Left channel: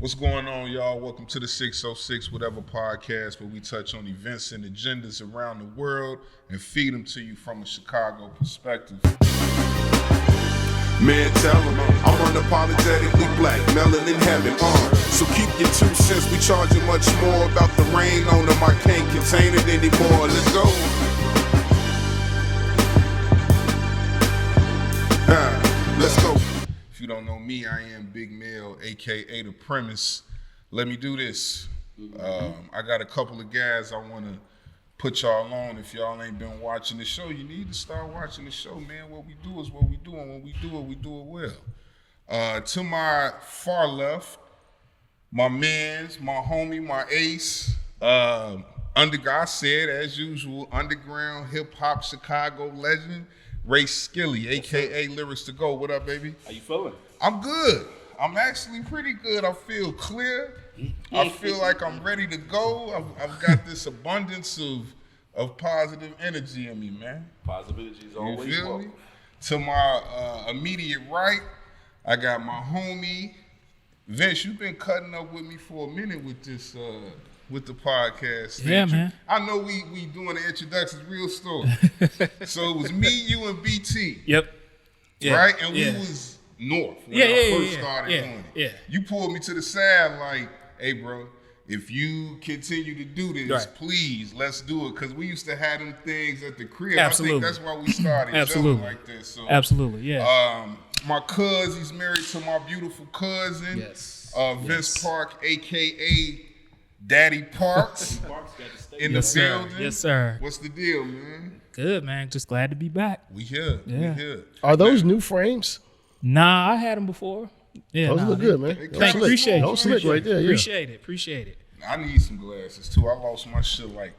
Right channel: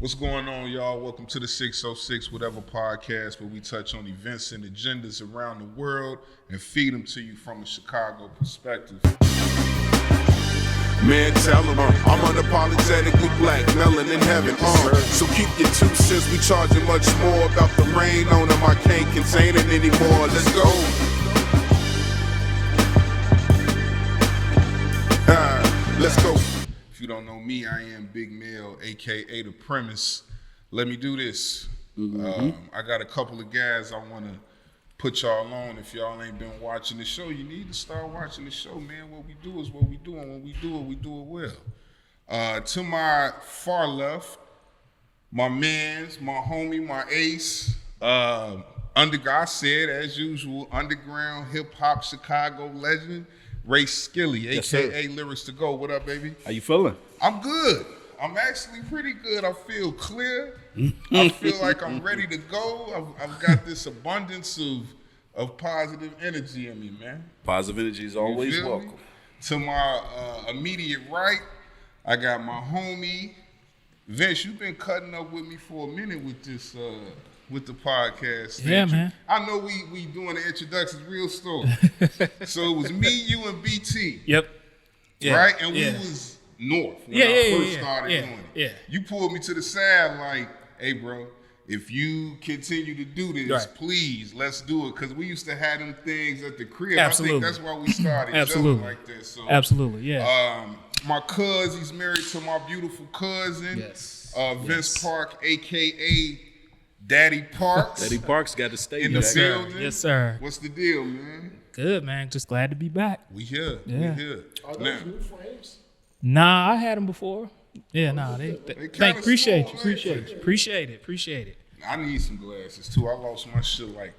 What's going on, y'all? Welcome to the 606 Whateva podcast, where we touch on events and agendas around the world and feed them to you from a Chicago perspective. Man, tell them I'm unapologetically black, melanin heaven. So keep your 2 cents. We charging much more about the rain on them. I can't contain it anymore. Let's go. Let's go. If you don't know me, I am Big Mel, aka The Premise. Let me do this. I got a couple of guys I want to put y'all on. If y'all ain't been watching the show, you need to start watching the show, man. What we do is what we do, and when we do it well. To my far left, my mans, my homie, my ace, I said, as usual, underground hip-hop Chicago legend, Ray Skilly, a.k.a. Lyrics to Go. What up, baby? How you feeling? I'm good. I'm actually pretty good. I feel clear. I feel like I'm ready to go. I've got this abundance of positive energy in me, man. Positive energy is always welcome. To my immediate right, I got my homie, Vince. You've been cutting up with me for a minute with this with the podcast. Yeah, man. I know we doing the introductions real slow. So it was me, you, and BT. Yep. Yeah. Right? And we was north when I first started doing it. Yeah. You pulled me to the side like, hey, bro, if you continue to do this, please, let's do it. Because we used to have them things at the crib. Absolutely. I think that's why we started Absolutely. like this. So, Absolutely, yeah. My cuz, he's married to my beautiful cousin, Vince Park, a.k.a. Daddy Parks. Daddy Parks got to stay in the building. Yes, sir. What's the deal, man? Good, man. Just glad to be back. We here. Yeah. We here. Are those new frames? Nah, I had them before. Yeah, Those nah. look good, man. Appreciate Those slick right there, yeah. Appreciate it. I need some glasses too. I lost my shit like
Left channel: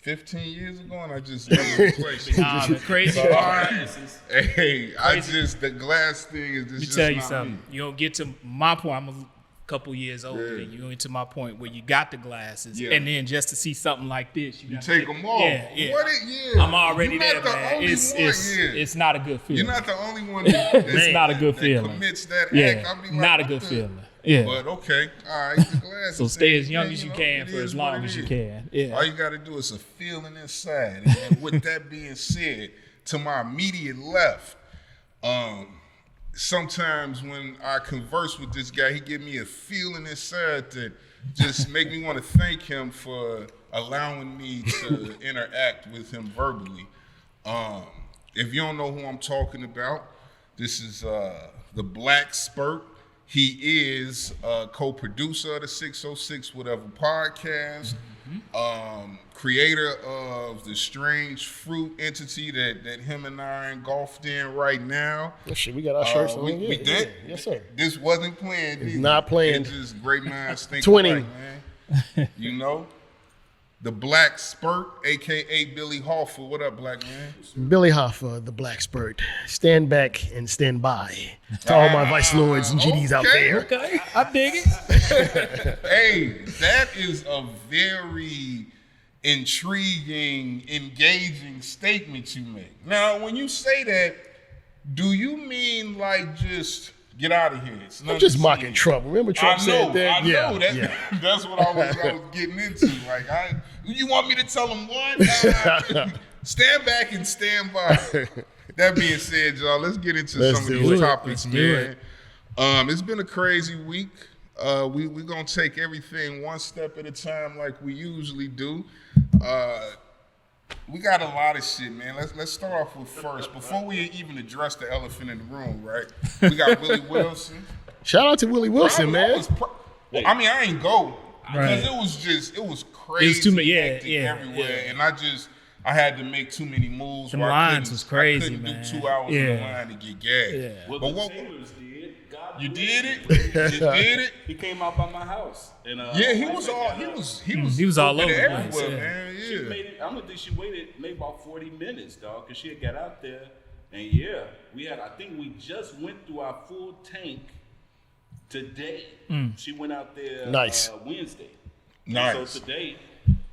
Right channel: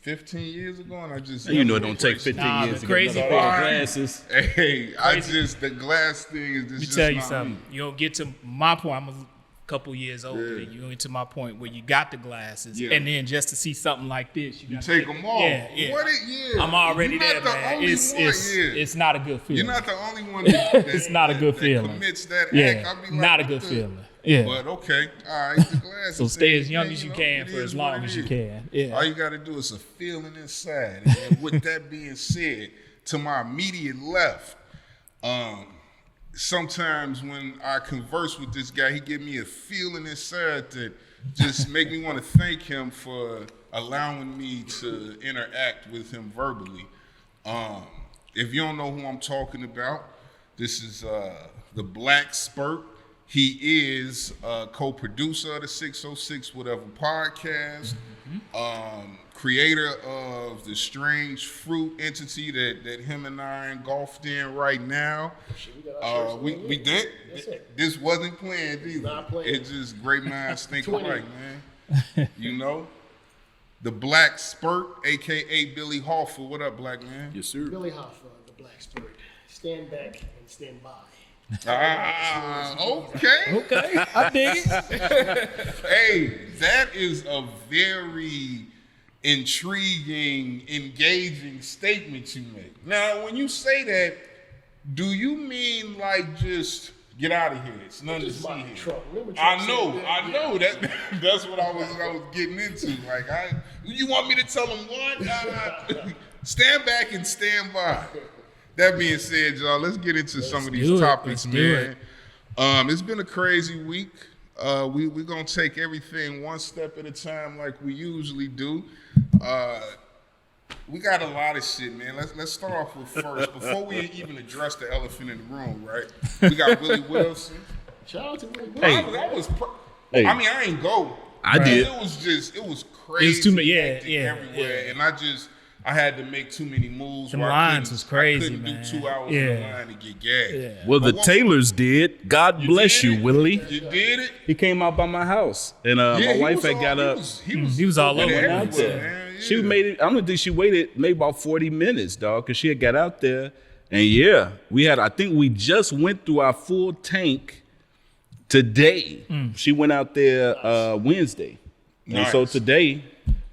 15 years ago, and I just You know it don't take 15 Nah, years the crazy to get part. glasses. Hey, the glass thing is just. Let me just tell you not something. me. You don't get to my point. I'm a couple years older than you. Get to my point where you got the glasses, Yeah. and then just to see something like this, You take them off. Yeah. What I'm already You're there, not the man. only one. It's not a good feeling. You're not the only one that It's not a good that feeling. commits that Yeah, act. I'll be like, not a what good the- feeling. Yeah. But okay, all right. The glasses So stay thing, as young man, as you know, can it for is as what long it as you is. can. Yeah. All you got to do is a feeling inside. And with that being said, to my immediate left, sometimes when I converse with this guy, he give me a feeling inside that just make me want to thank him for allowing me to interact with him verbally. If you don't know who I'm talking about, this is the Black Spurt. He is a co-producer of the 606 Whateva podcast, creator of the Strange Fruit entity that him and I are engulfed in right now. Oh, shit, we got our shirts on. We did? Yes, sir. This wasn't planned either. Not planned. It's just great minds think 20. alike, man. You know? The Black Spurt, a.k.a. Billy Hoffa. What up, black man? Yes, sir. Billy Hoffa, the Black Spurt. Stand back and stand by. To all my vice lords and GDs out there. Okay, I dig it. Hey, that is a very intriguing, engaging statement you make. Now, when you say that, do you mean like just get out of here? It's I'm just mocking Trump. Remember Trump said that? I know. That's what I was getting into. Like, you want me to tell him what? Stand back and stand by. That being said, y'all, let's get into some of these topics, man. It's been a crazy week. We're going to take everything one step at a time like we usually do. We got a lot of shit, man. Let's start off with first. Before we even address the elephant in the room, right? We got Willie Wilson. Shout out to Willie Wilson, man. I mean, I ain't go. I did. It was crazy. It was too many, hectic everywhere. yeah. And I had to make too many moves. Them where lines was crazy, I couldn't man. do 2 hours in the line to get gagged. Yeah. Well, But the Taylors did. God bless did you, it? Willie. You did it? He came out by my house, and Yeah, my he wife was had all, got he up. was He was all looking over, everywhere, man. man. Yeah. She made it. I'm gonna think she waited maybe about 40 minutes, dog, because she had got out there, and yeah, we had. I think we just went through our full tank today. She went out there Nice. Wednesday, Nice. and so today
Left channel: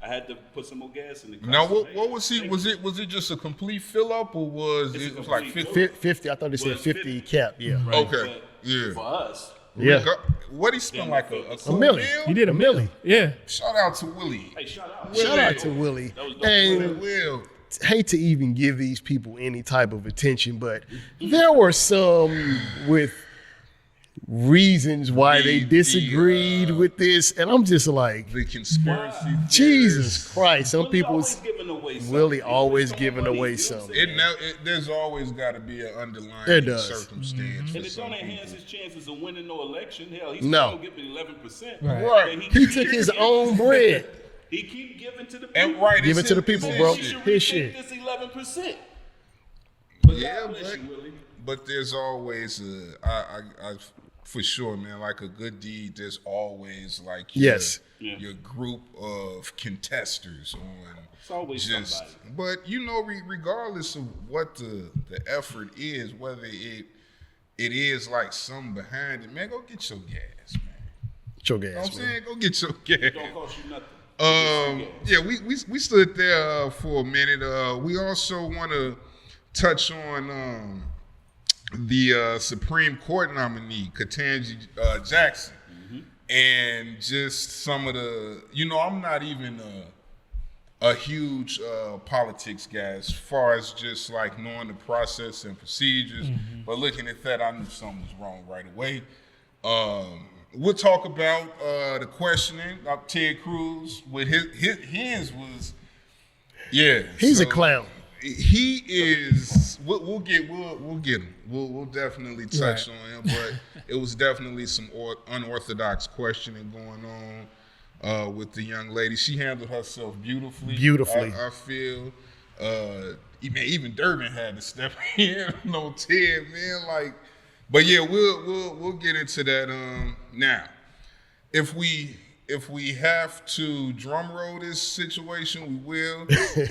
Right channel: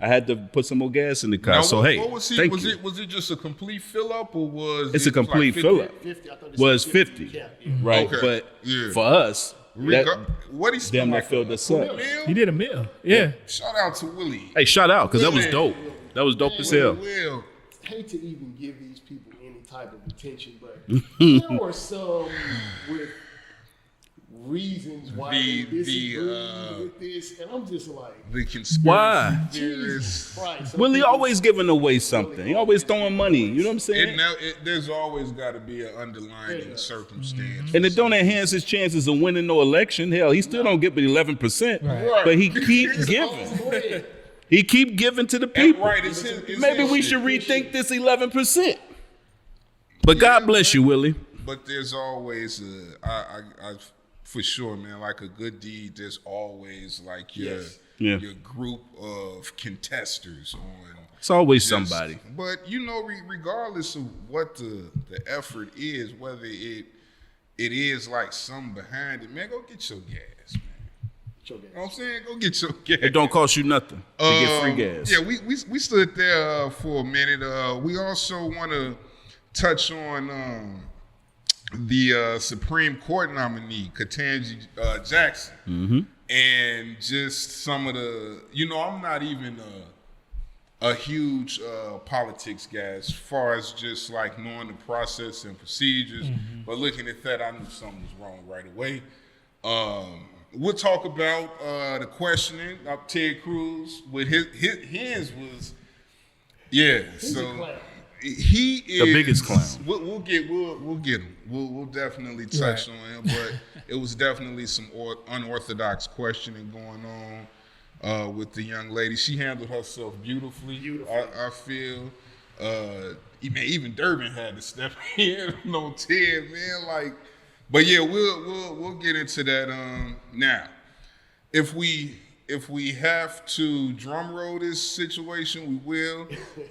I had to put some more gas in the car. Now, so what, hey, what was he? thank Was you. it just a complete fill up, or was It's it a complete like fill-up. 50? 50, I thought it Was said 50 50. cap. Yeah. Right, Okay. but Yeah. for us, What he spent Damn, I like feel the a same. mil? He did a million. Yeah. Shout out to Willie. Hey, shout out, because that was Shout out to dope. Willie. That was dope as And hell. Will. hate to even give these people any type of attention, but there were some with reasons why they disagreed with this, and I'm just like, The conspiracy. Why? Jesus Christ. Some Willie people's- always giving away something. Willie He always always throwing giving money. away You know what I'm something. saying? There's always got to be an There underlying does. circumstance. And it don't enhance his chances of winning no election. Hell, he still No. don't get but 11%. Right. But he He keep took his giving. own bread. He keep giving to the And people. right, Give it's it to the his- people, it's Maybe his we shit. should His rethink shit. this 11%. But God Yeah, bless you, Willie. But there's always I for sure, man. Like a good deed, there's always like your, Yes. Yeah. your group of contesters on. It's always just- somebody. But you know, regardless of what the effort is, whether it is like something behind it, man, go get your gas, man. Choke You know what ass. I'm saying? Go get your gas. It don't cost you nothing to get free gas. Yeah, we stood there for a minute. We also want to touch on the Supreme Court nominee, Ketanji Jackson, and just some of the. You know, I'm not even a huge politics guy as far as just like knowing the process and procedures, but looking at that, I knew something was wrong right away. We'll talk about the questioning of Ted Cruz with his was, yeah. He's a so clown. He is biggest clown. We'll get him. We'll definitely touch on him, but it was definitely some unorthodox questioning going on with the young lady. She handled herself beautifully. Beautifully. I feel. Even Durbin had to step in on Ted, man. Like, but yeah, we'll get into that. Now, if we have to drum roll this situation, we will.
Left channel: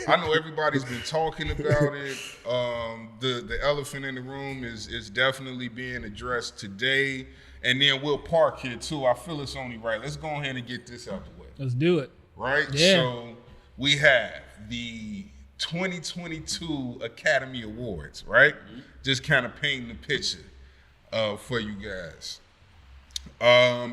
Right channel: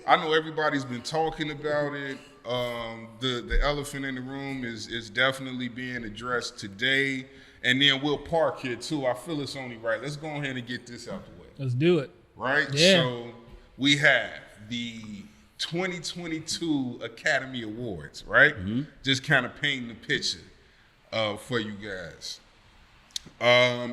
I know everybody's been talking about it. The elephant in the room is definitely being addressed today, and then we'll park here too. I feel it's only right. Let's go ahead and get this out the way. Let's do it. Right? Yeah. So we have the 2022 Academy Awards, right? Just kind of painting the picture for you guys.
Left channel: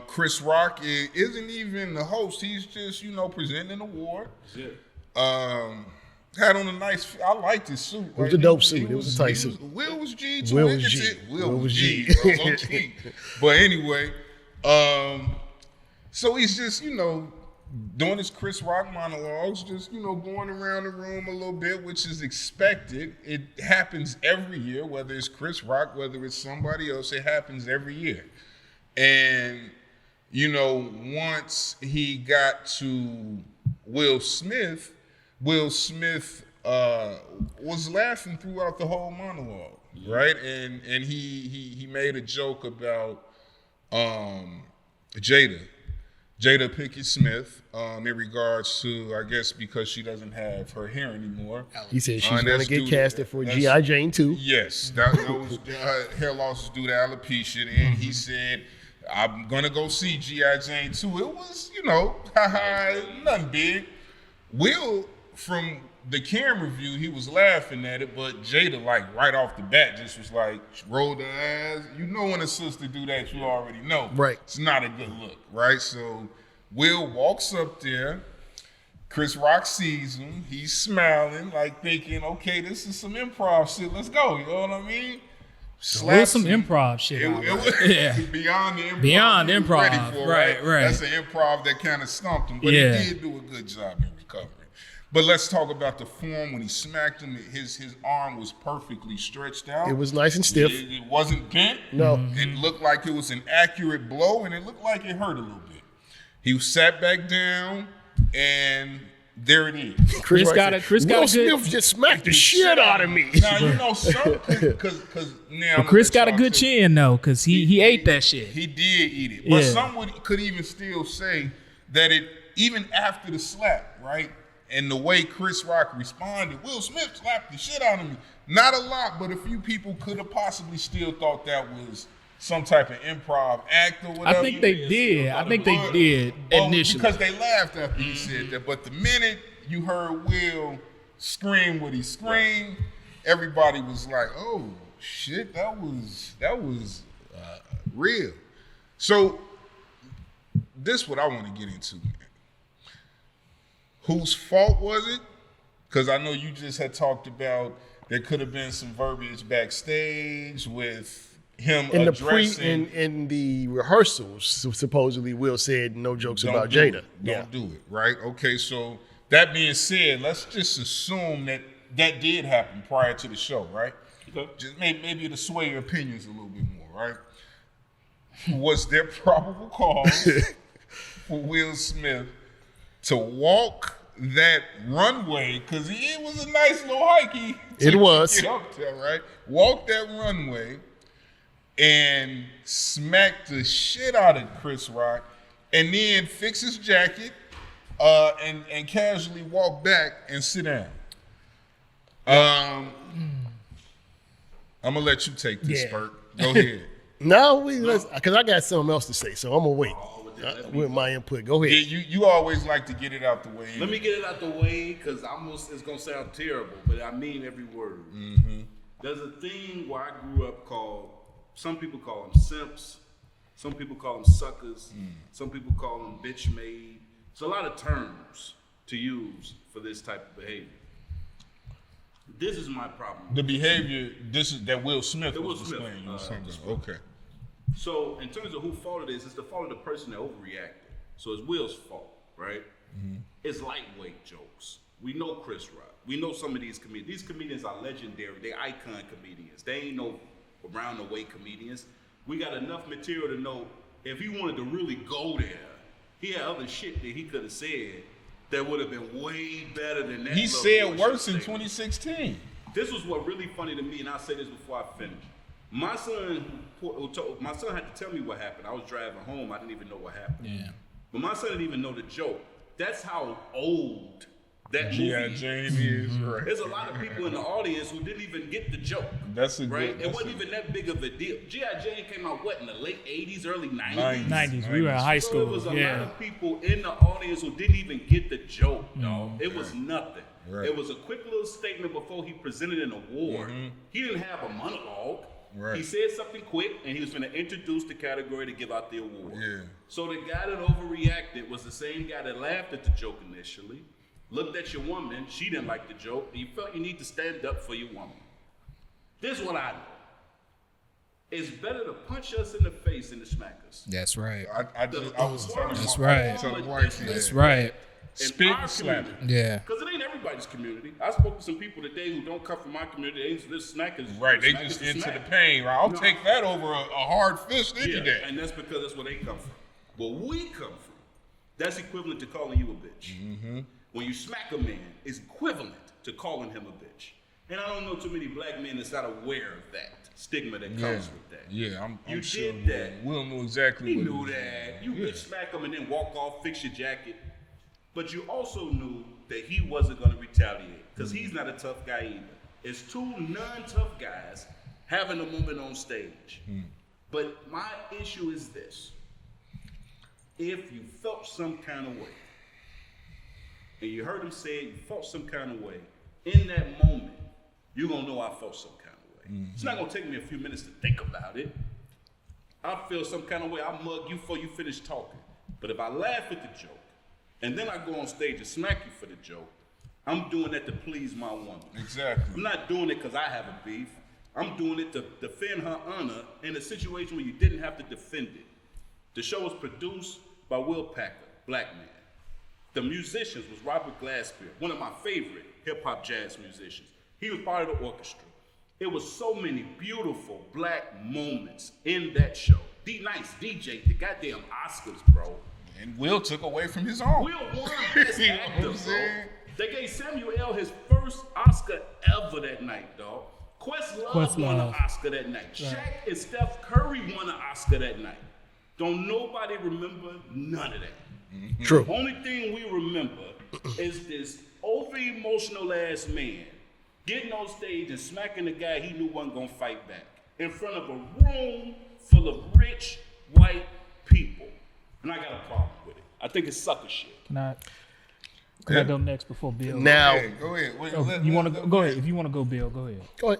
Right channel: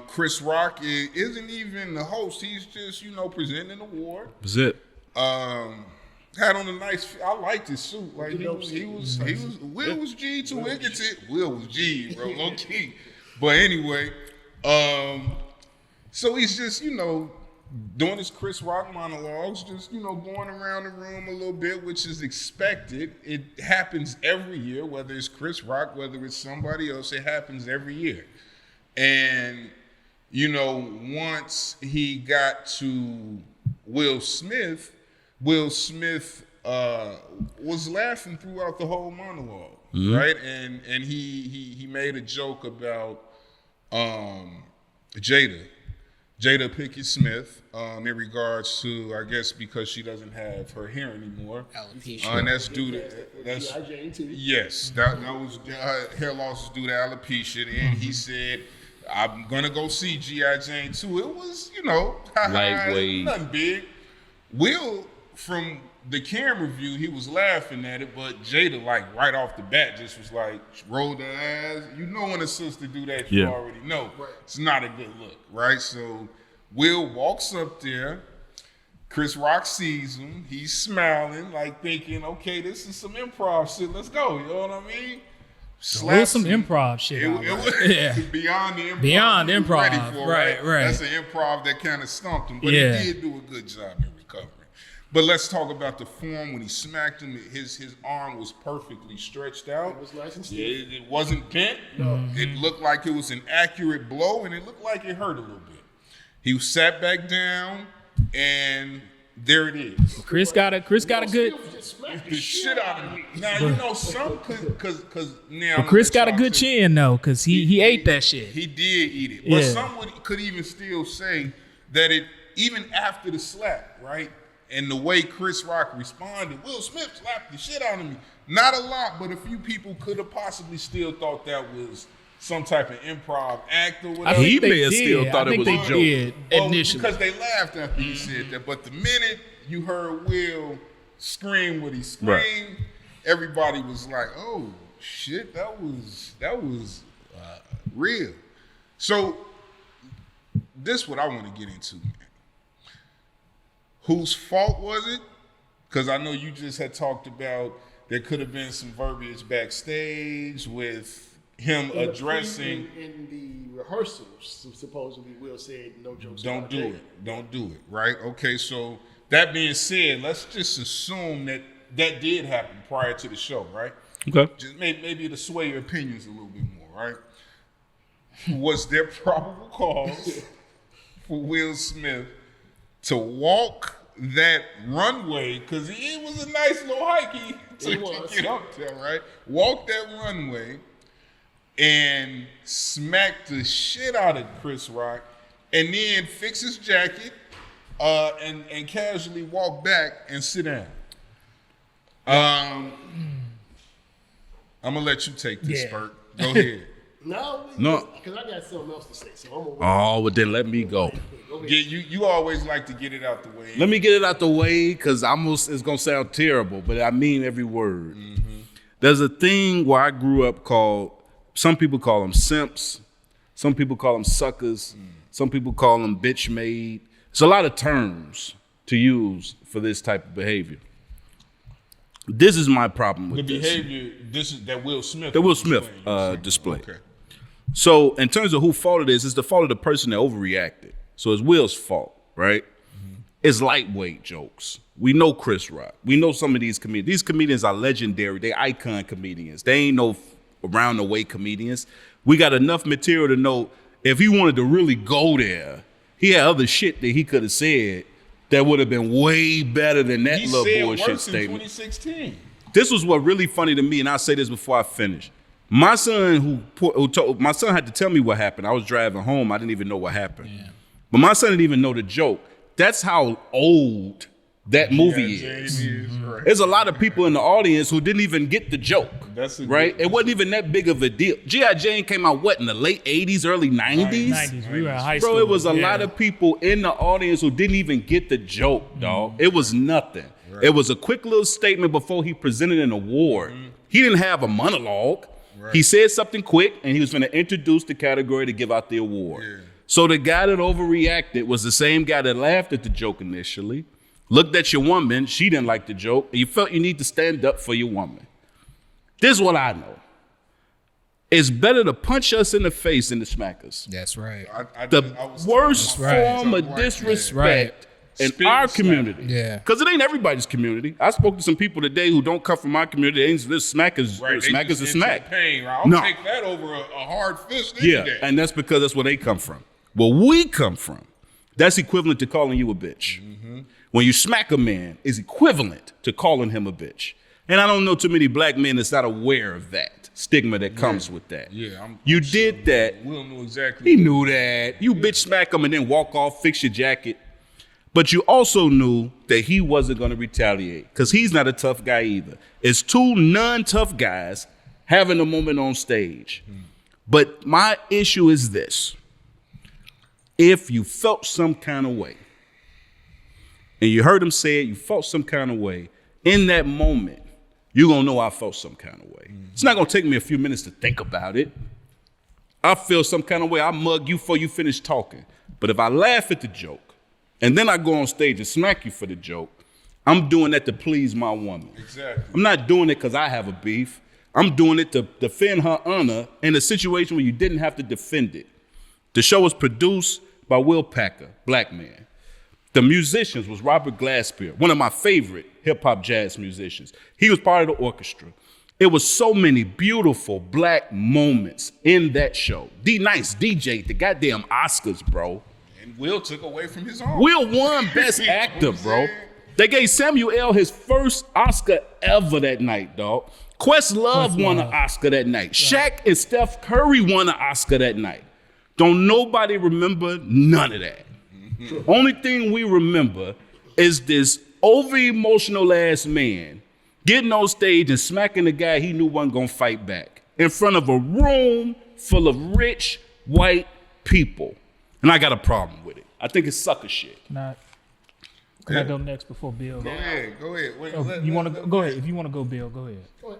Chris Rock isn't even the host. He's just, presenting an award. That's it. Had on a nice, I liked his suit. It was a dope suit. It was a tight suit. Will was G too. Will We'll was get G. to it. Will Will was was G, G. bro, low key. But anyway, so he's just, doing his Chris Rock monologues, just, going around the room a little bit, which is expected. It happens every year, whether it's Chris Rock, whether it's somebody else, it happens every year. And, once he got to Will Smith was laughing throughout the whole monologue, right? And he made a joke about Jada Pinkett Smith in regards to, I guess, because she doesn't have her hair anymore. He said she's And going that's to due get to- casted for that's- G.I. Jane 2. Yes, that was hair loss is due to alopecia, and he said, "I'm gonna go see G.I. Jane 2." It was, Lightweight. nothing big. Will, from the camera view, he was laughing at it, but Jada, like right off the bat, just was like, rolled her eyes. When a sister do that, you Yeah. already know. Right. It's not a good look, right? So Will walks up there. Chris Rock sees him. He's smiling, like thinking, okay, this is some improv shit. Let's go. You know what I mean? It was some him. improv shit. It out there. was Yeah. beyond the improv. Beyond he was improv. ready for, Right. That's an improv that kind of stumped him, but Yeah. he did do a good job in recovering. But let's talk about the form when he smacked him. His arm was perfectly stretched out. It was nice and stiff. It wasn't bent. No. It looked like it was an accurate blow, and it looked like it hurt a little bit. He sat back down, and there it is. Chris Rock got said, a good. Will Smith just smacked the shit out of me. Now, some, because now. But Chris got a good chin though, cause he ate that shit. He did eat it. But Yeah. some could even still say that it, even after the slap, right? And the way Chris Rock responded, Will Smith slapped the shit out of me. Not a lot, but a few people could have possibly still thought that was some type of improv act or I whatever. think they did. I think they did initially. Because they laughed after he said that. But the minute you heard Will scream what he screamed, everybody was like, oh, shit, that was real. So this what I want to get into, man. Whose fault was it? Because I know you just had talked about there could have been some verbiage backstage with him addressing. In the rehearsals, supposedly Will said no jokes Don't about do Jada. it. Don't do it, right? Okay, so that being said, let's just assume that did happen prior to the show, right? Okay. Just maybe to sway your opinions a little bit more, right? Was there probable cause for Will Smith to walk that runway? Because it was a nice little hike. It was. Get up there, right? Walk that runway and smack the shit out of Chris Rock, and then fix his jacket and casually walk back and sit down. I'm gonna let you take this, Yeah. Spurt. Go ahead. No, because I got something else to say, so I'm gonna wait. Oh, well then let me with go. my input. Go ahead. Yeah, you always like to get it out the way. Let me get it out the way because it's gonna sound terrible, but I mean every word. Mm-hmm. There's a thing where I grew up called, some people call them simps, some people call them suckers, some people call them bitch made. It's a lot of terms to use for this type of behavior. This is my problem with the this. behavior. This is that Will Smith. That Will was Smith displaying, you were saying. display. Okay. So in terms of who fault it is, it's the fault of the person that overreacted. So it's Will's fault, right? Mm-hmm. It's lightweight jokes. We know Chris Rock. We know some of these comedians. These comedians are legendary. They icon comedians. They ain't no around the way comedians. We got enough material to know if he wanted to really go there, he had other shit that he could have said that would have been way better than that He little said bullshit worse in statement. 2016. This was what really funny to me, and I'll say this before I finish. My son my son had to tell me what happened. I was driving home. I didn't even know what happened. Yeah. But my son didn't even know the joke. That's how old that movie is. Right. There's a lot of people in the audience who didn't even get the joke. That's a right. good- It wasn't even that big of a deal. G.I. Jane came out in the late 80s, early 90s? 90s. We were in high school. Bro, it was a lot of people in the audience who didn't even get the joke, dog. It was nothing. Right. It was a quick little statement before he presented an award. He didn't have a monologue. Right. He said something quick, and he was going to introduce the category to give out the award. Yeah. So the guy that overreacted was the same guy that laughed at the joke initially, looked at your woman, she didn't like the joke, and you felt you need to stand up for your woman. This is what I know. It's better to punch us in the face than to smack us. That's right. I The was worst right. form of Right. disrespect Right. in Spit our and slap. community. Yeah. Because it ain't everybody's community. I spoke to some people today who don't come from my community. They ain't this smack is Right, they smack just is a into smack. the pain, right? I'll No. take that over a hard fist any Yeah, day. and that's because that's where they come from. Where we come from, that's equivalent to calling you a bitch. When you smack a man, is equivalent to calling him a bitch. And I don't know too many black men that's not aware of that stigma that comes with that. Yeah, You I'm sure did that. Will knew exactly. He knew that. You bitch smack him and then walk off, fix your jacket. But you also knew that he wasn't going to retaliate because he's not a tough guy either. It's two non-tough guys having a moment on stage. But my issue is this. If you felt some kind of way, and you heard him say it, you felt some kind of way, in that moment, you're going to know I felt some kind of way. It's not going to take me a few minutes to think about it. I feel some kind of way. I mug you before you finish talking. But if I laugh at the joke, and then I go on stage and smack you for the joke, I'm doing that to please my woman. Exactly. I'm not doing it because I have a beef. I'm doing it to defend her honor in a situation where you didn't have to defend it. The show was produced by Will Packer, black man. The musicians was Robert Glasper, one of my favorite hip-hop jazz musicians. He was part of the orchestra. It was so many beautiful black moments in that show. D-Nice DJ, the goddamn Oscars, bro. And Will took away from his own. Will won Best You know what Actor, I'm bro. saying? They gave Samuel L. his first Oscar ever that night, dog. Questlove won an Oscar that night. Shaq and Steph Curry won an Oscar that night. Don't nobody remember none of that. True. Only thing we remember is this over-emotional ass man getting on stage and smacking the guy he knew wasn't gonna fight back in front of a room full of rich white people. And I got a problem with it. I think it's sucker shit. Can I go next before Bill? Now, Hey, go ahead. Wait, Oh, you want to go ahead? If you want to go, Bill, go ahead. go ahead.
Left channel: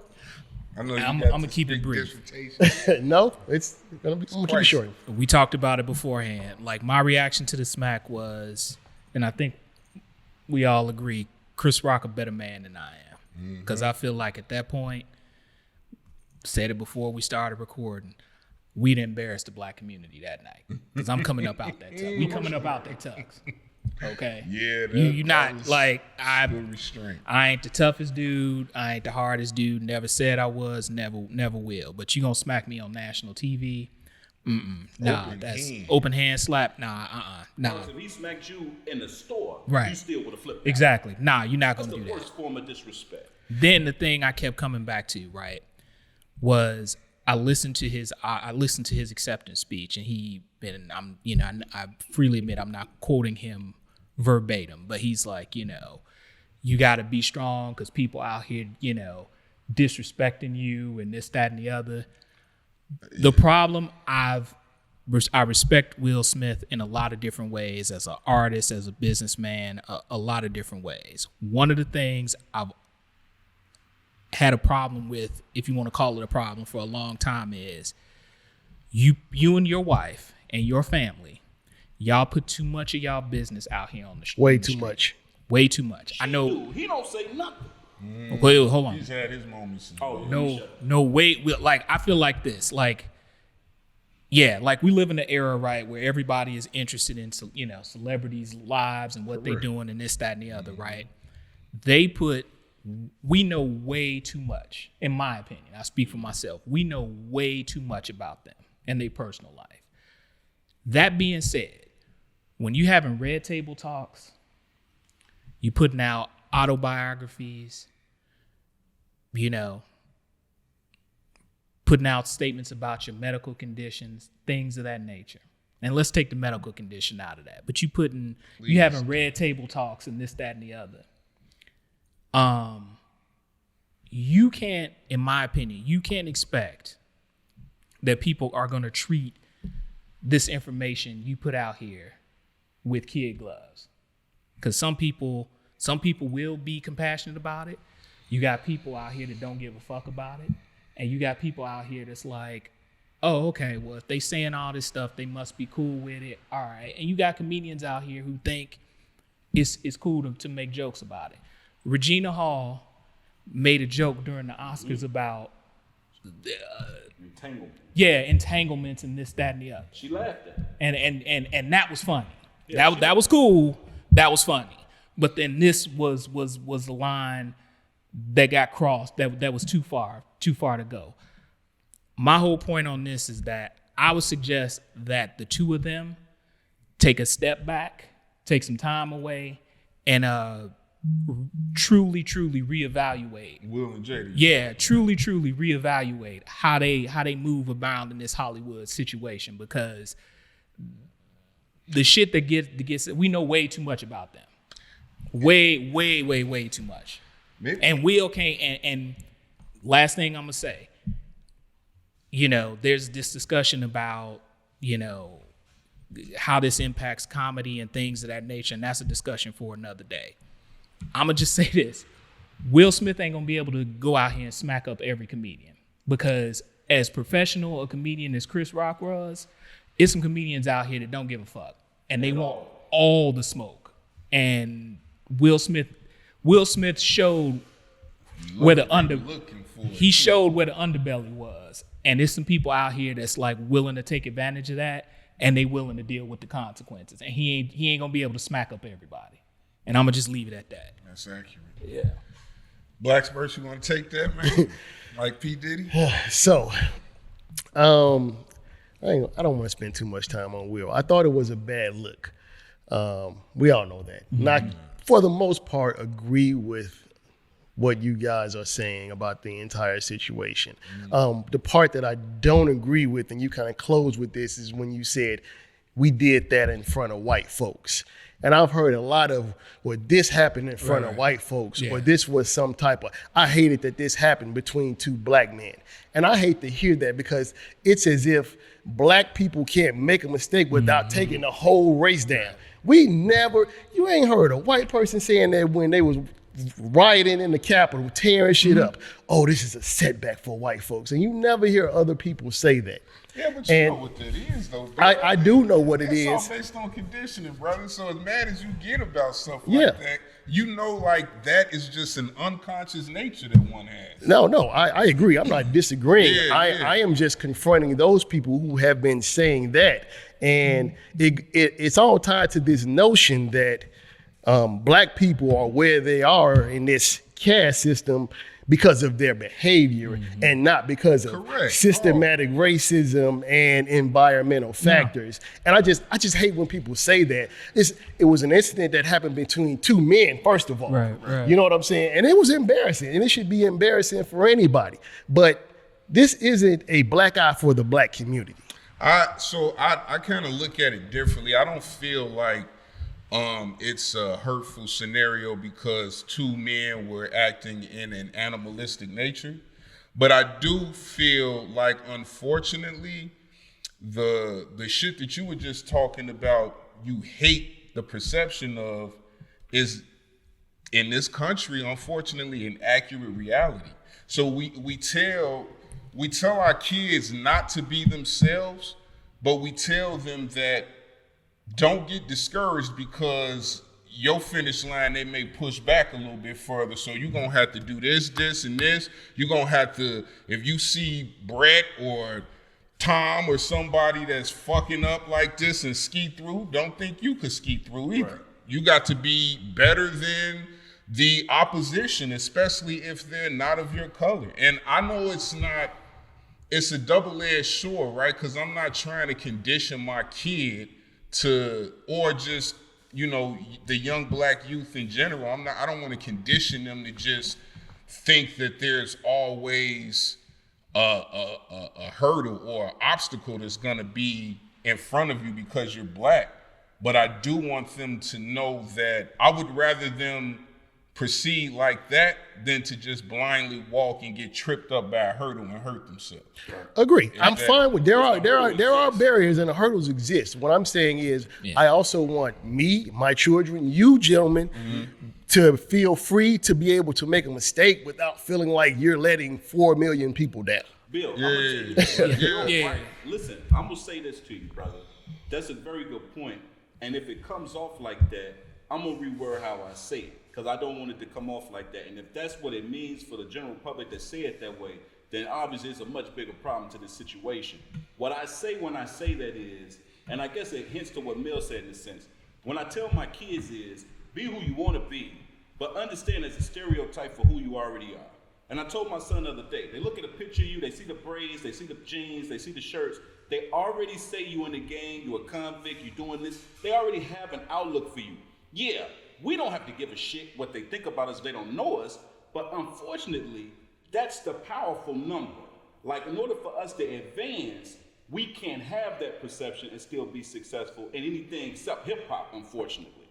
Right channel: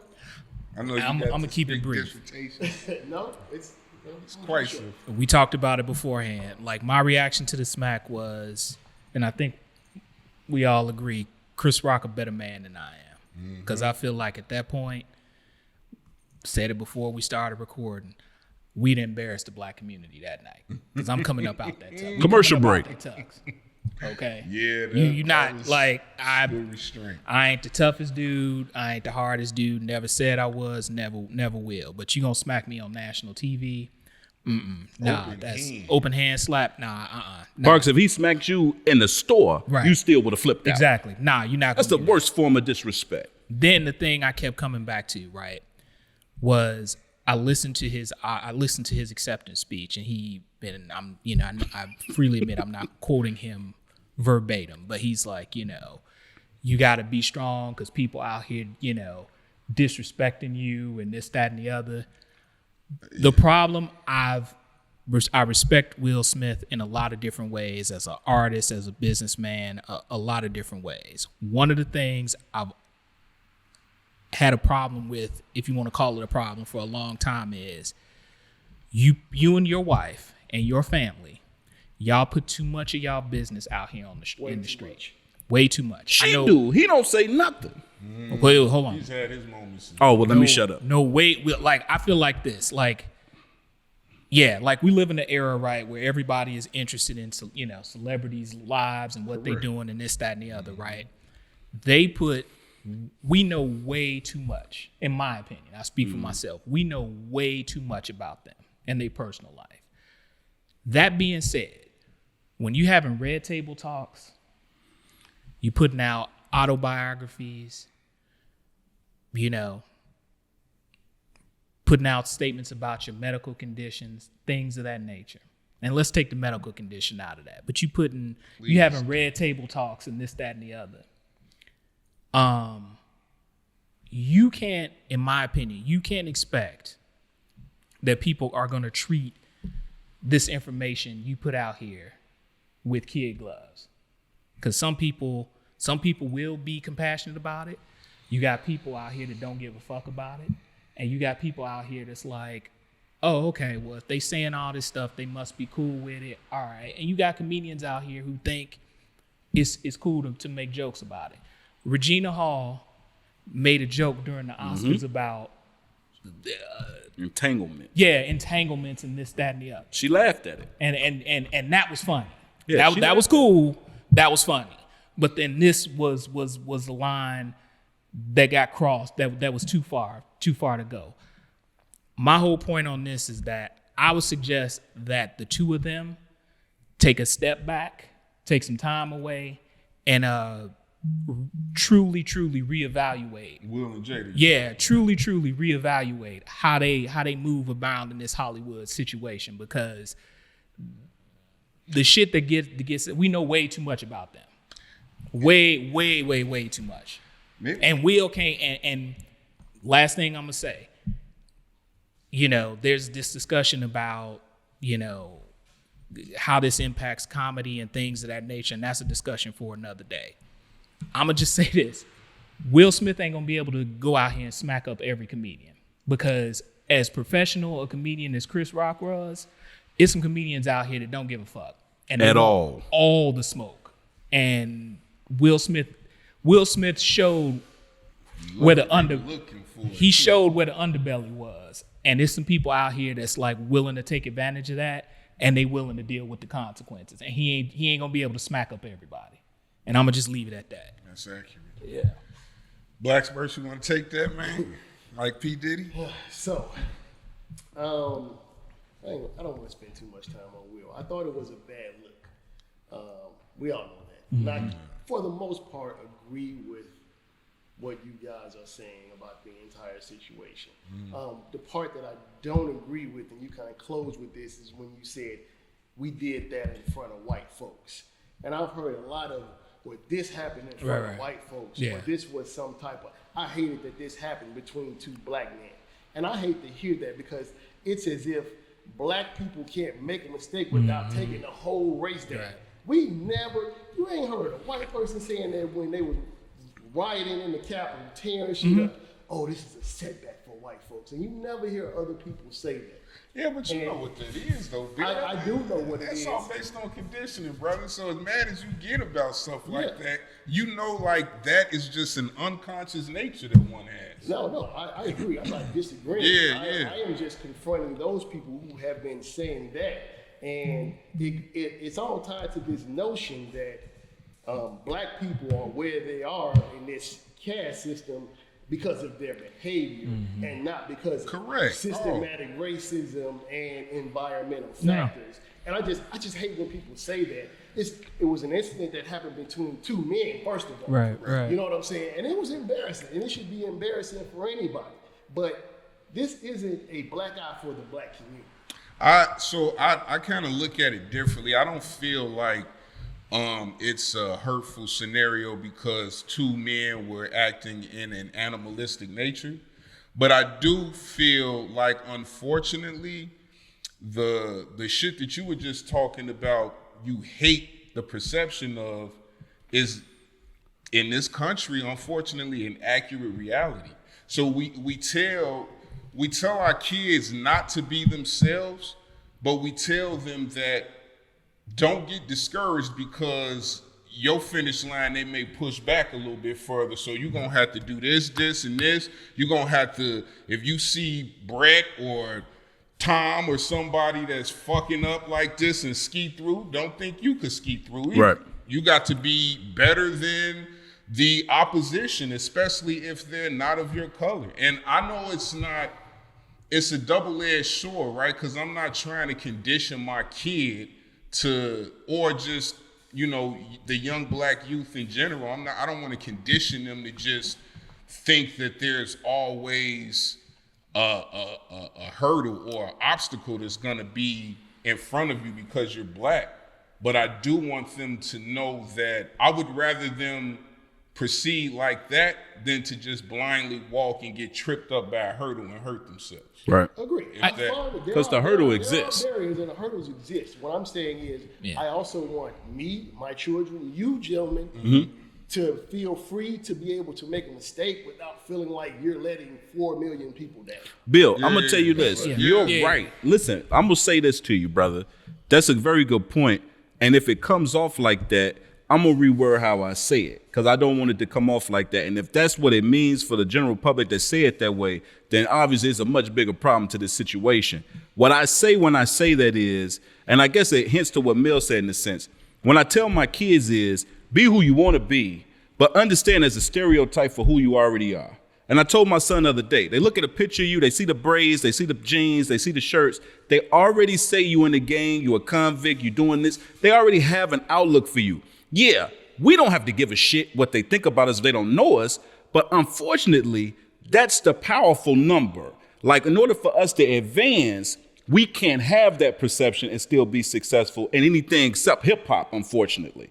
I know you I'm got gonna this keep it big brief. dissertation. No, it's gonna be pretty Christ. short. We talked about it beforehand. Like, my reaction to the smack was, and I think we all agree, Chris Rock a better man than I am. Because I feel like at that point, said it before we started recording, we'd embarrassed the black community that night. Because I'm coming up out that tux. Commercial break. Okay. Yeah, You that not was like good restraint. I ain't the toughest dude. I ain't the hardest dude. Never said I was. Never will. But you gonna smack me on national TV? Nah, Open that's hand. open hand slap. Nah, nah. Marks, if he smacked you in the store, Right. you still would have flipped out. Exactly. Nah, you're not. That's the gonna do that. worst form of disrespect. Then the thing I kept coming back to, right, was I listened to his acceptance speech, and I freely admit I'm not quoting him verbatim, but he's like, you got to be strong because people out here, disrespecting you and this, that, and the other. The problem I respect Will Smith in a lot of different ways as an artist, as a businessman, a lot of different ways. One of the things I've had a problem with, if you want to call it a problem, for a long time is you and your wife and your family, y'all put too much of y'all business out here on the street. Way too much. Way too much. She do. He don't say nothing. Wait, hold on. He's had his moments. Oh, well, let me shut up. No, wait. Like, I feel like this. Like, yeah, like we live in an era, right, where everybody is interested in, celebrities' lives and what they're doing and this, that, and the other, right? We know way too much, in my opinion. I speak for myself. We know way too much about them and their personal life. That being said, when you having red table talks, you putting out autobiographies, putting out statements about your medical conditions, things of that nature. And let's take the medical condition out of that. But you having red table talks and this, that, and the other. You can't, in my opinion, you can't expect that people are going to treat this information you put out here with kid gloves. Because some people will be compassionate about it. You got people out here that don't give a fuck about it. And you got people out here that's like, oh, okay, well, if they saying all this stuff, they must be cool with it. All right. And you got comedians out here who think it's cool to make jokes about it. Regina Hall made a joke during the Oscars about Entanglement. entanglements and this, that, and the other. She laughed at it. And that was funny. Yeah, that was cool. That was funny. But then this was the line that got crossed. That was too far to go. My whole point on this is that I would suggest that the two of them take a step back, take some time away, and truly reevaluate. Will and Jada. Yeah, truly reevaluate how they move about in this Hollywood situation, because the shit that gets we know way too much about them. Way too much. Maybe. And Will can't, and last thing I'm gonna say, there's this discussion about, how this impacts comedy and things of that nature, and that's a discussion for another day. I'm gonna just say this. Will Smith ain't gonna be able to go out here and smack up every comedian, because as professional a comedian as Chris Rock was, it's some comedians out here that don't give a fuck. And they want all the smoke. And Will Smith showed where the showed where the underbelly was. And there's some people out here that's like willing to take advantage of that, and they willing to deal with the consequences. And he ain't gonna be able to smack up everybody. And I'm gonna just leave it at that. That's accurate. Yeah. Blacksburg, you want to take that, man? Like P. Diddy? So, I don't want to spend too much time on Will. I thought it was a bad look. We all know that. Not for the most part agree with what you guys are saying about the entire situation. The part that I don't agree with, and you kind of closed with this, is when you said we did that in front of white folks. And I've heard a lot of, well, this happened in front of white folks, or this was some type of, I hated that this happened between two black men. And I hate to hear that, because it's as if black people can't make a mistake without taking the whole race down. You ain't heard a white person saying that when they was rioting in the Capitol, tearing shit up. Oh, this is a setback for white folks. And you never hear other people say that. Yeah, but you know what that is, though. I do know what it is. is. It's all based on conditioning, brother. So as mad as you get about stuff like that, you know, like that is just an unconscious nature that one has. No, I agree. I'm not disagreeing. I am just confronting those people who have been saying that. And it's all tied to this notion that black people are where they are in this caste system because of their behavior and not because of systematic racism and environmental factors. And I just hate when people say that. It was an incident that happened between two men, first of all. Right. You know what I'm saying? And it was embarrassing, and it should be embarrassing for anybody. But this isn't a black eye for the black community. I kind of look at it differently. I don't feel like it's a hurtful scenario because two men were acting in an animalistic nature. But I do feel like, unfortunately, the shit that you were just talking about, you hate the perception of, is in this country, unfortunately, an accurate reality. So we tell our kids not to be themselves, but we tell them that don't get discouraged because your finish line, they may push back a little bit further. So you're going to have to do this, and this. You're going to have to, if you see Brett or Tom or somebody that's fucking up like this and ski through, don't think you could ski through either. Right. You got to be better than the opposition, especially if they're not of your color. And I know it's a double-edged sword, right? Because I'm not trying to condition my kid to, or just, you know, the young black youth in general. I don't want to condition them to just think that there's always a hurdle or an obstacle that's going to be in front of you because you're black. But I do want them to know that I would rather them proceed like that than to just blindly walk and get tripped up by a hurdle and hurt themselves. Right. Agree. I'm fine with there are barriers and the hurdles exist. What I'm saying is I also want me, my children, you gentlemen, to feel free to be able to make a mistake without feeling like you're letting 4 million people down. Bill, I'm going to tell you this. You're right. Listen, I'm going to say this to you, brother. That's a very good point. And if it comes off like that, I'm going to reword how I say it because I don't want it to come off like that. And if that's what it means for the general public to say it that way, then obviously it's a much bigger problem to this situation. What I say when I say that is, and I guess it hints to what Mill said in a sense, when I tell my kids is, be who you want to be, but understand there's a stereotype for who you already are. And I told my son the other day, they look at a picture of you, they see the braids, they see the jeans, they see the shirts. They already say you in the game, you're a convict, you're doing this. They already have an outlook for you. Yeah, we don't have to give a shit what they think about us if they don't know us, but unfortunately, that's the powerful number. Like, in order for us to advance, we can't have that perception and still be successful in anything except hip-hop, unfortunately.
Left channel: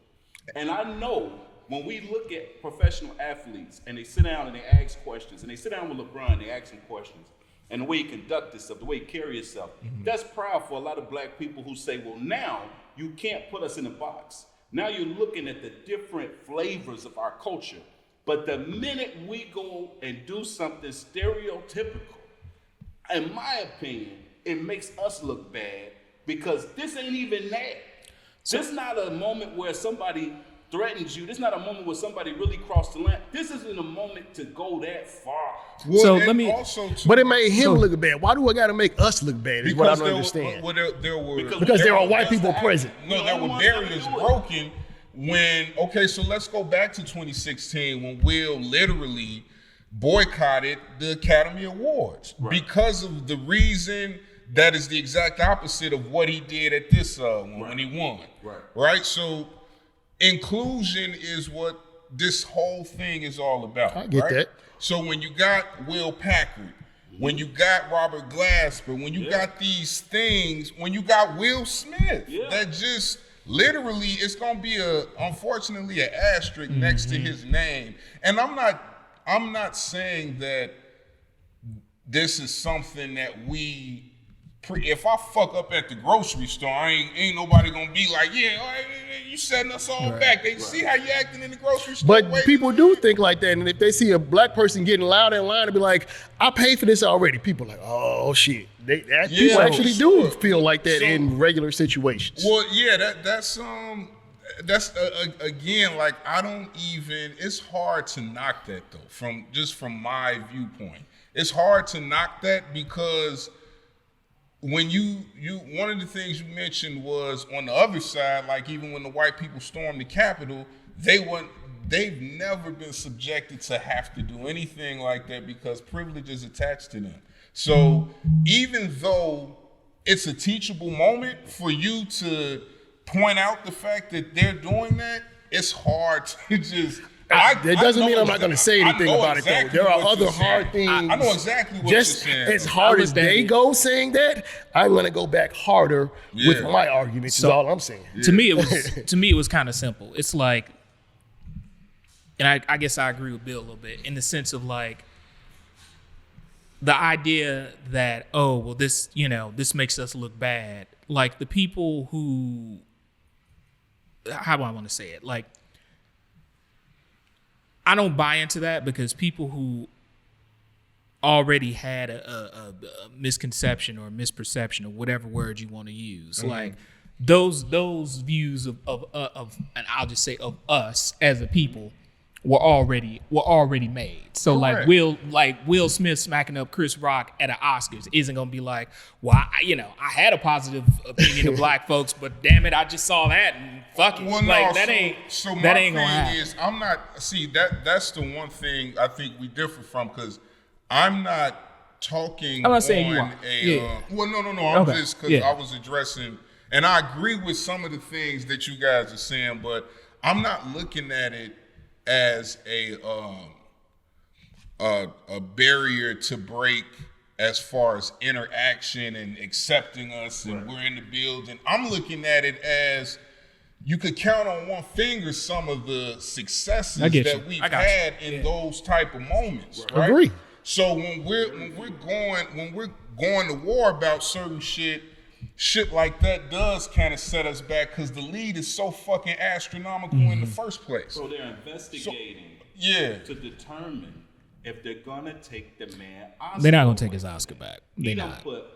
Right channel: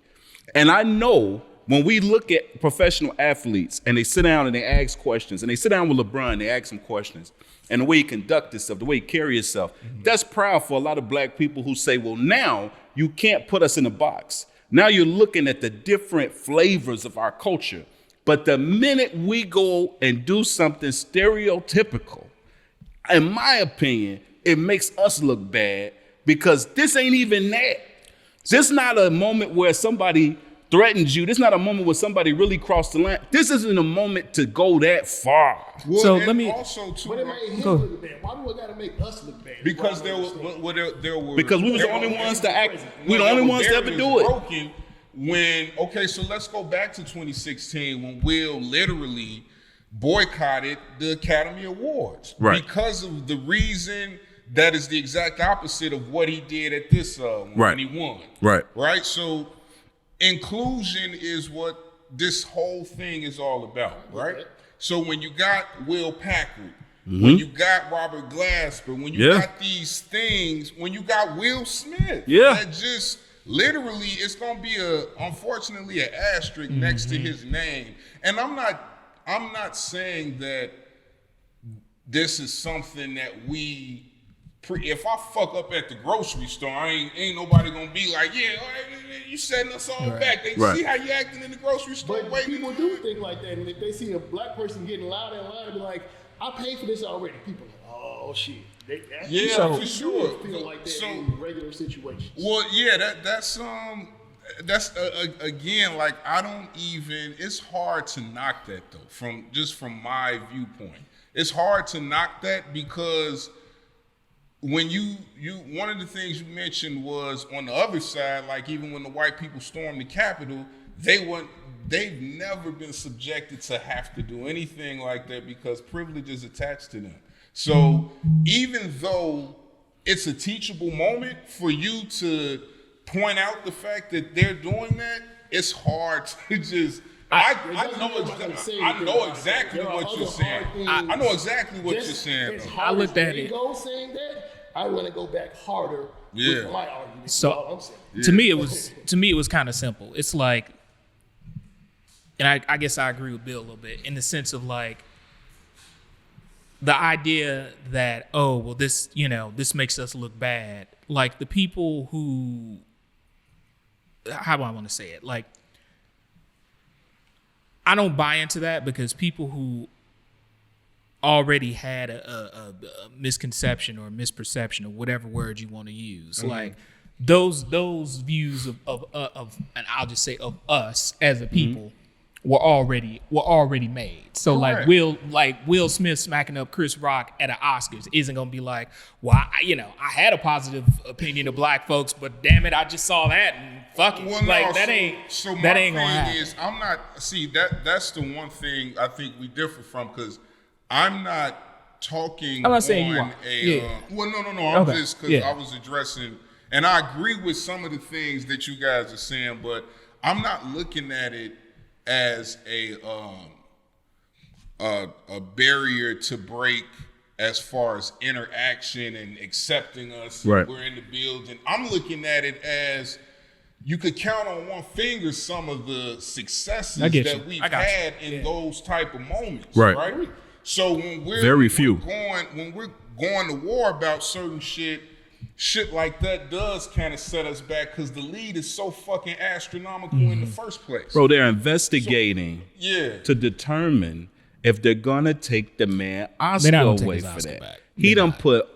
And I know when we look at professional athletes and they sit down and they ask questions, and they sit down with LeBron and they ask him questions, and the way he conduct himself, the way he carry himself, that's proud for a lot of black people who say, well, now you can't put us in a box. Now you're looking at the different flavors of our culture. But the minute we go and do something stereotypical, in my opinion, it makes us look bad because this ain't even that. This not a moment where somebody threatens you. This is not a moment where somebody really crossed the line. This isn't a moment to go that far. Well, so let me. But it made him look bad. Why do I got to make us look bad? Because there were there are white people present. We the only ones that ever do it. Broken so let's go back to 2016 when Will literally boycotted the Academy Awards because of the reason that is the exact opposite of what he did at this one when he won. Right. So inclusion is what this whole thing is all about. I get that. So when you got Will Packard, when you got Robert Glasper, when you got these things, when you got Will Smith, that just literally it's gonna be unfortunately an asterisk next to his name. And I'm not saying that this is something that we if I fuck up at the grocery store, ain't nobody gonna be like, yeah, all right, you setting us all back. They see how you acting in the grocery store. But people do think like that, and if they see a black person getting loud in line and be like, I paid for this already, people are like, oh shit. People actually do feel like that in regular situations. Well, yeah, that's again, like I don't even. It's hard to knock that though. From my viewpoint, it's hard to knock that because when you one of the things you mentioned was on the other side, like even when the white people stormed the Capitol, they've never been subjected to have to do anything like that because privilege is attached to them. So even though it's a teachable moment for you to point out the fact that they're doing that, it's hard to just. It doesn't mean I'm not going to say anything about exactly it. There are other hard things. I know exactly what you're saying. As hard as they go saying that, I'm going to go back harder with my argument. So, all I'm saying. Yeah. To me, it was kind of simple. It's like, and I guess I agree with Bill a little bit in the sense of like the idea that this makes us look bad. Like the people who, how do I want to say it? Like, I don't buy into that because people who already had a misconception or misperception or whatever word you want to use, like those views of and I'll just say of us as a people were already made. So Correct. like Will Smith smacking up Chris Rock at an Oscars isn't gonna be like, well, I had a positive opinion of black folks, but damn it, I just saw that and fuck it. Well, like no, that ain't gonna happen. I'm not that's the one thing I think we differ from because I'm not talking. I'm not saying you are. Well, no. I'm Okay. just because I was addressing, and I agree with some of the things that you guys are saying, but I'm not looking at it as a barrier to break as far as interaction and accepting us. Right. And we're in the building. I'm looking at it as you could count on one finger some of the successes that we've had in those type of moments. Right. Right. Agree. So when we're going to war about certain shit like that does kind of set us back because the lead is so fucking astronomical in the first place. Bro, they're investigating Yeah. to determine if they're gonna take the man Oscar They're not gonna take away his for Oscar that. back. He done put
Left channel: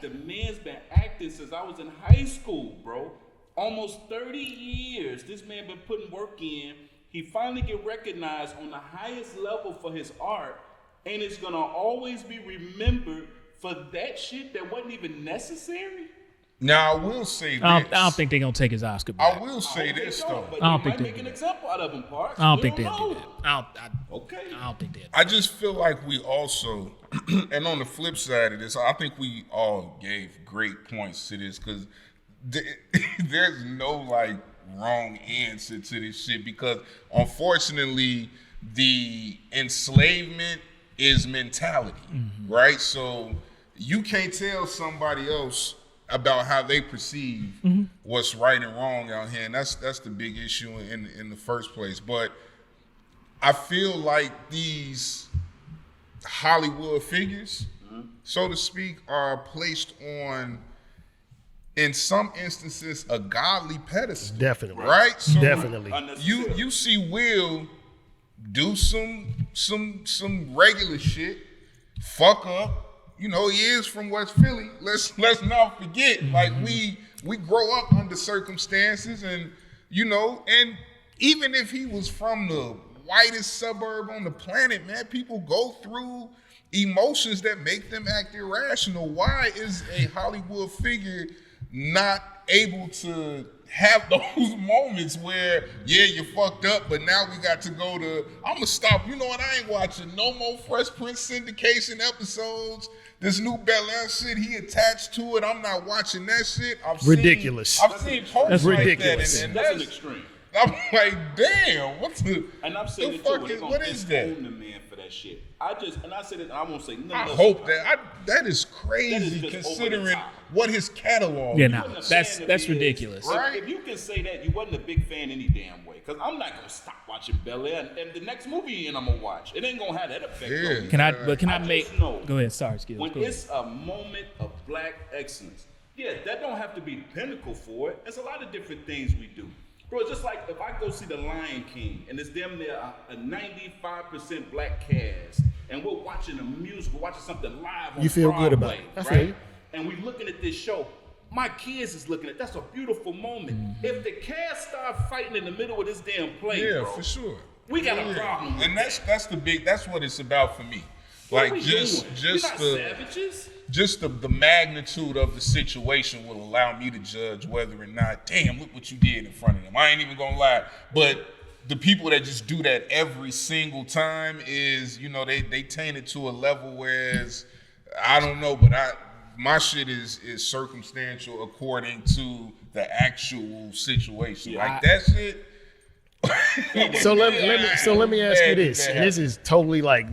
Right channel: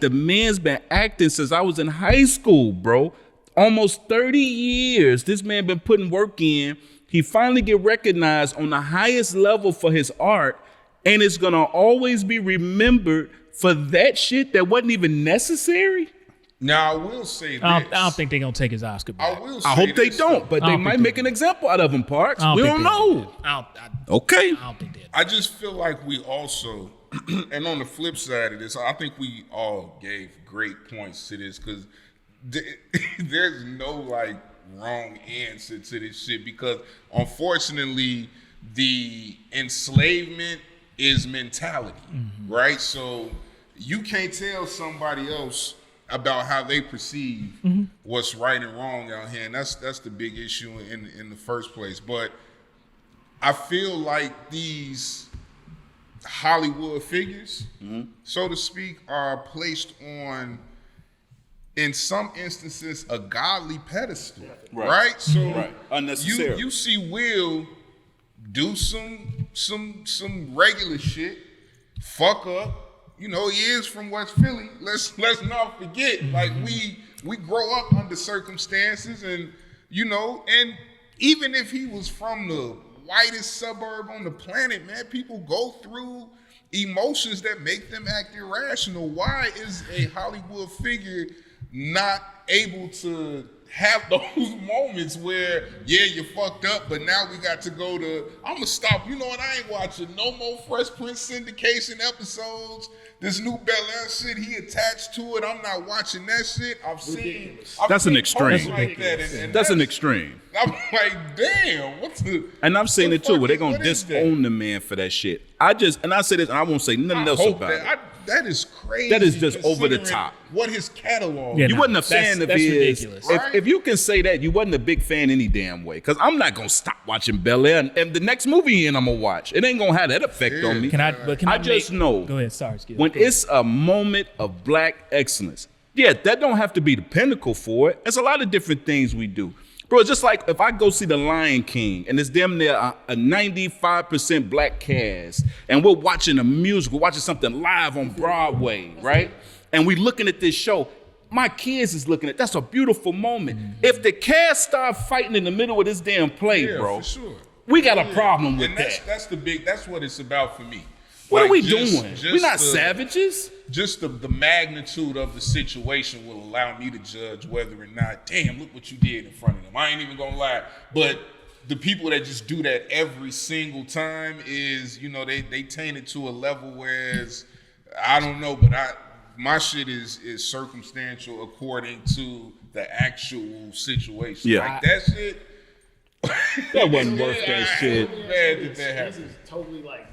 the man's been acting since I was in high school, bro. Almost 30 years. This man been putting work in. He finally get recognized on the highest level for his art, and it's gonna always be remembered for that shit that wasn't even necessary. Now I will say this. I don't think they're gonna take his Oscar back. I will say I hope they this, don't, though. but I they don't might think make they an do. example out of him, Parks. I don't We think don't they'll know. do that. Okay. I don't think they'll do I just feel like we also, and on the flip side of this, I think we all gave great points to this because there's no like wrong answer to this shit because unfortunately the enslavement is mentality, right? So you can't tell somebody else about how they perceive what's right and wrong out here, and that's the big issue in the first place. But I feel like these Hollywood figures, so to speak, are placed on, in some instances, a godly pedestal. Definitely. Right? So Definitely. Unnecessary. you see Will do some regular shit, fuck up. You know, he is from West Philly. Let's not forget. Like we grow up under circumstances, and and even if he was from the whitest suburb on the planet, man, people go through emotions that make them act irrational. Why is a Hollywood figure not able to have those moments where, yeah, you fucked up, but now we got to go to, I'm gonna stop, you know what, I ain't watching no more Fresh Prince syndication episodes. This new Bel Air shit, he attached to it. I'm not watching that shit. Ridiculous. That's an extreme. That's ridiculous. And That's an extreme. I'm like, damn, what's the... And I'm saying the it too, fuck where they're is- gonna what is that? disown the man for that shit. I say this, and I won't say nothing I else hope about that. it. That is crazy. That is just over the considering top. What his catalog. Yeah, is. You wasn't a fan of that's his. ridiculous. Right? If you can say that, you wasn't a big fan any damn way. Because I'm not gonna stop watching Bel Air, and the next movie I'm gonna watch, it ain't gonna have that effect on me. Can I just know Go ahead. Sorry, excuse me. when it's a moment of black excellence, yeah, that don't have to be the pinnacle for it. There's a lot of different things we do. Bro, it's just like if I go see The Lion King and it's damn near a 95% black cast and we're watching a musical, watching something live on feel good about Broadway, it. That's right? right. And we looking at this show. My kids is looking at that's a beautiful moment. If the cast start fighting in the middle of this damn play, Yeah, bro, for sure. we got a problem with and that. that's what it's about for me. What Like, are we just- doing? just We're not the- savages. Just the magnitude of the situation will allow me to judge whether or not, damn, look what you did in front of them. I ain't even gonna lie. But the people that just do that every single time is, they taint it to a level whereas, I don't know, but my shit is circumstantial according to the actual situation. Yeah. Like that shit. So let me ask you this. That And this is totally like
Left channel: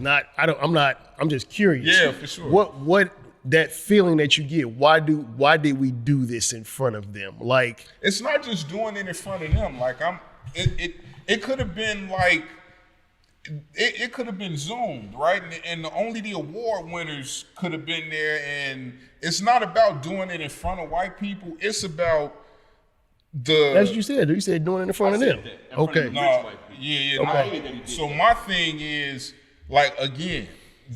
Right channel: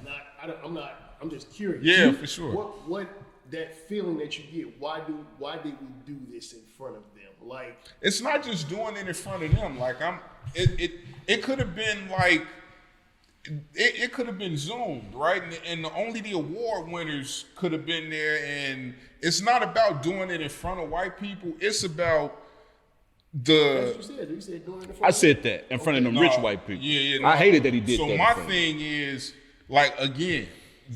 I'm just curious. Yeah, for sure. What that feeling that you get, why did we do this in front of them? Like, It's not just doing it in front of them. Like it could have been like it could have been zoomed, right? And only the award winners could have been there. And it's not about doing it in front of white people. It's about as you said doing it in front I of them. said that in front of the No, rich white people. Yeah. I hated that he did so that. my thing is, like, again,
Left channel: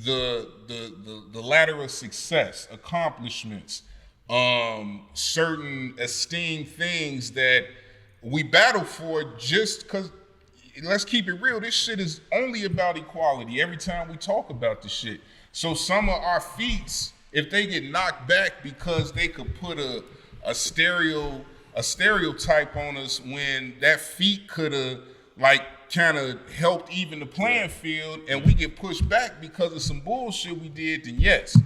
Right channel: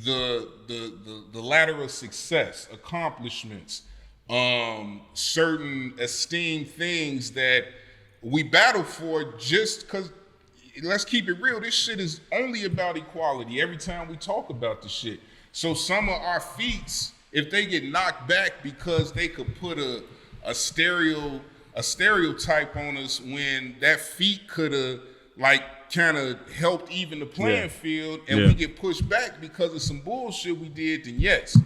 the ladder of success, accomplishments, certain esteemed things that we battle for just because, let's keep it real, this shit is only about equality every time we talk about this shit. So some of our feats, if they get knocked back because they could put a stereotype on us when that feat could have like kind of helped even the playing field, and we get pushed back because of some bullshit we did, then yes.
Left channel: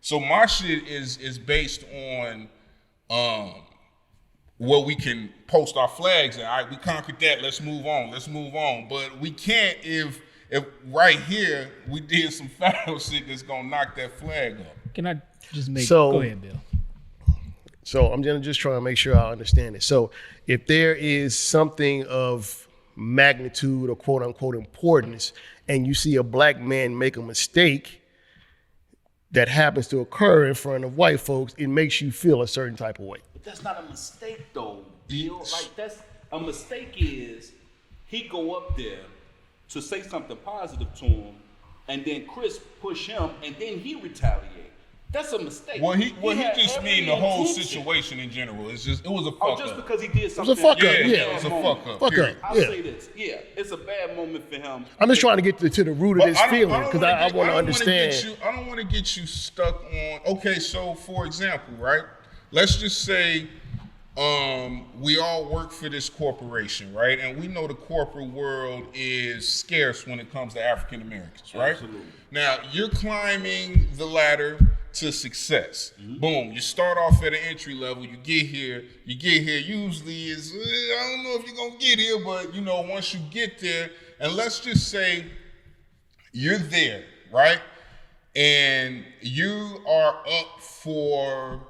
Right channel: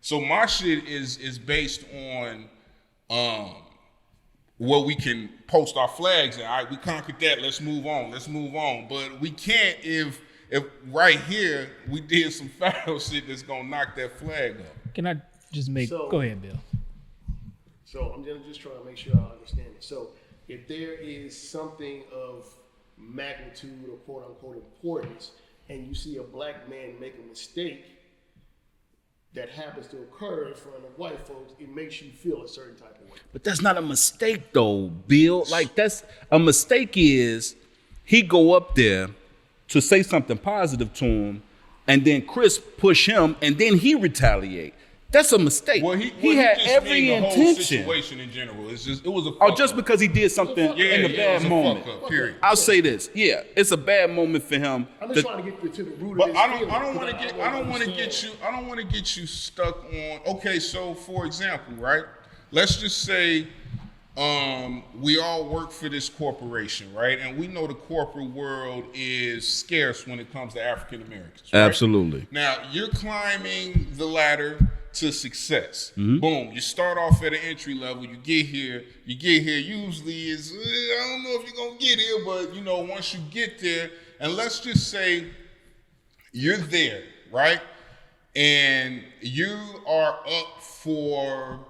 So my shit is based on where we can post our flags and all right, we conquered that, let's move on. But we can't if right here we did some foul shit that's gonna knock that flag up. Can I just make? So- Go ahead, Bill. So I'm gonna just try to make sure I understand it. So if there is something of magnitude or quote unquote importance, and you see a black man make a mistake that happens to occur in front of white folks, it makes you feel a certain type of way. But that's not a mistake though, Bill. Like that's a mistake is he go up there to say something positive to him, and then Chris push him, and then he retaliate. That's a mistake. Well, he had just every mean the whole intention. situation in general. It was a fuck Oh, just up. because he did something. fuck up. Yeah, Yeah, it was a moment. fuck up. Fuck Period. up. I'll Yeah. say this. Yeah, it's a bad moment for him. I'm just to- trying to get to the root of But this I feeling don't because want I want to understand. I don't want to get you stuck on. Okay, so for example, right? Let's just say we all work for this corporation, right? And we know the corporate world is scarce when it comes to African Americans, right? Absolutely. Now you're climbing the ladder to success. Mm-hmm. Boom. You start off at an entry level. You get here. Usually is I don't know if you're gonna get here, but once you get there, and let's just say you're there, right? And you are up for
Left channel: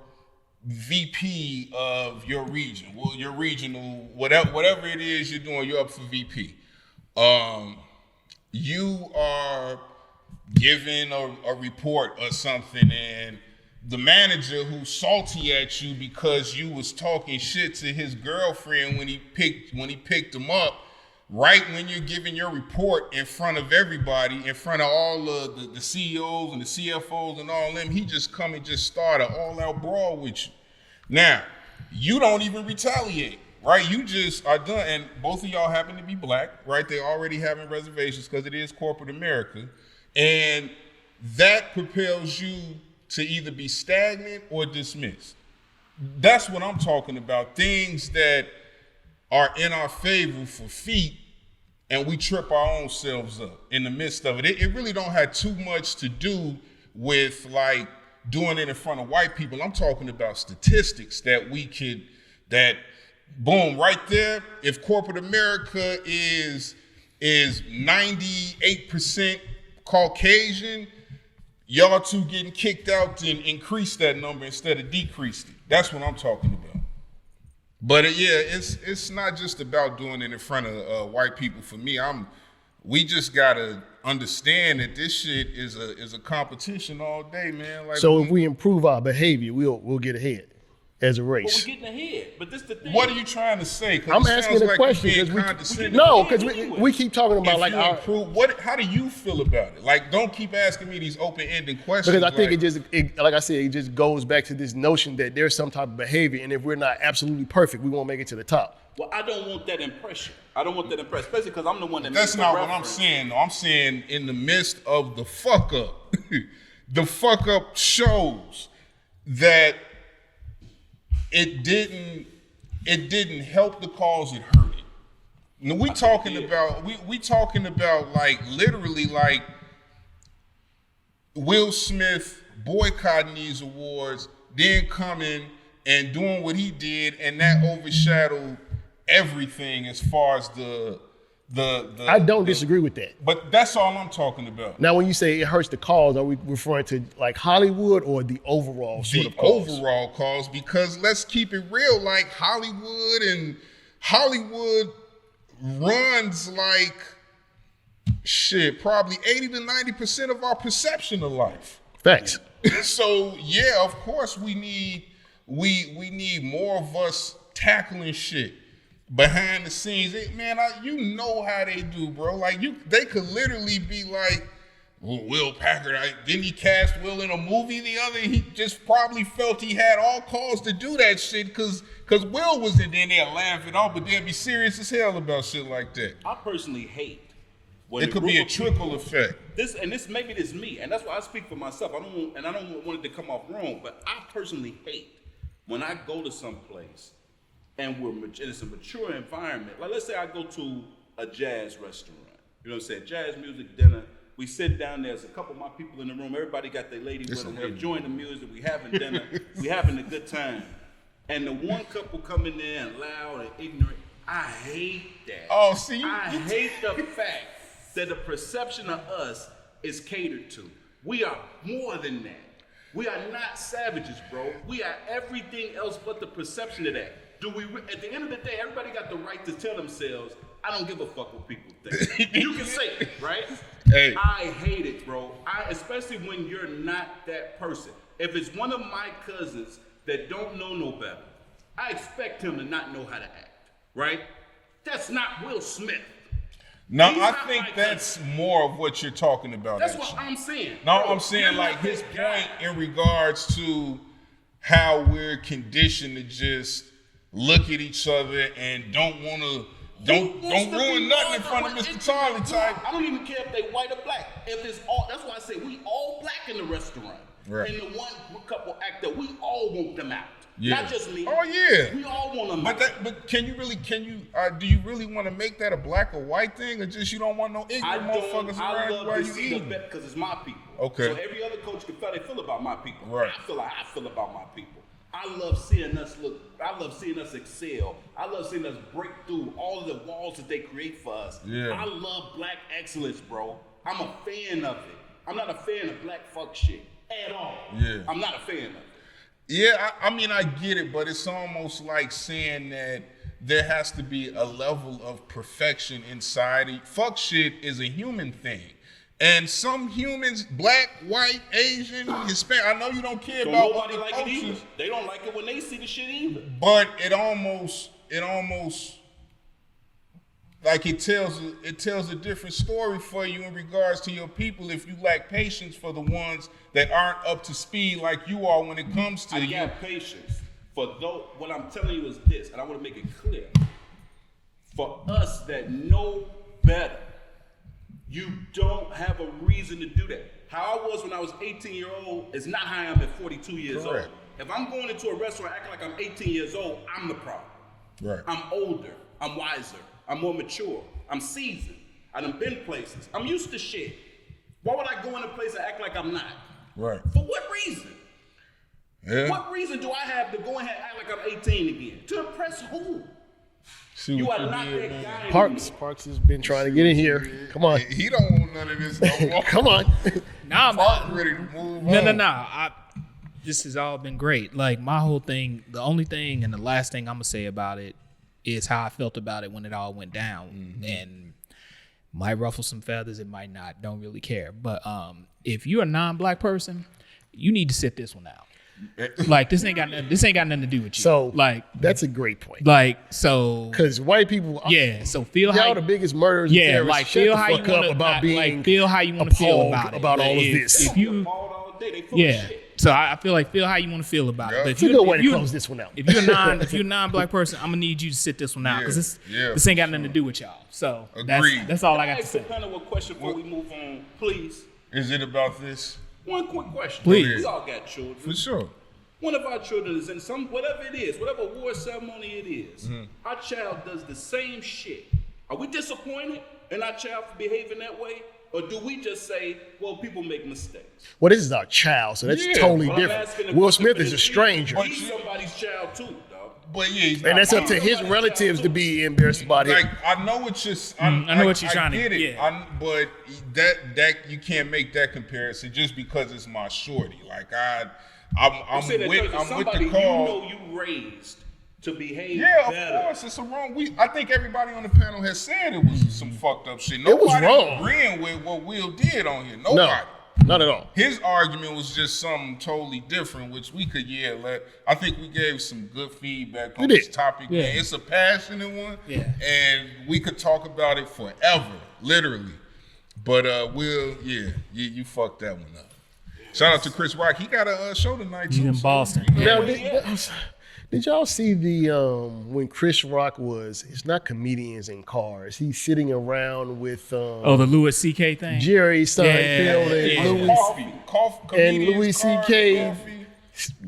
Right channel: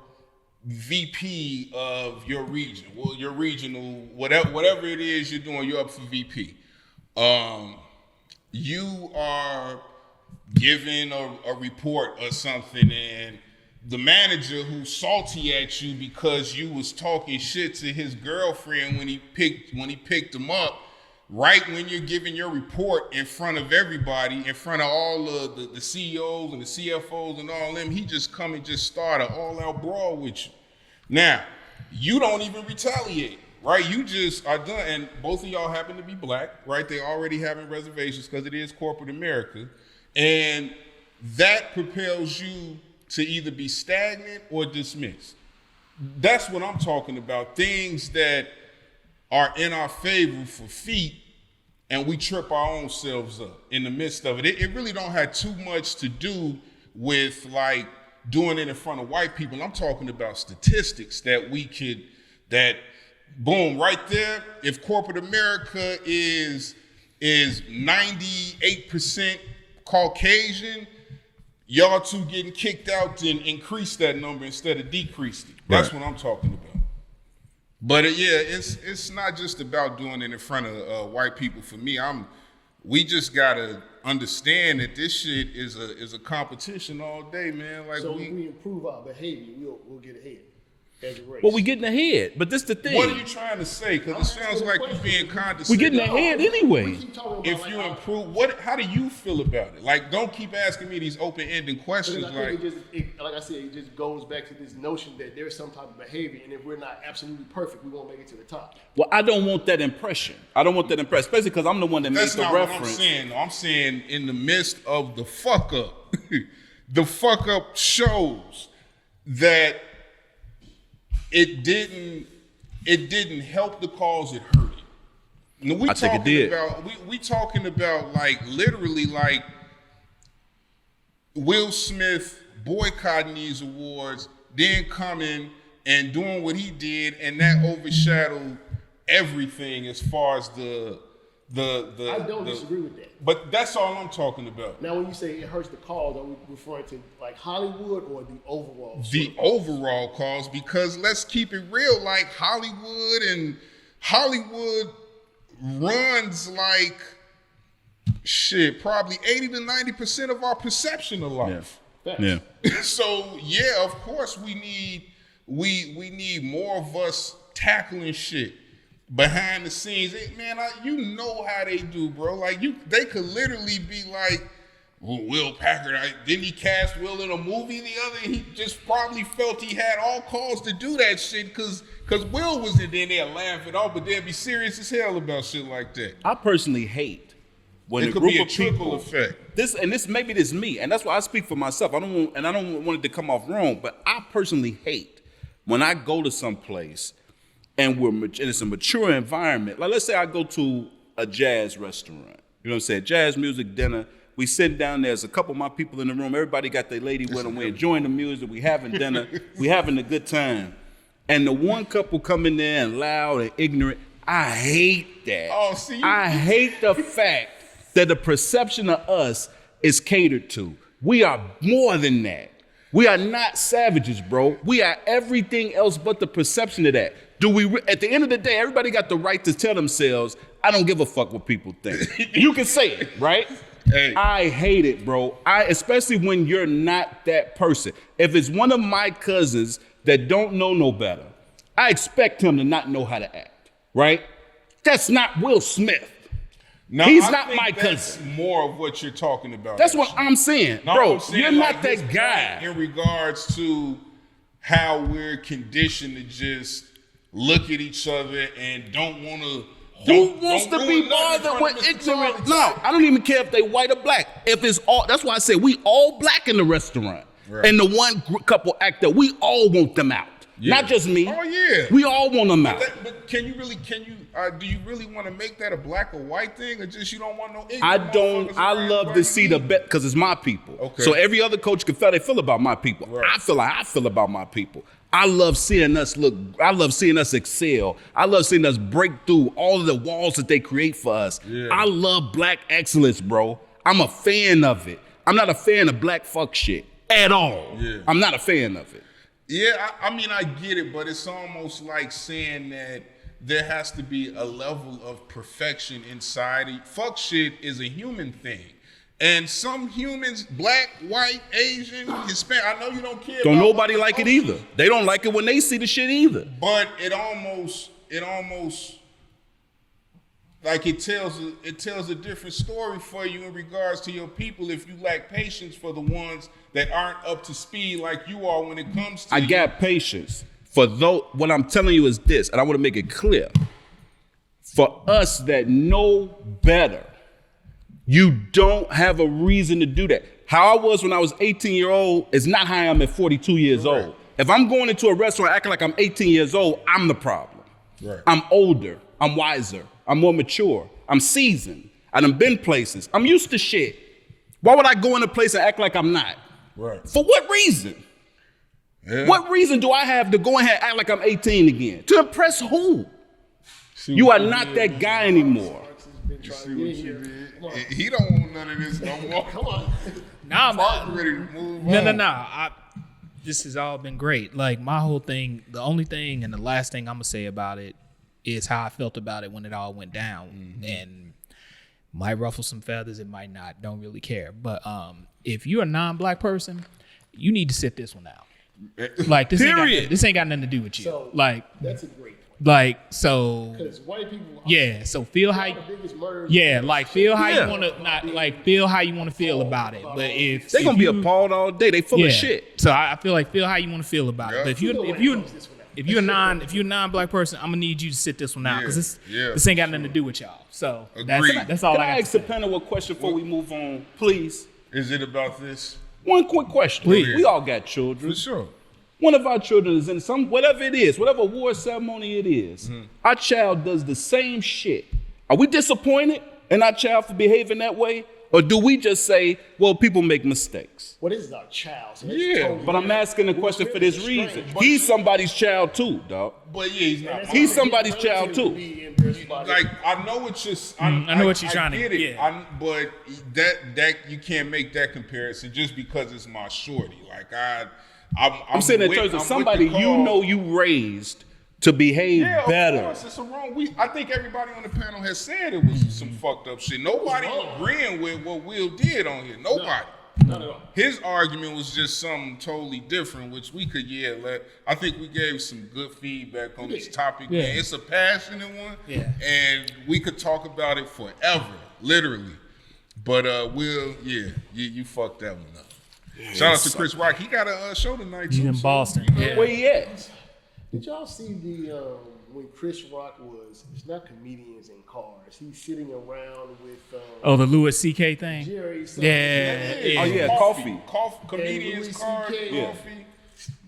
VP of your region. Well, your regional, whatever it is you're doing, you're up for VP. You are given a report or something, and the manager who's salty at you because you was talking shit to his girlfriend when he picked him up, right when you're giving your report in front of everybody, in front of all of the CEOs and the CFOs and all them, he just come and just start an all-out brawl with you. Now, you don't even retaliate, right? You just are done, and both of y'all happen to be black, right? They're already having reservations because it is corporate America, and that propels you to either be stagnant or dismissed. That's what I'm talking about. Things that are in our favor for feet, and we trip our own selves up in the midst of it. It really don't have too much to do with like doing it in front of white people. I'm talking about statistics that boom, right there. If corporate America is 98% Caucasian, y'all two getting kicked out and increase that number instead of decrease it. That's what I'm talking about. But it's not just about doing it in front of white people. For me, we just gotta understand that this shit is a competition all day, man. Like, so if we improve our behavior, we'll get ahead as a race. Well, we getting ahead, but this the thing. What are you trying to say? I'm Because it asking sounds a like question, you're being 'cause condescending. getting ahead because anyway. we keep talking about If like you improve, how do you feel about it? Like, don't keep asking me these open-ended questions. because I think like I said, it just goes back to this notion that there's some type of behavior, and if we're not absolutely perfect, we won't make it to the top. Well, I don't want that impression. I don't want that impression, especially because I'm the one that That's makes the not reference. what I'm saying. though. I'm saying in the midst of the fuck up, the fuck up shows that it didn't help the cause, it hurt it. Now, we talking about like literally like Will Smith boycotting these awards, then coming and doing what he did, and that overshadowed everything as far as the I don't disagree with that. But that's all I'm talking about. Now, when you say it hurts the cause, are we referring to like Hollywood or the overall? The overall cause, because let's keep it real, like Hollywood runs like shit, probably 80 to 90% of our perception of life. Facts. Yeah. So yeah, of course we need more of us tackling shit behind the scenes. Man, you know how they do, bro. Like they could literally be like, well, Will Packard, didn't he cast Will in a movie the other? He just probably felt he had all cause to do that shit because Will was in there laughing off, but they'd be serious as hell about shit like that. I personally hate when It could be a trickle effect. This maybe this me, and that's why I speak for myself. I don't want it to come off wrong, but I personally hate when I go to some place and it's a mature environment. Like, let's say I go to a jazz restaurant. You know what I'm saying? Jazz music dinner. We sit down, there's a couple of my people in the room. Everybody got their lady with them. We're enjoying the music. We having dinner. We having a good time. And the one couple come in there and loud and ignorant. I hate that. Oh, see, I hate the fact that the perception of us is catered to. We are more than that. We are not savages, bro. We are everything else but the perception of that. At the end of the day, everybody got the right to tell themselves, I don't give a fuck what people think. You can say it, right? Hey. I hate it, bro. Especially when you're not that person. If it's one of my cousins that don't know no better, I expect him to not know how to act, right? That's not Will Smith. No, He's I not think my that's cousin. more of what you're talking about. That's what actually. I'm saying. No, bro, I'm saying you're like not his that guy. point in regards to how we're conditioned to just look at each other and don't want to. Don't ruin nothing in front of Mr. Charlie. No, I don't even care if they white or black. If it's all, that's why I said we all black in the restaurant. Right. And the one couple act that we all want them out. Yeah. Not just me. Oh yeah. We all want them out. But do you really want to make that a black or white thing, or just you don't want no ignorant I motherfuckers I around love while to you see the eating? bet because it's my people. Okay. So every other coach can feel they feel about my people. Right. I feel like I feel about my people. I love seeing us I love seeing us excel. I love seeing us break through all of the walls that they create for us. Yeah. I love black excellence, bro. I'm a fan of it. I'm not a fan of black fuck shit at all. Yeah. I'm not a fan of it. Yeah, I mean, I get it, but it's almost like saying that there has to be a level of perfection inside it. Fuck shit is a human thing. And some humans, black, white, Asian, Hispanic, I know you don't care Don't about nobody other like it cultures, either. They don't like it when they see the shit either. but it almost like it tells a different story for you in regards to your people if you lack patience for the ones that aren't up to speed like you are when it comes to I you. got patience. For those, what I'm telling you is this, and I want to make it clear. For us that know better, you don't have a reason to do that. How I was when I was 18-year-old is not how I am at 42 years Correct. old. If I'm going into a restaurant acting like I'm 18 years old, I'm the problem. Right. I'm older. I'm wiser. I'm more mature. I'm seasoned. I done been places. I'm used to shit. Why would I go in a place and act like I'm not? Right. For what reason? Yeah. What reason do I have to go ahead and act like I'm 18 again? To impress who? You are not that guy anymore. Parks has been trying to get in here. Come on. He don't want none of this no more. Come on. Nah, Park man. ready to move on. No. This has all been great. Like my whole thing, the only thing and the last thing I'm gonna say about it is how I felt about it when it all went down. And might ruffle some feathers, it might not. Don't really care. But if you're a non-black person, you need to sit this one out. Like this ain't got nothing to do with you. So like that's a great point. like so Because white people, yeah. So feel they're how all the biggest murderers. yeah, and like terrorists. feel Shut how the you fuck want up to about being like feel how you want to feel appalled about it. about But all of if- this. They're if gonna be you- appalled all day. They full of shit. So I feel like feel how you want to feel about it. But if You you go ahead if and you close this one out. if you're a non-black person, I'm gonna need you to sit this one out because this ain't got nothing to do with y'all. So Agreed. that's all Can I got to ask say. the panel a question before we move on, please? Is it about this? One quick question. Please. We all got children. For sure. One of our children is in some, whatever it is, whatever award ceremony it is, our child does the same shit. Are we disappointed in our child for behaving that way? Or do we just say, well, people make mistakes? Well, this is our child, so that's Yeah, totally But different. I'm asking the Will question Smith for is this a reason. stranger. He's somebody's child too, dog. But yeah, he's not. And that's up He's to his somebody's child, relatives too. to be embarrassed about Like it. I know what you're. I know what you're trying to get it. yeah. But that you can't make that comparison just because it's my shorty. Like I'm saying in terms of somebody you know you raised to behave better. Of course, it's a wrong. I think everybody on the panel has said it was some fucked up shit. Nobody wrong. agreeing with what Will did on here. Nobody. No, not at all. His argument was just something totally different, which we could let. I think we gave some good feedback on We this did. topic. Yeah. Man. It's a passionate one, Yeah. and we could talk about it forever, literally. But Will, you fucked that one up. Shout out to Chris Rock. He got a show tonight too. He's in so, Boston. you know, Where he at? Did y'all see the when Chris Rock it's not comedians in cars. He's sitting around with Oh, the Louis C.K. thing. Jerry Seinfeld Yeah. and, Coffee, and comedians, Louis cars, C.K. coffee.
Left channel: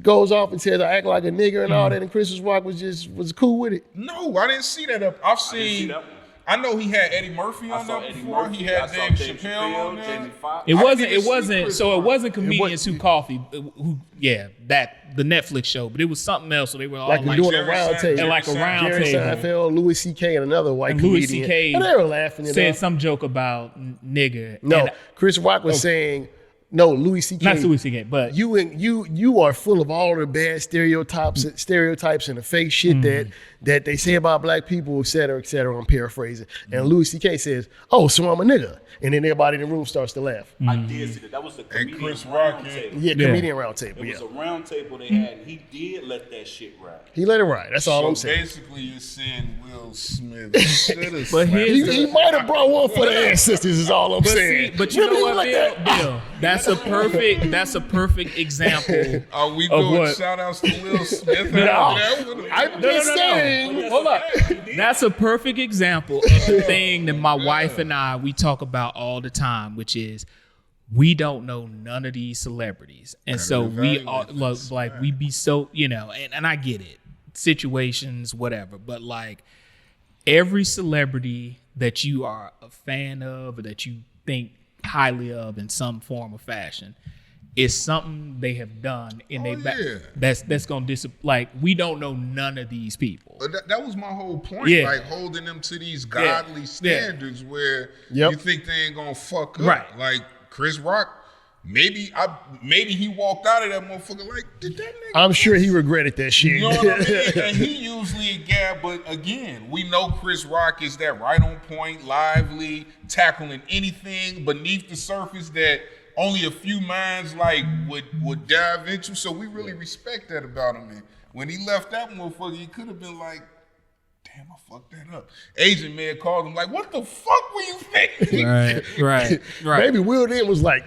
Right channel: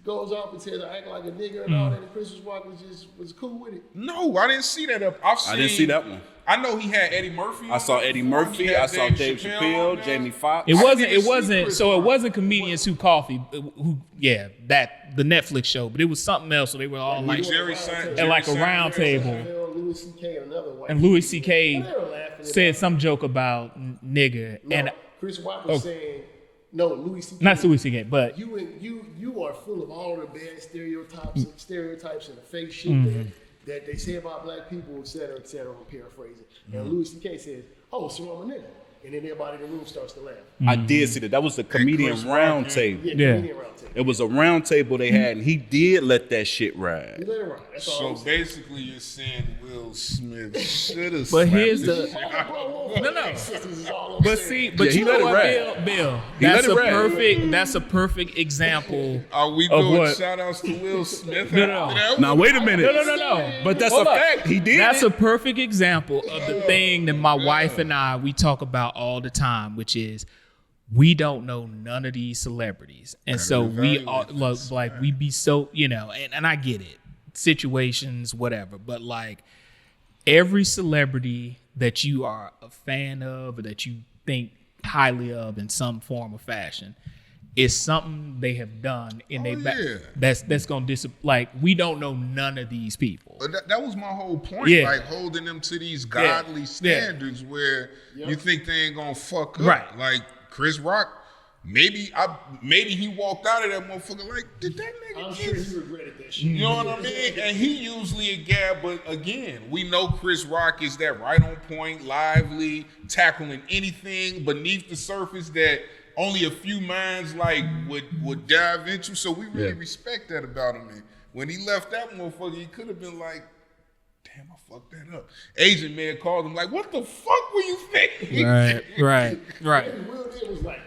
goes off and says I act like a nigger and all that, and Chris Rock was cool with it. No, I didn't see that up. I've seen. I didn't see that one. I know he had Eddie Murphy on I saw there Eddie before. He Murphy. had I saw Dave Dave Chappelle on Chappelle, there. Jamie Foxx. It wasn't. even It see wasn't. Chris So it Rock. wasn't comedians who coffee. Who? Yeah, that the Netflix show. But it was something else. So they were all Like, like, we're doing Jerry a round Seinfeld. table. and like a round Jerry table. Seinfeld, Louis C.K. and another white And Louis comedian. C.K. And they were laughing. it said up. some joke about nigger. No, and, Chris Rock was saying, no, Louis C.K. not Louis C.K. But You are full of all the bad stereotypes and the fake shit that they say about black people, et cetera, et cetera. I'm paraphrasing. And Louis C.K. says, "Oh, so I'm a nigga," and then everybody in the room starts to laugh. I did see that. That was the comedian Chris Rock, round yeah. table. Yeah, Yeah. comedian round table. It was a round table they had, and he did let that shit ride. He let it ride. That's all So I'm saying. basically, you're saying Will Smith should have. But slapped here's him. He might have brought one for the ancestors. Is all I'm But saying. see, but you know what, Bill? That's a let it ride. perfect. That's a perfect example. Are we of doing what- shout outs to Will Smith? No. after that Now one? wait a minute. No. But that's Hold a up. fact. He did. That's a perfect example of the thing that my wife and I we talk about all the time, which is we don't know none of these celebrities, and so we all like we be so and I get it, situations, whatever, but like every celebrity that you are a fan of or that you think highly of in some form or fashion is something they have done in their back. yeah. That's gonna like we don't know none of these people. But that was my whole point. Yeah. Like holding them to these godly standards where Yep. you think they ain't gonna fuck up. Right. Like Chris Rock, maybe he walked out of that motherfucker like, did that nigga? I'm sure he regretted that shit. You know what I mean? And he usually a guy, but again, we know Chris Rock is that right on point, lively, tackling anything beneath the surface that only a few minds like would dive into. So we really respect that about him. And when he left that motherfucker, he could have been like, damn, I fucked that up. Agent may have called him like, what the fuck were you thinking? Right. Maybe Will then was like,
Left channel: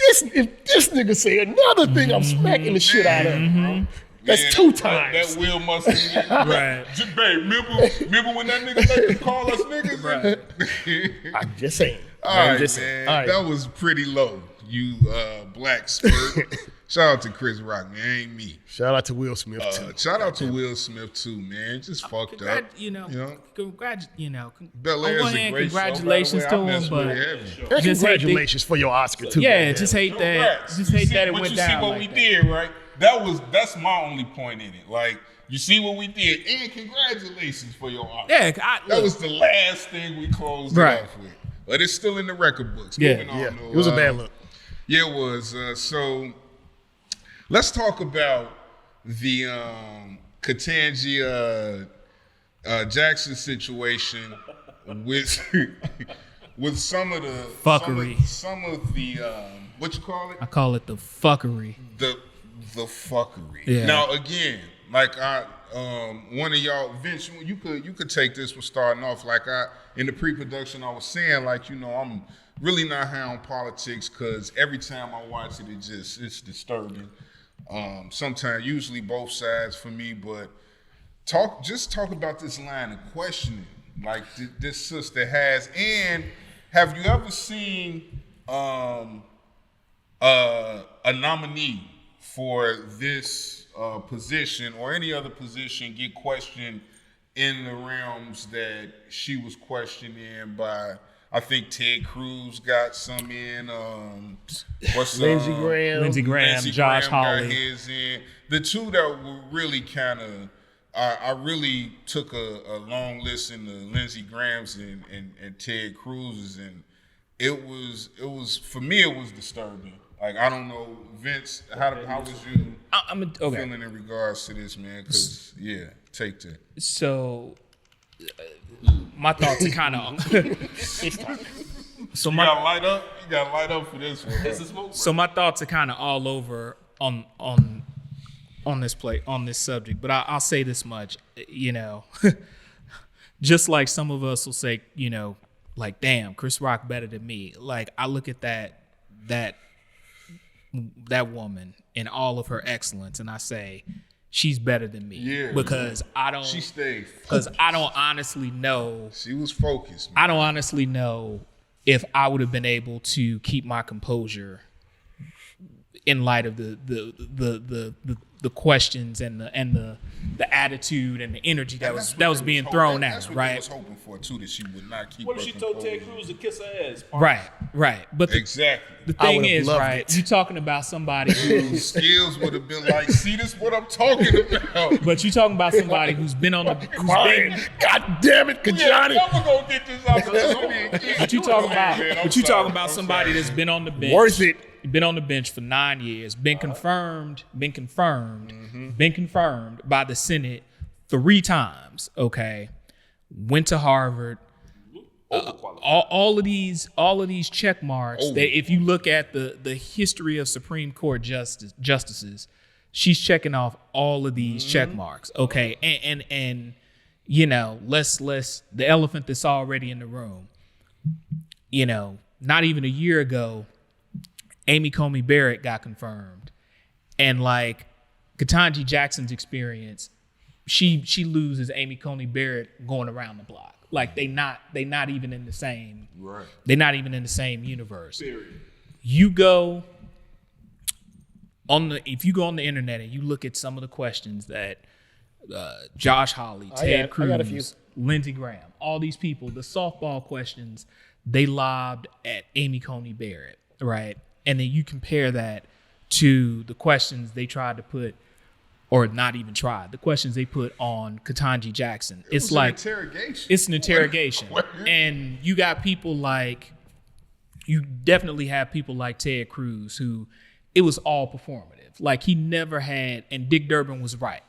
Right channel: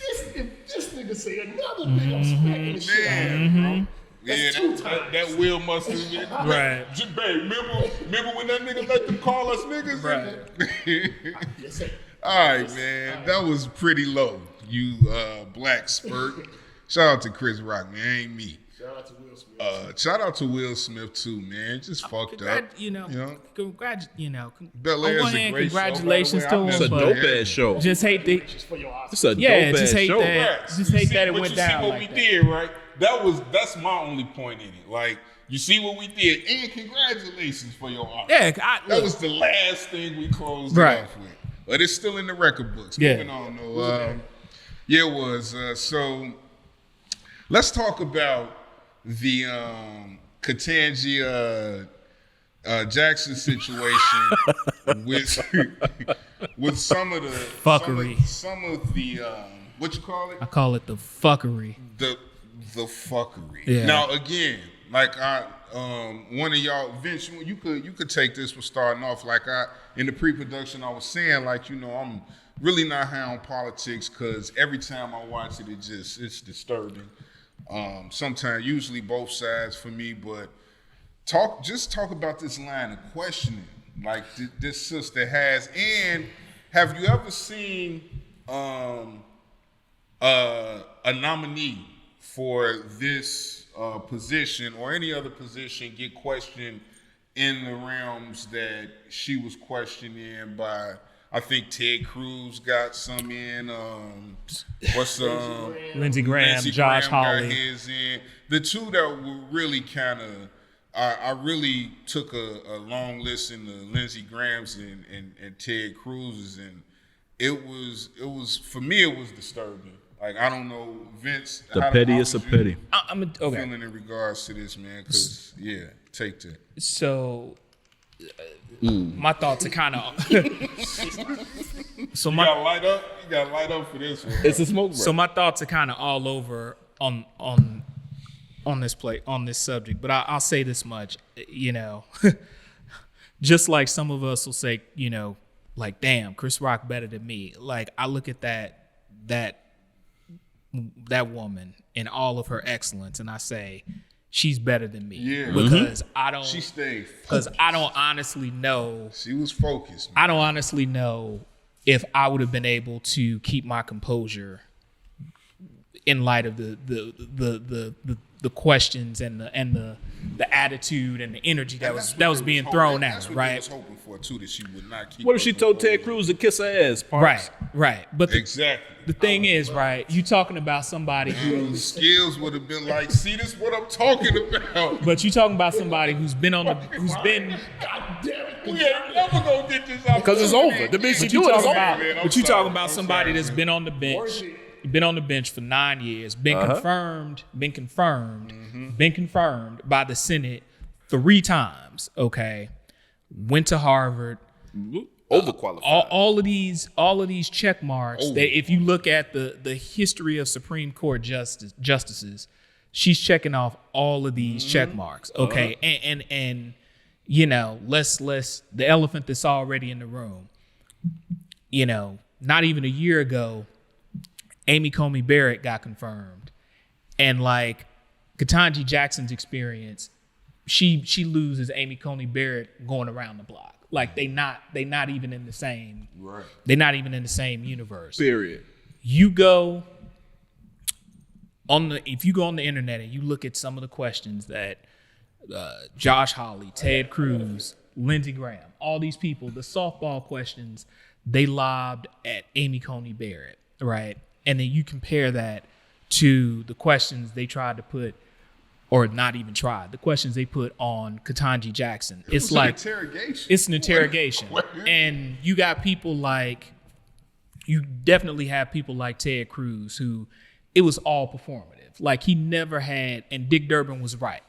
if this nigga say another thing, I'm smacking the shit out of him, bro. That's Man, two that- times. That Will must have been. Right. Babe, remember when that nigga let them call us niggas? Right. Just saying. All right, Listen, man. all right. That was pretty low, you black spurt. Shout out to Chris Rock, man. Ain't me. Shout out to Will Smith. too. Shout out to Will Smith too, man. Just fucked up. Bel Air's a great congratulations show, to by the way. I him, missed but Bel Air. Bad show. Hey, just hate the- congratulations for your Oscar, too. yeah, dope just ass hate show. that. Congrats. Just You hate see- that it but went you see down what like we that. did, right? That's my only point in it. Like you see what we did, and congratulations for your art. Yeah, that was the last thing we closed it off with. But it's still in the record books. Yeah. Moving on, It was a bad look. Yeah, it was. So let's talk about the Ketanji Jackson situation with some of the Fuckery. Some of the what you call it? I call it the fuckery. The fuckery. Yeah. Now again, like one of y'all, Vince, you could take this for starting off. Like in the pre-production, I was saying, like, I'm really not high on politics because every time I watch it, it's disturbing. Sometimes, usually both sides for me, but talk about this line of questioning, like this sister has. And have you ever seen a nominee for this position or any other position get questioned in the realms that she was questioned in by? I think Ted Cruz got some in. Lindsey Graham, Josh Hawley. Got his in. The two that were really kind of, I really took a long listen to Lindsey Graham's and Ted Cruz's, and it was for me it was disturbing. Like, I don't know, Vince. The pettiest of petty. I'm okay. Feeling in regards to this, man, because take that. So, my thoughts are kind of. So You gotta light up. You gotta light up for this one. It's a smoke break. So my thoughts are kind of all over on this subject, but I'll say this much, just like some of us will say, like, damn, Chris Rock better than me. Like, I look at that woman and all of her excellence, and I say, she's better than me. Yeah. Because I don't. She stayed. Because I don't honestly know. She was focused, man. I don't honestly know if I would have been able to keep my composure in light of the questions and the attitude and the energy that was being thrown at her, right? That's what they was hoping for too, that she would not keep. What if her she told composure. Ted Cruz to kiss her ass? Parks? Right. But Exactly. the thing would've is, loved right, it. you talking about somebody who's Skills would have been like, see, this what I'm talking about. but you talking about somebody who's been God damn it, We ain't Kajani. never gonna get this out. Because it's over. The bitch But you is talking over. about man. I'm but you sorry. talking about I'm somebody sorry, that's man. been on the bench. Worth it. Been on the bench for 9 years, been confirmed by the Senate 3 times, okay? Went to Harvard. Overqualified. All of these check marks, if you look at the history of Supreme Court justices, she's checking off all of these check marks, okay? And let's the elephant that's already in the room. Not even a year ago, Amy Coney Barrett got confirmed, and like Ketanji Jackson's experience, she loses Amy Coney Barrett going around the block. Like they not even in the same. Right. They're not even in the same universe. Period. You go if you go on the internet and you look at some of the questions that Josh Hawley, Ted I got a few. Cruz, Lindsey Graham, all these people, the softball questions they lobbed at Amy Coney Barrett, right? And then you compare that to the questions they tried to put, or not even tried, the questions they put on Ketanji Jackson. It's like interrogation. it's an interrogation. And you definitely have people like Ted Cruz who it was all performative. Like he never had, and Dick Durbin was right.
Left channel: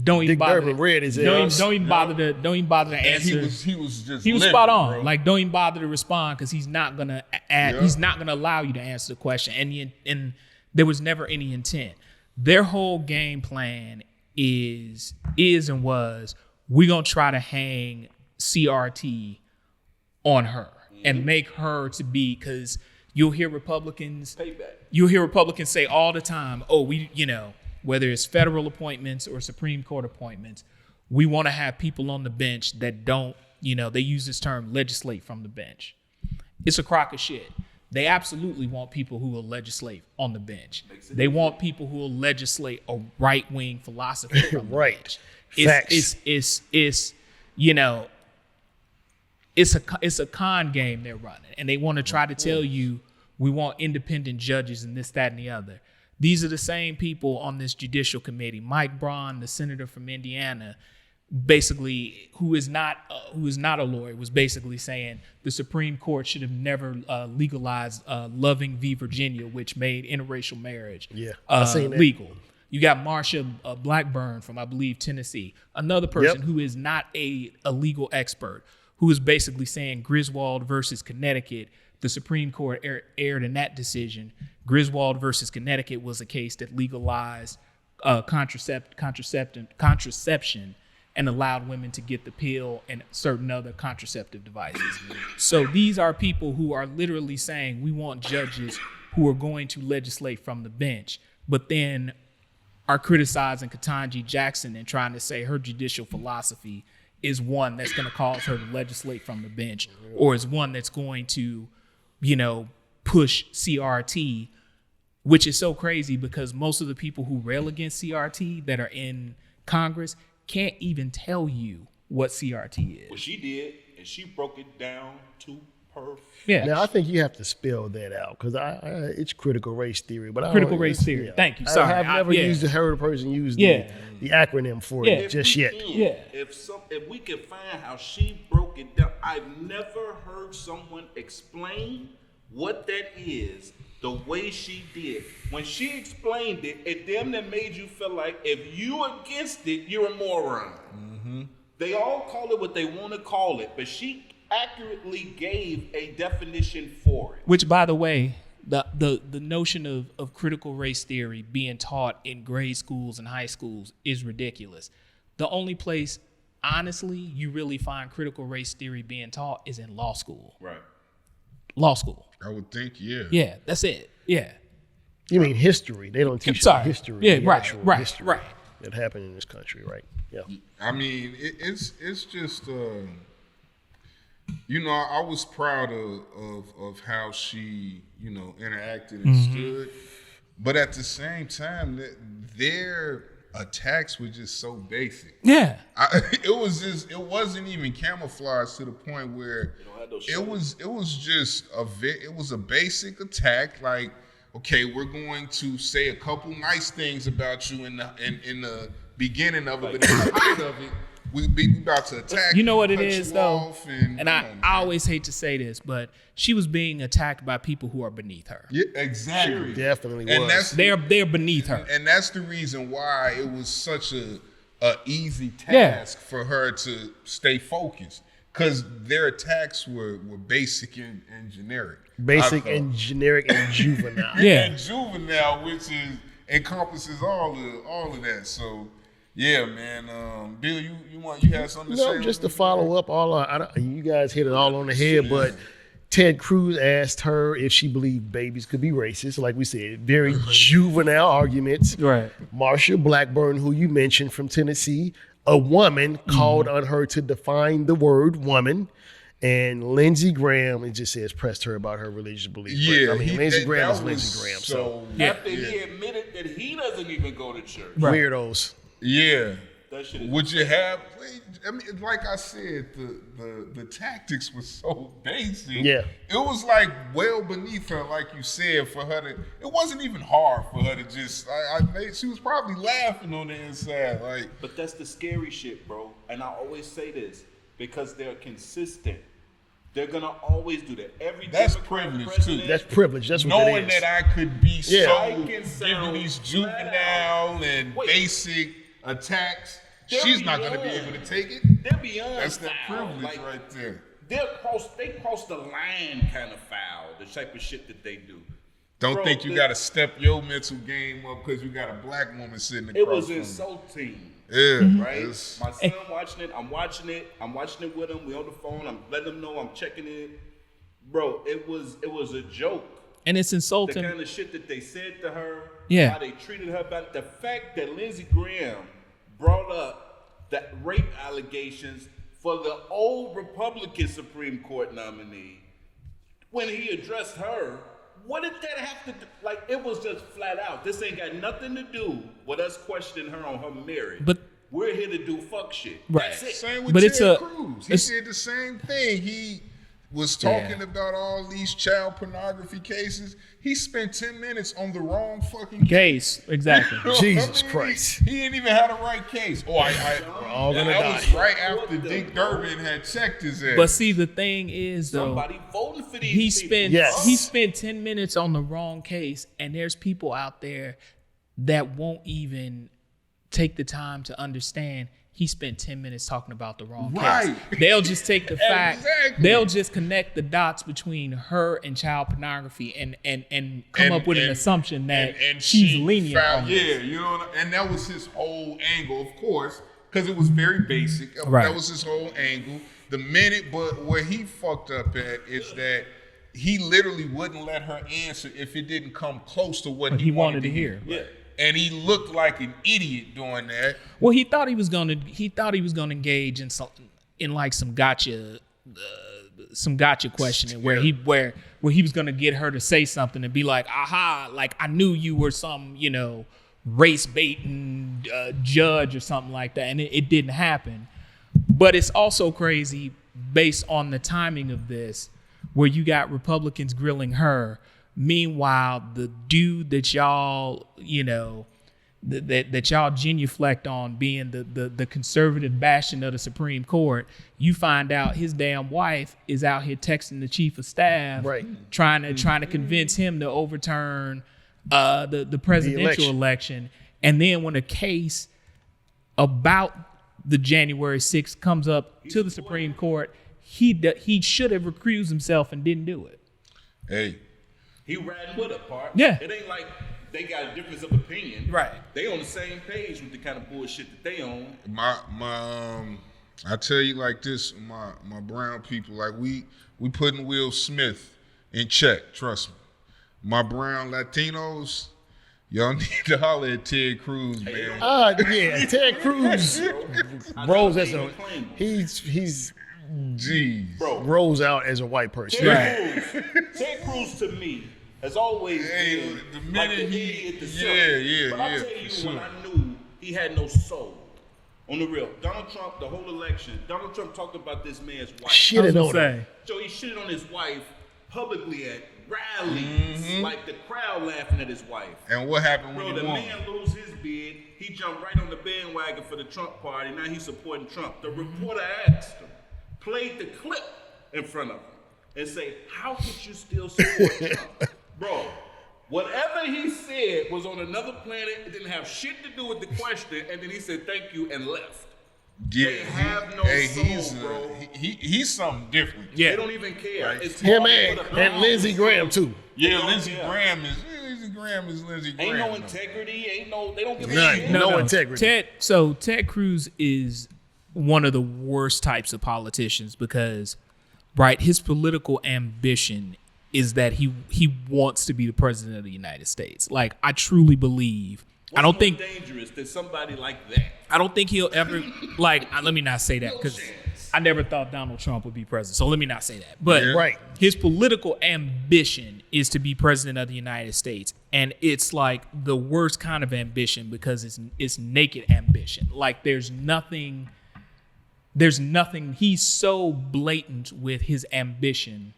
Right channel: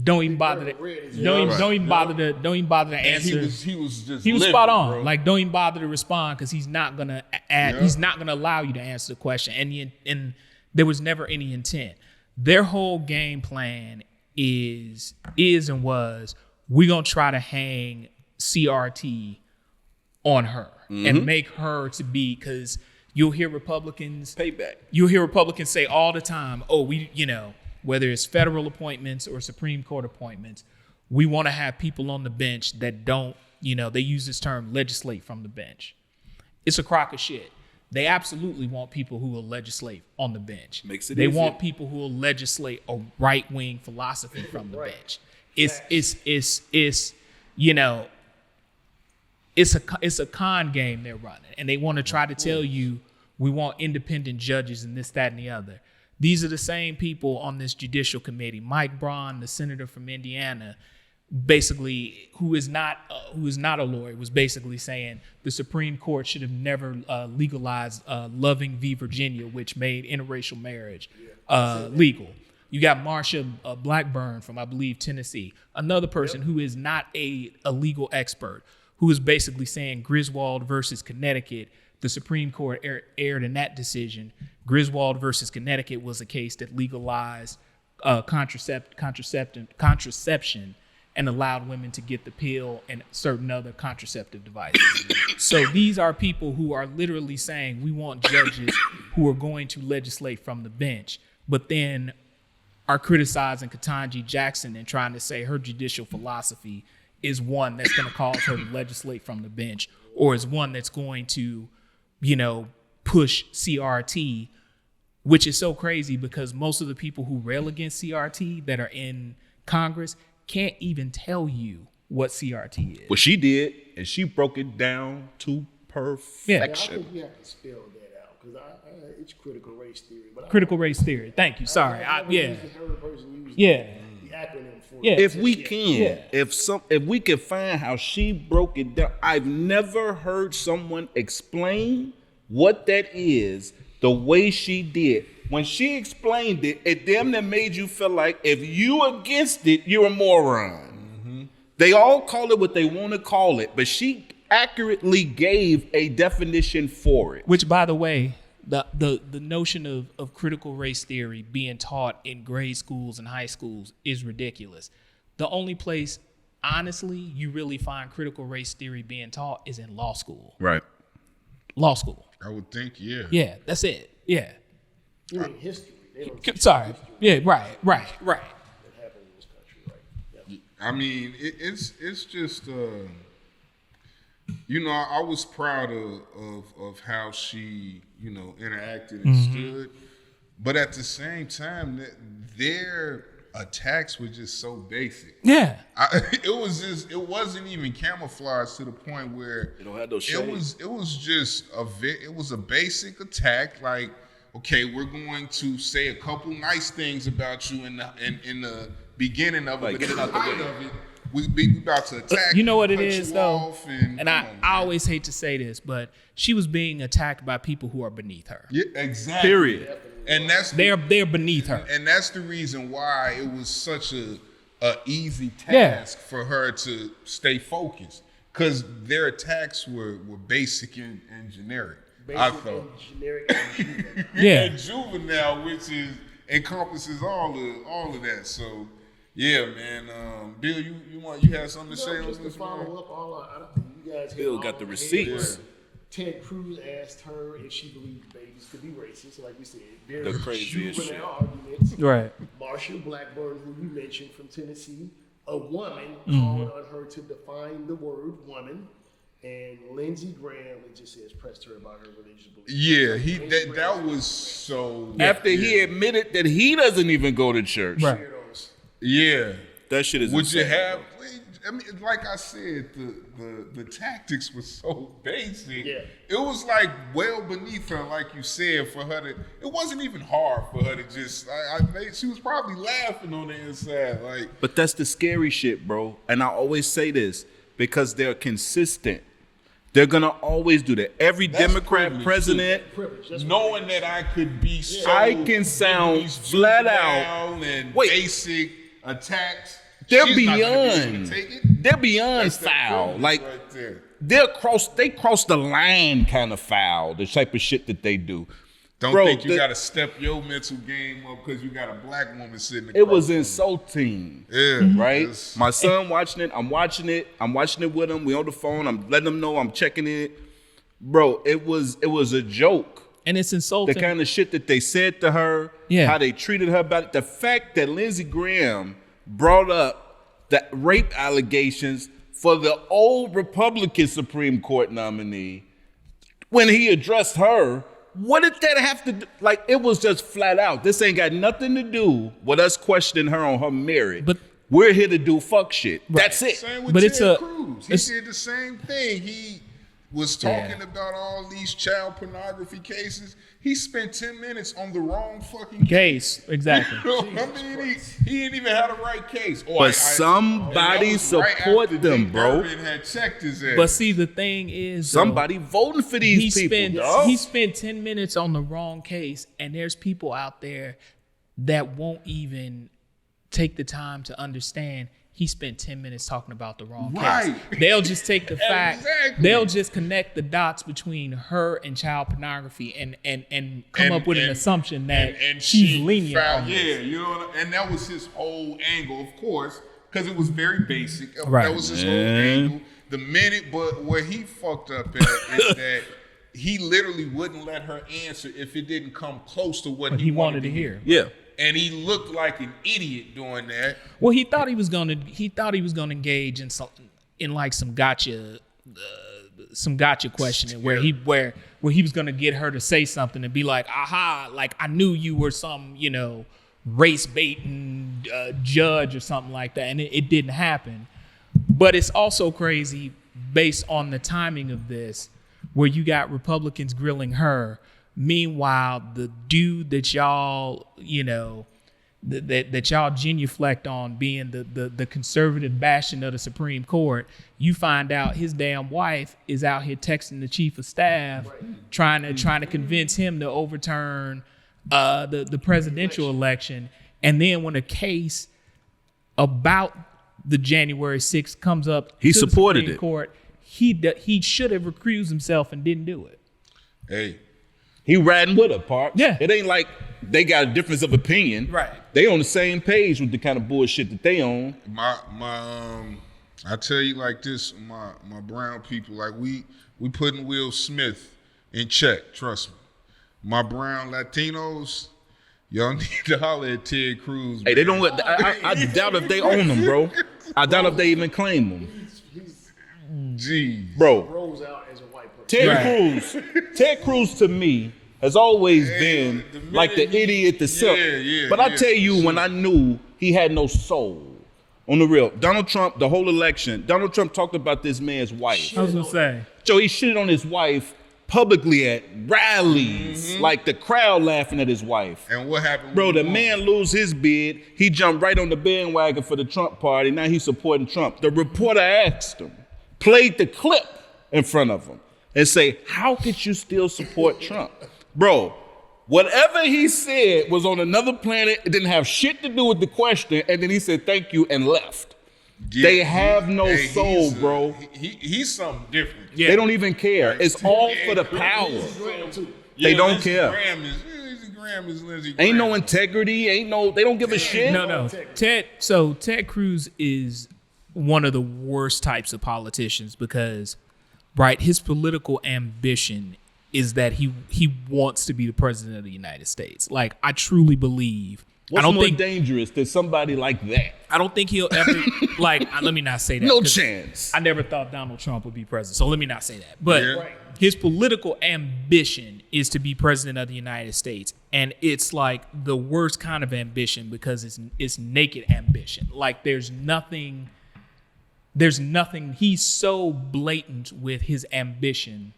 Don't even bother Durbin to read his don't ass. even bother to answer. He was just He was living, spot on. bro. Like, don't even bother to respond because he's not gonna he's not gonna allow you to answer the question. And there was never any intent. Their whole game plan is and was, we're gonna try to hang CRT on her and make her to be, because you'll hear Republicans Payback. You'll hear Republicans say all the time, oh, whether it's federal appointments or Supreme Court appointments, we want to have people on the bench that don't, they use this term, legislate from the bench. It's a crock of shit. They absolutely want people who will legislate on the bench. Makes it they easy. want people who will legislate a right-wing philosophy from the Right. bench. Facts. It's a con game they're running, and they want to try to tell you we want independent judges and this, that, and the other. These are the same people on this judicial committee. Mike Braun, the senator from Indiana, basically, who is not a lawyer, was basically saying the Supreme Court should have never legalized Loving v. Virginia, which made interracial marriage legal. You got Marsha Blackburn from, I believe, Tennessee, another person who is not a legal expert, who is basically saying Griswold versus Connecticut, the Supreme Court erred in that decision. Griswold versus Connecticut was a case that legalized contraception and allowed women to get the pill and certain other contraceptive devices. So these are people who are literally saying we want judges who are going to legislate from the bench, but then are criticizing Ketanji Jackson and trying to say her judicial philosophy is one that's going to cause her to legislate from the bench, or is one that's going to, push CRT, which is so crazy because most of the people who rail against CRT that are in Congress can't even tell you what CRT is. Well, she did, and she broke it down to perfection. Now, I think you have to spell that out because it's critical race theory. But Critical race theory. Thank you. Sorry. I've never used heard a person use the acronym for it If just we yet. can, if we can find how she broke it down, I've never heard someone explain what that is the way she did. When she explained it, it damn near made you feel like if you against it, you're a moron. Mm-hmm. They all call it what they want to call it, but she accurately gave a definition for it. Which, by the way, the notion of critical race theory being taught in grade schools and high schools is ridiculous. The only place, honestly, you really find critical race theory being taught is in law school. Right. Law school. I would think, yeah. Yeah, that's it. Yeah. You mean history? They don't teach history. Yeah, the right, actual right, history right. That happened in this country, right? Yeah. I mean, it's just I was proud of how she interacted and stood, but at the same time, their attacks were just so basic. Yeah, it wasn't even camouflaged to the point where it was a basic attack. Like, okay, we're going to say a couple nice things about you in the beginning of it, but in the height of it, we about to attack. You know what it cut is you though, off I always hate to say this, but she was being attacked by people who are beneath her. Yeah, exactly. Period. Definitely. And was. They're beneath her. And that's the reason why it was such a easy task for her to stay focused, because their attacks were basic and generic. Basic and generic and juvenile. Yeah. And juvenile, which encompasses all of that. So yeah, man. Bill, you had something to say? Just to follow up, you guys hit it all on the head, but Ted Cruz asked her if she believed babies could be racist. Like we said, very juvenile arguments. Right. Marsha Blackburn, who you mentioned from Tennessee, a woman called on her to define the word woman. And Lindsey Graham, it just says, pressed her about her religious beliefs. Yeah, Lindsey Graham that is was Lindsey Graham, so. After he admitted that he doesn't even go to church. Weirdos. Yeah. That shit is Would insane. you have? I mean, like I said, the tactics were so basic. Yeah. It was like well beneath her, like you said, for her to. It wasn't even hard for her to just. She was probably laughing on the inside, like. But that's the scary shit, bro. And I always say this because they're consistent. They're gonna always do that. Every That's Democrat privilege, president, too. That's privilege. That's what Knowing it is. that I could be so. I can sound these flat out. juvenile and Wait. basic attacks. They're She's not gonna be able beyond. to take it. they're beyond That's that foul. privilege Like right there. they cross the line kind of foul. The type of shit that they do. Don't Bro, think you got to step your mental game up because you got a black woman sitting across. It was from you. insulting. Yeah, Right? it's- My son watching it. I'm watching it with him. We on the phone. I'm letting him know I'm checking it. Bro, it was a joke. And it's The insulting. kind of shit that they said to her, Yeah. how they treated her about it. The fact that Lindsey Graham brought up the rape allegations for the old Republican Supreme Court nominee when he addressed her, what did that have to do? Like, it was just flat out. This ain't got nothing to do with us questioning her on her merit. But- we're here to do fuck shit. Right. That's it. Same with But Ted it's a- Cruz. He it's- did the same thing. was talking about all these child pornography cases, he spent 10 minutes on the wrong fucking Case, exactly. Jesus Christ. He didn't even have the right case. But somebody right support after them, Dick bro. Durbin had checked his ass. But see, the thing is, though, Somebody voting for these people. he spent 10 minutes on the wrong case, and there's people out there that won't even take the time to understand he spent 10 minutes talking about the wrong Right. case. They'll just take the fact, Exactly. they'll just connect the dots between her and child pornography and come up with an assumption that she's lenient on this. Yeah, you know, and that was his whole angle, of course, because it was very basic. Right. That was his whole angle. But where he fucked up at is that he literally wouldn't let her answer if it didn't come close to what He wanted to hear. Yeah. And he looked like an idiot doing that. Well, he thought he was gonna engage in some gotcha questioning where he was gonna get her to say something and be like, aha, like I knew you were some, race baiting judge or something like that, and it didn't happen. But it's also crazy based on the timing of this, where you got Republicans grilling her. Meanwhile, the dude that y'all, that y'all genuflect on being the conservative bastion of the Supreme Court, you find out his damn wife is out here texting the chief of staff, Right. trying to convince him to overturn the presidential election. And then when a case about the January 6th comes up He to the supported Supreme it. Court, he should have recused himself and didn't do it. Hey, He riding with her, Park. Yeah. It ain't like they got a difference of opinion. Right. They on the same page with the kind of bullshit that they own. I tell you like this, my brown people, like we putting Will Smith in check. Trust me. My brown Latinos, y'all need to holler at Ted Cruz. Hey, they don't let. I doubt if they own them, bro. I doubt if they even claim them, He's Jeez. bro. rolls out as a white person. Ted Cruz to me has always been the minute like the he- idiot, the silk. yeah, But I yeah, tell you, for when sure. I knew he had no soul, on the real, Donald Trump, the whole election, Donald Trump talked about this man's wife. I was gonna say. Joe, he shitted on his wife publicly at rallies, like the crowd laughing at his wife. And what happened? Bro, when the he won? man lose his bid. He jumped right on the bandwagon for the Trump party. Now he's supporting Trump. The reporter asked him, played the clip in front of him, and say, how could you still support Trump? Bro, whatever he said was on another planet. It didn't have shit to do with the question. And then he said, thank you, and left. Yeah, They have no soul, he's bro. He's something different. They don't even care. Right. It's Yeah, all man. for the power. Lindsey Graham too. They don't Lindsey care. Graham is Lindsey Graham. Ain't no integrity. They don't give a shit. No No. integrity. Ted Cruz is one of the worst types of politicians because, right, his political ambition is that he wants to be the president of the United States. Like, I truly believe. What's I don't more think dangerous than somebody like that? I don't think he'll ever like. Let me not say that. No 'cause chance. I never thought Donald Trump would be president, so let me not say that. But Yeah. Right. his political ambition is to be president of the United States, and it's like the worst kind of ambition because it's naked ambition. Like there's nothing. He's so blatant with his ambition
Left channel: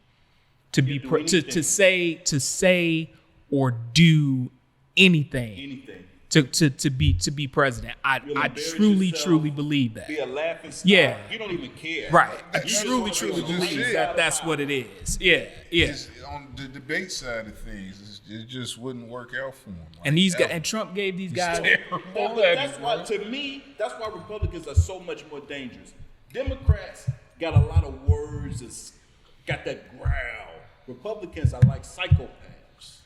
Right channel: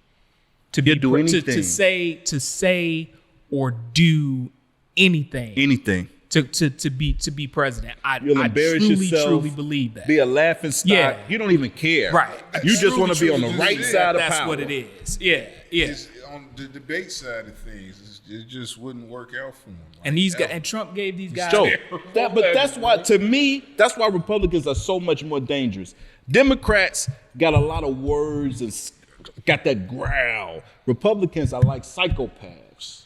to be He'll do to say or do anything Anything. to be president. I embarrass truly yourself, believe that. Be a laughing stock. Yeah. You don't even care. Right. You just want to be on the truly right just side of That's power. what it is. Yeah. It's on the debate side of things, it just wouldn't work out for him. And these guys, and Trump gave these guys. Joe, but that's why, to me, that's why Republicans are so much more dangerous. Democrats got a lot of words and got that growl. Republicans are like psychopaths.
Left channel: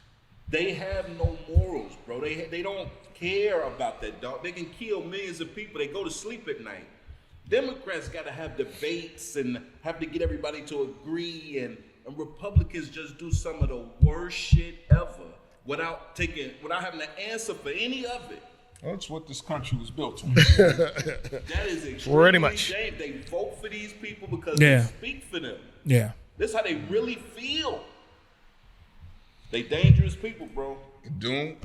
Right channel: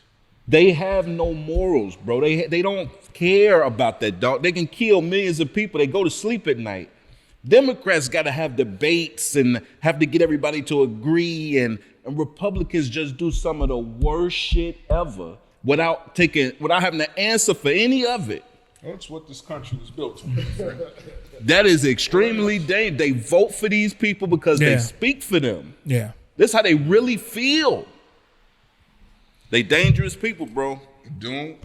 They have no morals, bro. They don't care about that, dog. They can kill millions of people. They go to sleep at night. Democrats got to have debates and have to get everybody to agree, and Republicans just do some of the worst shit ever without having to answer for any of it. That's what this country was built on. That is extremely much. dangerous. They vote for these people because Yeah. they speak for them. Yeah. This is how they really feel. They dangerous people, bro. Don't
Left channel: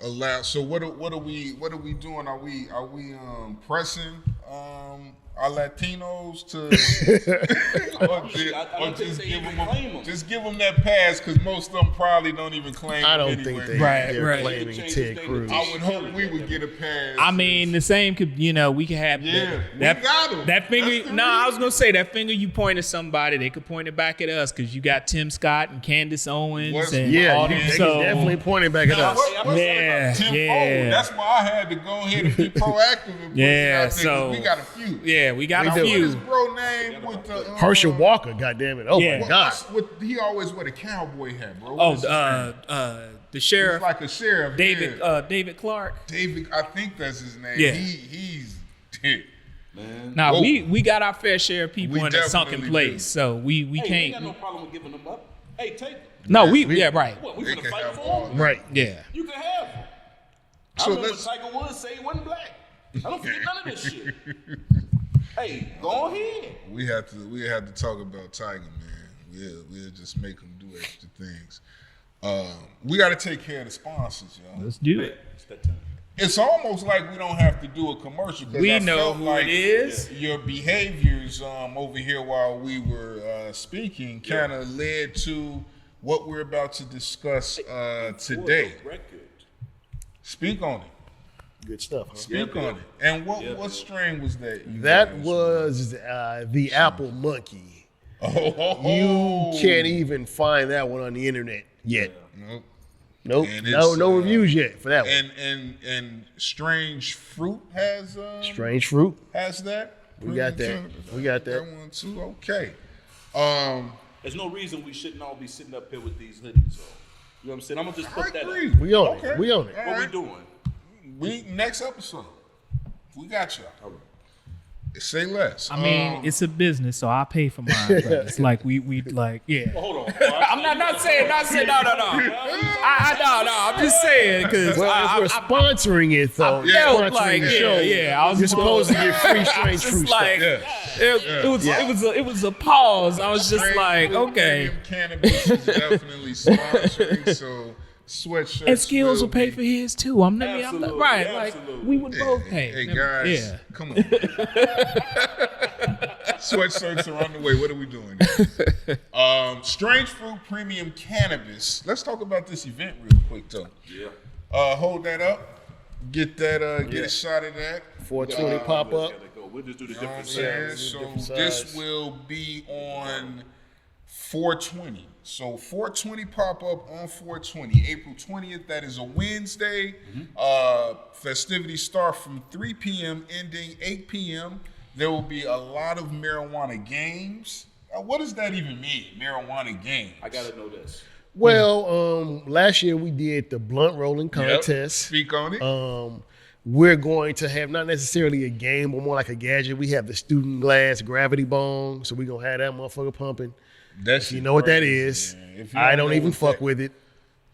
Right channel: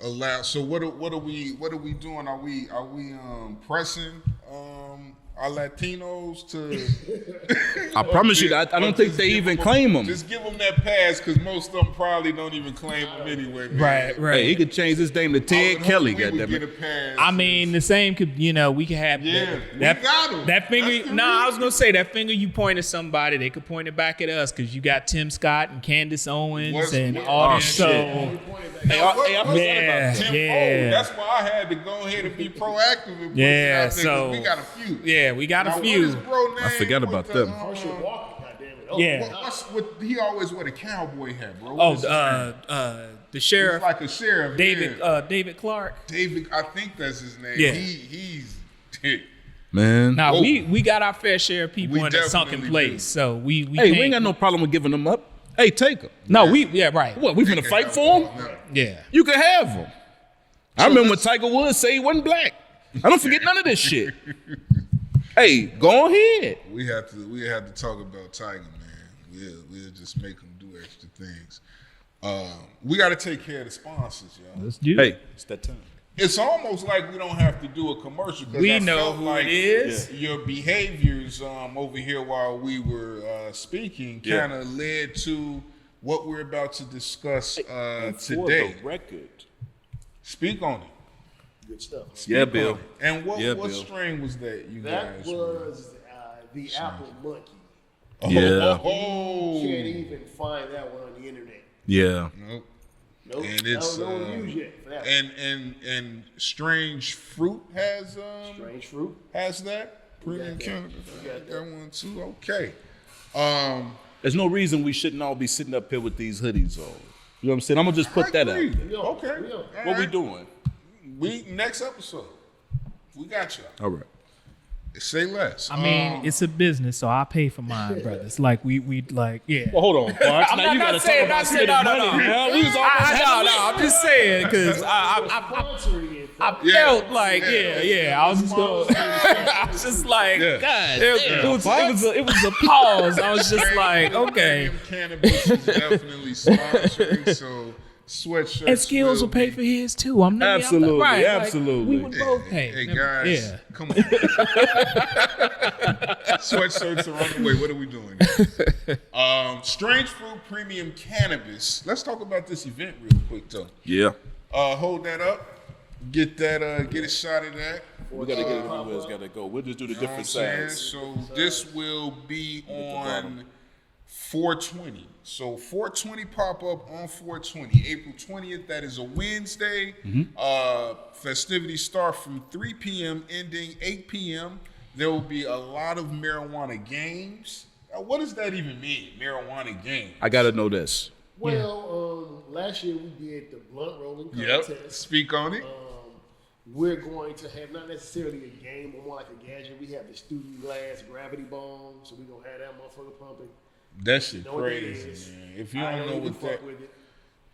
allow. So what are we doing? Are we pressing our Latinos to. I promise you, I don't think they even claim them. Just give them that pass because most of them probably don't even claim I them don't think anyway. they Right, right. He could change his name to I Ted would hope Kelly. we would goddammit. get a pass. I mean, the same could, we could have Yeah, that, we got 'em. that That's finger. the No, I was reason. gonna say that finger you point at somebody, they could point it back at us because you got Tim Scott and Candace Owens What's- and Yeah, all yeah, these. they So definitely pointing back at us. Yeah, Tim yeah. O. That's why I had to go ahead and be proactive and put Yeah, it out there 'cause so- we got a few. yeah, we got Now, a what few. is bro name? I forgot about with them. Herschel Walker, goddamn it! Oh Yeah. my God. He always wear the cowboy hat, bro. Oh, What is his name? the sheriff, He's like a sheriff. David, yeah. David Clark. David, I think that's his name. Yeah. He's. Man. Now Whoa. we got our fair share of people We in that sunken definitely place, do. so we Hey, can't. we ain't got no problem with giving them up. Hey, take them. no, right. What, we They finna can fight have for all them? that. Right. Yeah. You can have them. I So remember when let's- Tiger Woods say he wasn't black. I don't forget none of this shit. Hey, go ahead. We have to talk about Tiger, man. We'll just make him do extra things. We got to take care of the sponsors, y'all. Let's do Hey, it's that time. It's almost like we don't have to do a commercial. 'Cause We I know felt who like it is. Your behaviors over here while we were speaking kind of led to what we're about to discuss today. For the record. Speak on it. Good stuff. Huh? Yeah, Speak Bill. on it. And what Yeah, Bill. string was that? You That guys was the Apple Monkey. were- Yeah. Oh, Can't even find that one on the internet. Yeah. Nope. Nope. And No, it's, no reviews yet for that one. And Strange Fruit has Strange Fruit. has that. We got that. Cannabis. We got that. That one too. Okay. There's no reason we shouldn't all be sitting up here with these hoodies on. You know what I'm saying? I'm gonna just put that agree. out. We on Okay. it. We on it. All What we right. doing? We next episode. We got y'all. All right. Say less. I mean, it's a business, so I pay for mine, but it's like we like, yeah. Well, hold on. I'm not saying, no. I'm just saying because We're I sponsoring it though. felt like, yeah. I was just Supposed to be free I Strange was just Fruit like, Yeah. it was a pause. I was just like, okay. Premium Cannabis is definitely sponsoring, so sweatshirts. And Skills will pay for his too. Absolutely, right. absolutely. Like, we would both pay. Hey guys, Yeah. come on. Sweatshirts are on the way. What are we doing? Strange Fruit Premium Cannabis. Let's talk about this event real quick though. Yeah. Hold that up. Get that. Get a shot of that. For a ticket pop up. Gotta go. We'll just do the You know what I'm different saying? sides. So this will be on 420. So 420 pop up on 420, April 20th. That is a Wednesday. Festivities start from 3 p.m. ending 8 p.m. There will be a lot of marijuana games. What does that even mean? Marijuana games. I gotta know this. Well, last year we did the blunt rolling contest. Speak on it. We're going to have not necessarily a game, but more like a gadget. We have the student glass gravity bong, so we're gonna have that motherfucker pumping. That's You know what that is. I don't even fuck with it.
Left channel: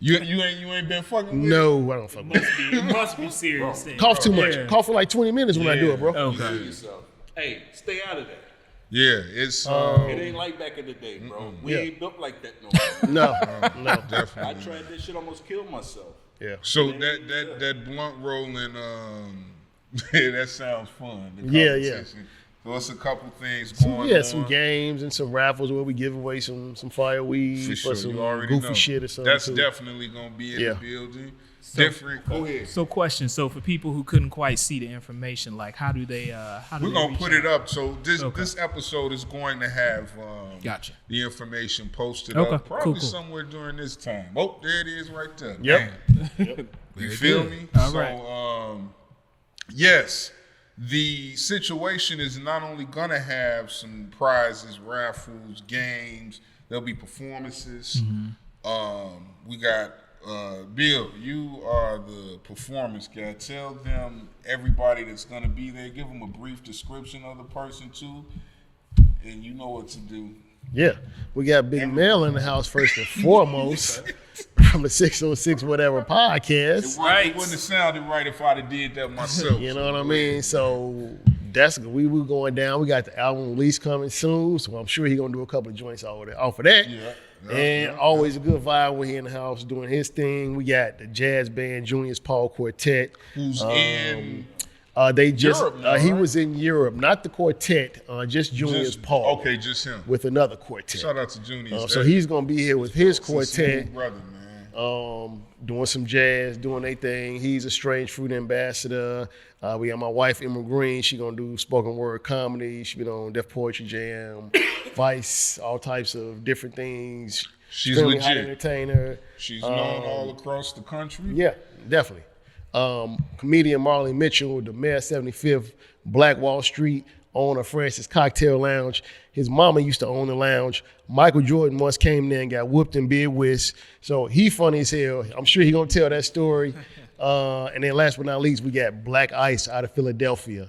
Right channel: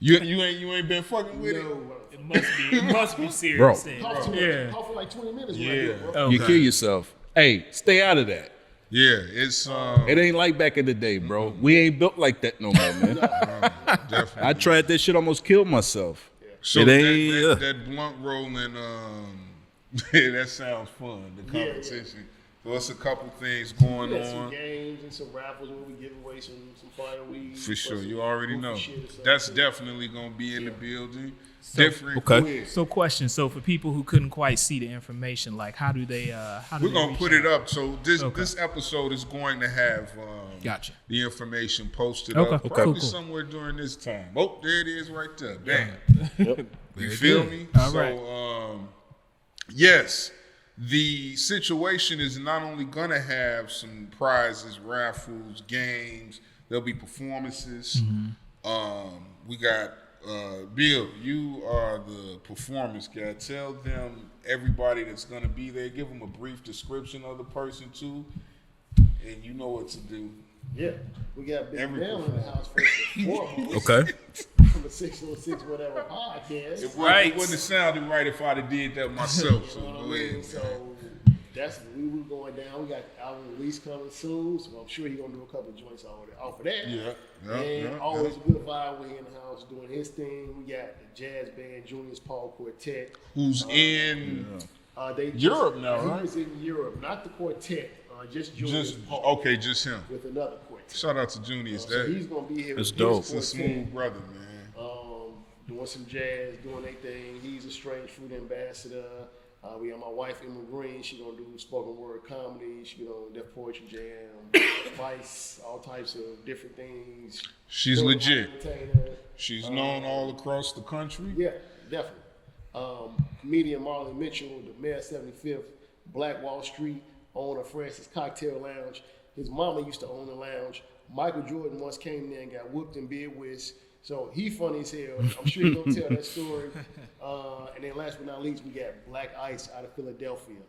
You ain't been fucking with it. No, I don't fuck with it. It must be serious. then. Cough too much. Yeah. Cough for like 20 minutes when I do it, bro. You kill yourself. Hey, stay out of that. Yeah, it's It ain't like back in the day, bro. We ain't built like that no more, man. No. definitely. I tried that shit, almost killed myself. Yeah. So It ain't- that blunt rolling, that sounds fun. The Yeah, competition. So it's a couple things going We had on. some games and some raffles where we give away some fire weed. For sure, some you already goofy know. shit or something. That's too. definitely gonna be in Yeah. the building. Different. okay. Go ahead. So, question. So, for people who couldn't quite see the information, like, how do they? We're gonna put it up. So this Okay. this episode is going to have Gotcha. the information posted Okay, up cool, probably cool. somewhere during this time. Oh, there it is right there. Yep. Bam. You feel me? All so right. yes, the situation is not only gonna have some prizes, raffles, games. There'll be performances. We got Bill. You are the performance guy. Tell them, everybody that's gonna be there, give them a brief description of the person too, and you know what to do. Yeah. We got Big Mel in the house first and foremost. Okay. From the 606 Whatever podcast. It wouldn't have sounded right if I'd have did that myself. You know so what I go mean? ahead. So that's we were going down. We got the album release coming soon, so I'm sure he's gonna do a couple of joints off of that. Yeah. And always a good vibe when he in the house doing his thing. We got the jazz band Junior's Paul Quartet. Who's in They just Europe now, he right? was in Europe, not the quartet, just Junior's Paul. Okay, just him. With another quartet. Shout out to Junior's. So he's gonna be here with his It's a quartet, smooth brother, man. doing some jazz, doing their thing. He's a Strange Fruit ambassador. We got my wife Emma Green. She gonna do spoken word comedy. She been on Def Poetry Jam, Vice, all types of different things. She's Fairly hot legit. entertainer. She's known all across the country. Yeah, definitely. Comedian Marley Mitchell, the Mayor 75th, Black Wall Street, owner Francis Cocktail Lounge. His mama used to own the lounge. Michael Jordan once came there and got whooped in Bid Whist. So he funny as hell. I'm sure he gonna tell that story. And then last but not least, we got Black Ice out of Philadelphia.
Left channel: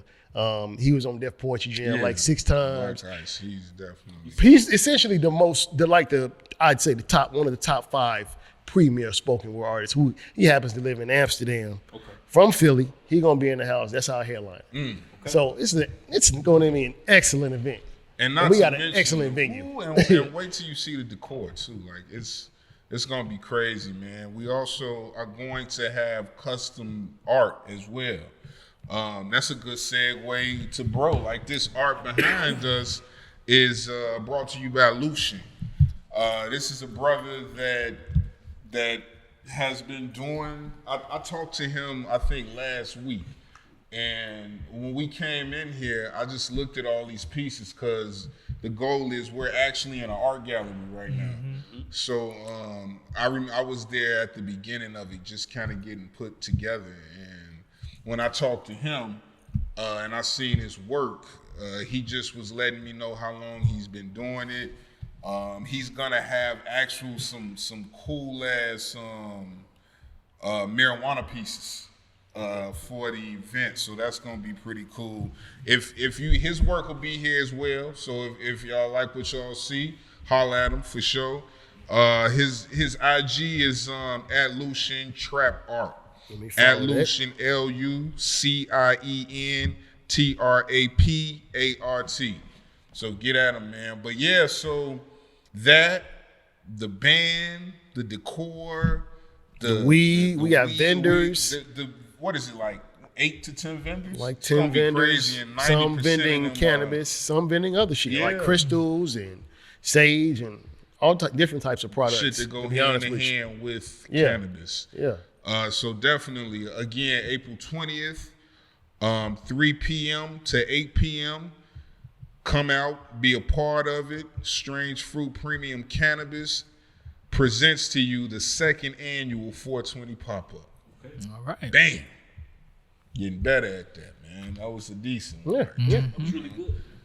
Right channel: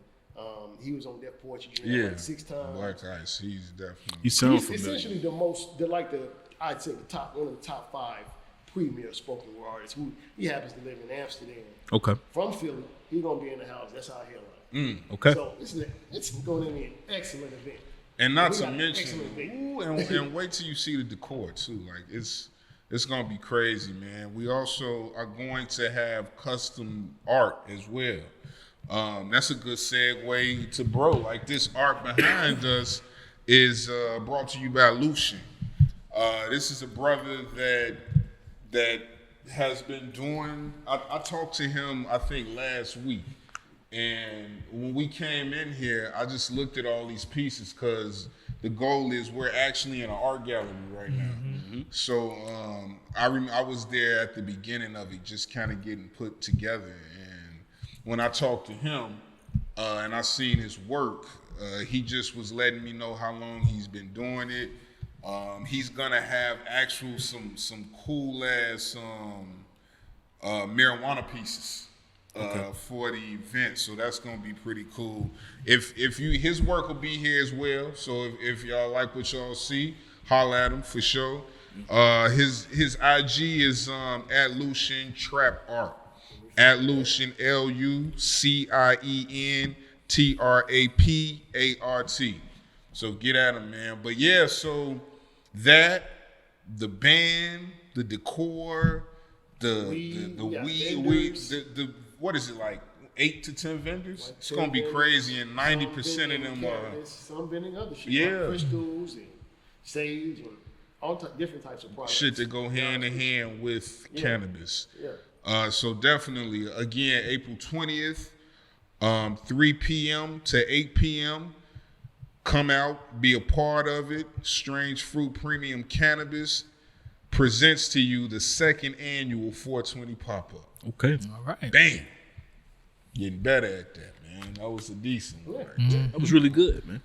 He was on Def Poetry Jam like 6 times. Black Ice, he's definitely. He's essentially I'd say one of the top 5 premier spoken word artists. Who he happens to live in Amsterdam. Okay. From Philly, he gonna be in the house. That's our headline. Okay. So it's going to be an excellent event. And not we to got an mention, excellent venue. and wait till you see the decor too. Like it's gonna be crazy, man. We also are going to have custom art as well. That's a good segue to bro. Like this art behind us is brought to you by Lucian. This is a brother that has been doing. I talked to him I think last week. And when we came in here, I just looked at all these pieces because the goal is we're actually in an art gallery right now. Mm-hmm. So I was there at the beginning of it, just kind of getting put together. And when I talked to him and I seen his work, he just was letting me know how long he's been doing it. He's gonna have some cool ass marijuana pieces. For the event, so that's gonna be pretty cool. His work will be here as well. So if y'all like what y'all see, holla at him for sure. His IG is at Lucian Trap Art. At Lucian LucienTrapArt. So get at him, man. But yeah, so the band, the decor, the weed, we got vendors. What is it, like 8 to 10 vendors? Like 10 it's gonna be vendors, crazy, and 90% some vending of them cannabis, some vending other shit like crystals and sage and all different types of products. Shit that go hand in hand with cannabis. Yeah. So definitely, again, April 20th, 3 p.m. to 8 p.m. Come out, be a part of it. Strange Fruit Premium Cannabis presents to you the 2nd annual 420 pop-up. Okay. All right. Bam. Getting better at that, man. That was a decent one. Yeah. That was really good, man.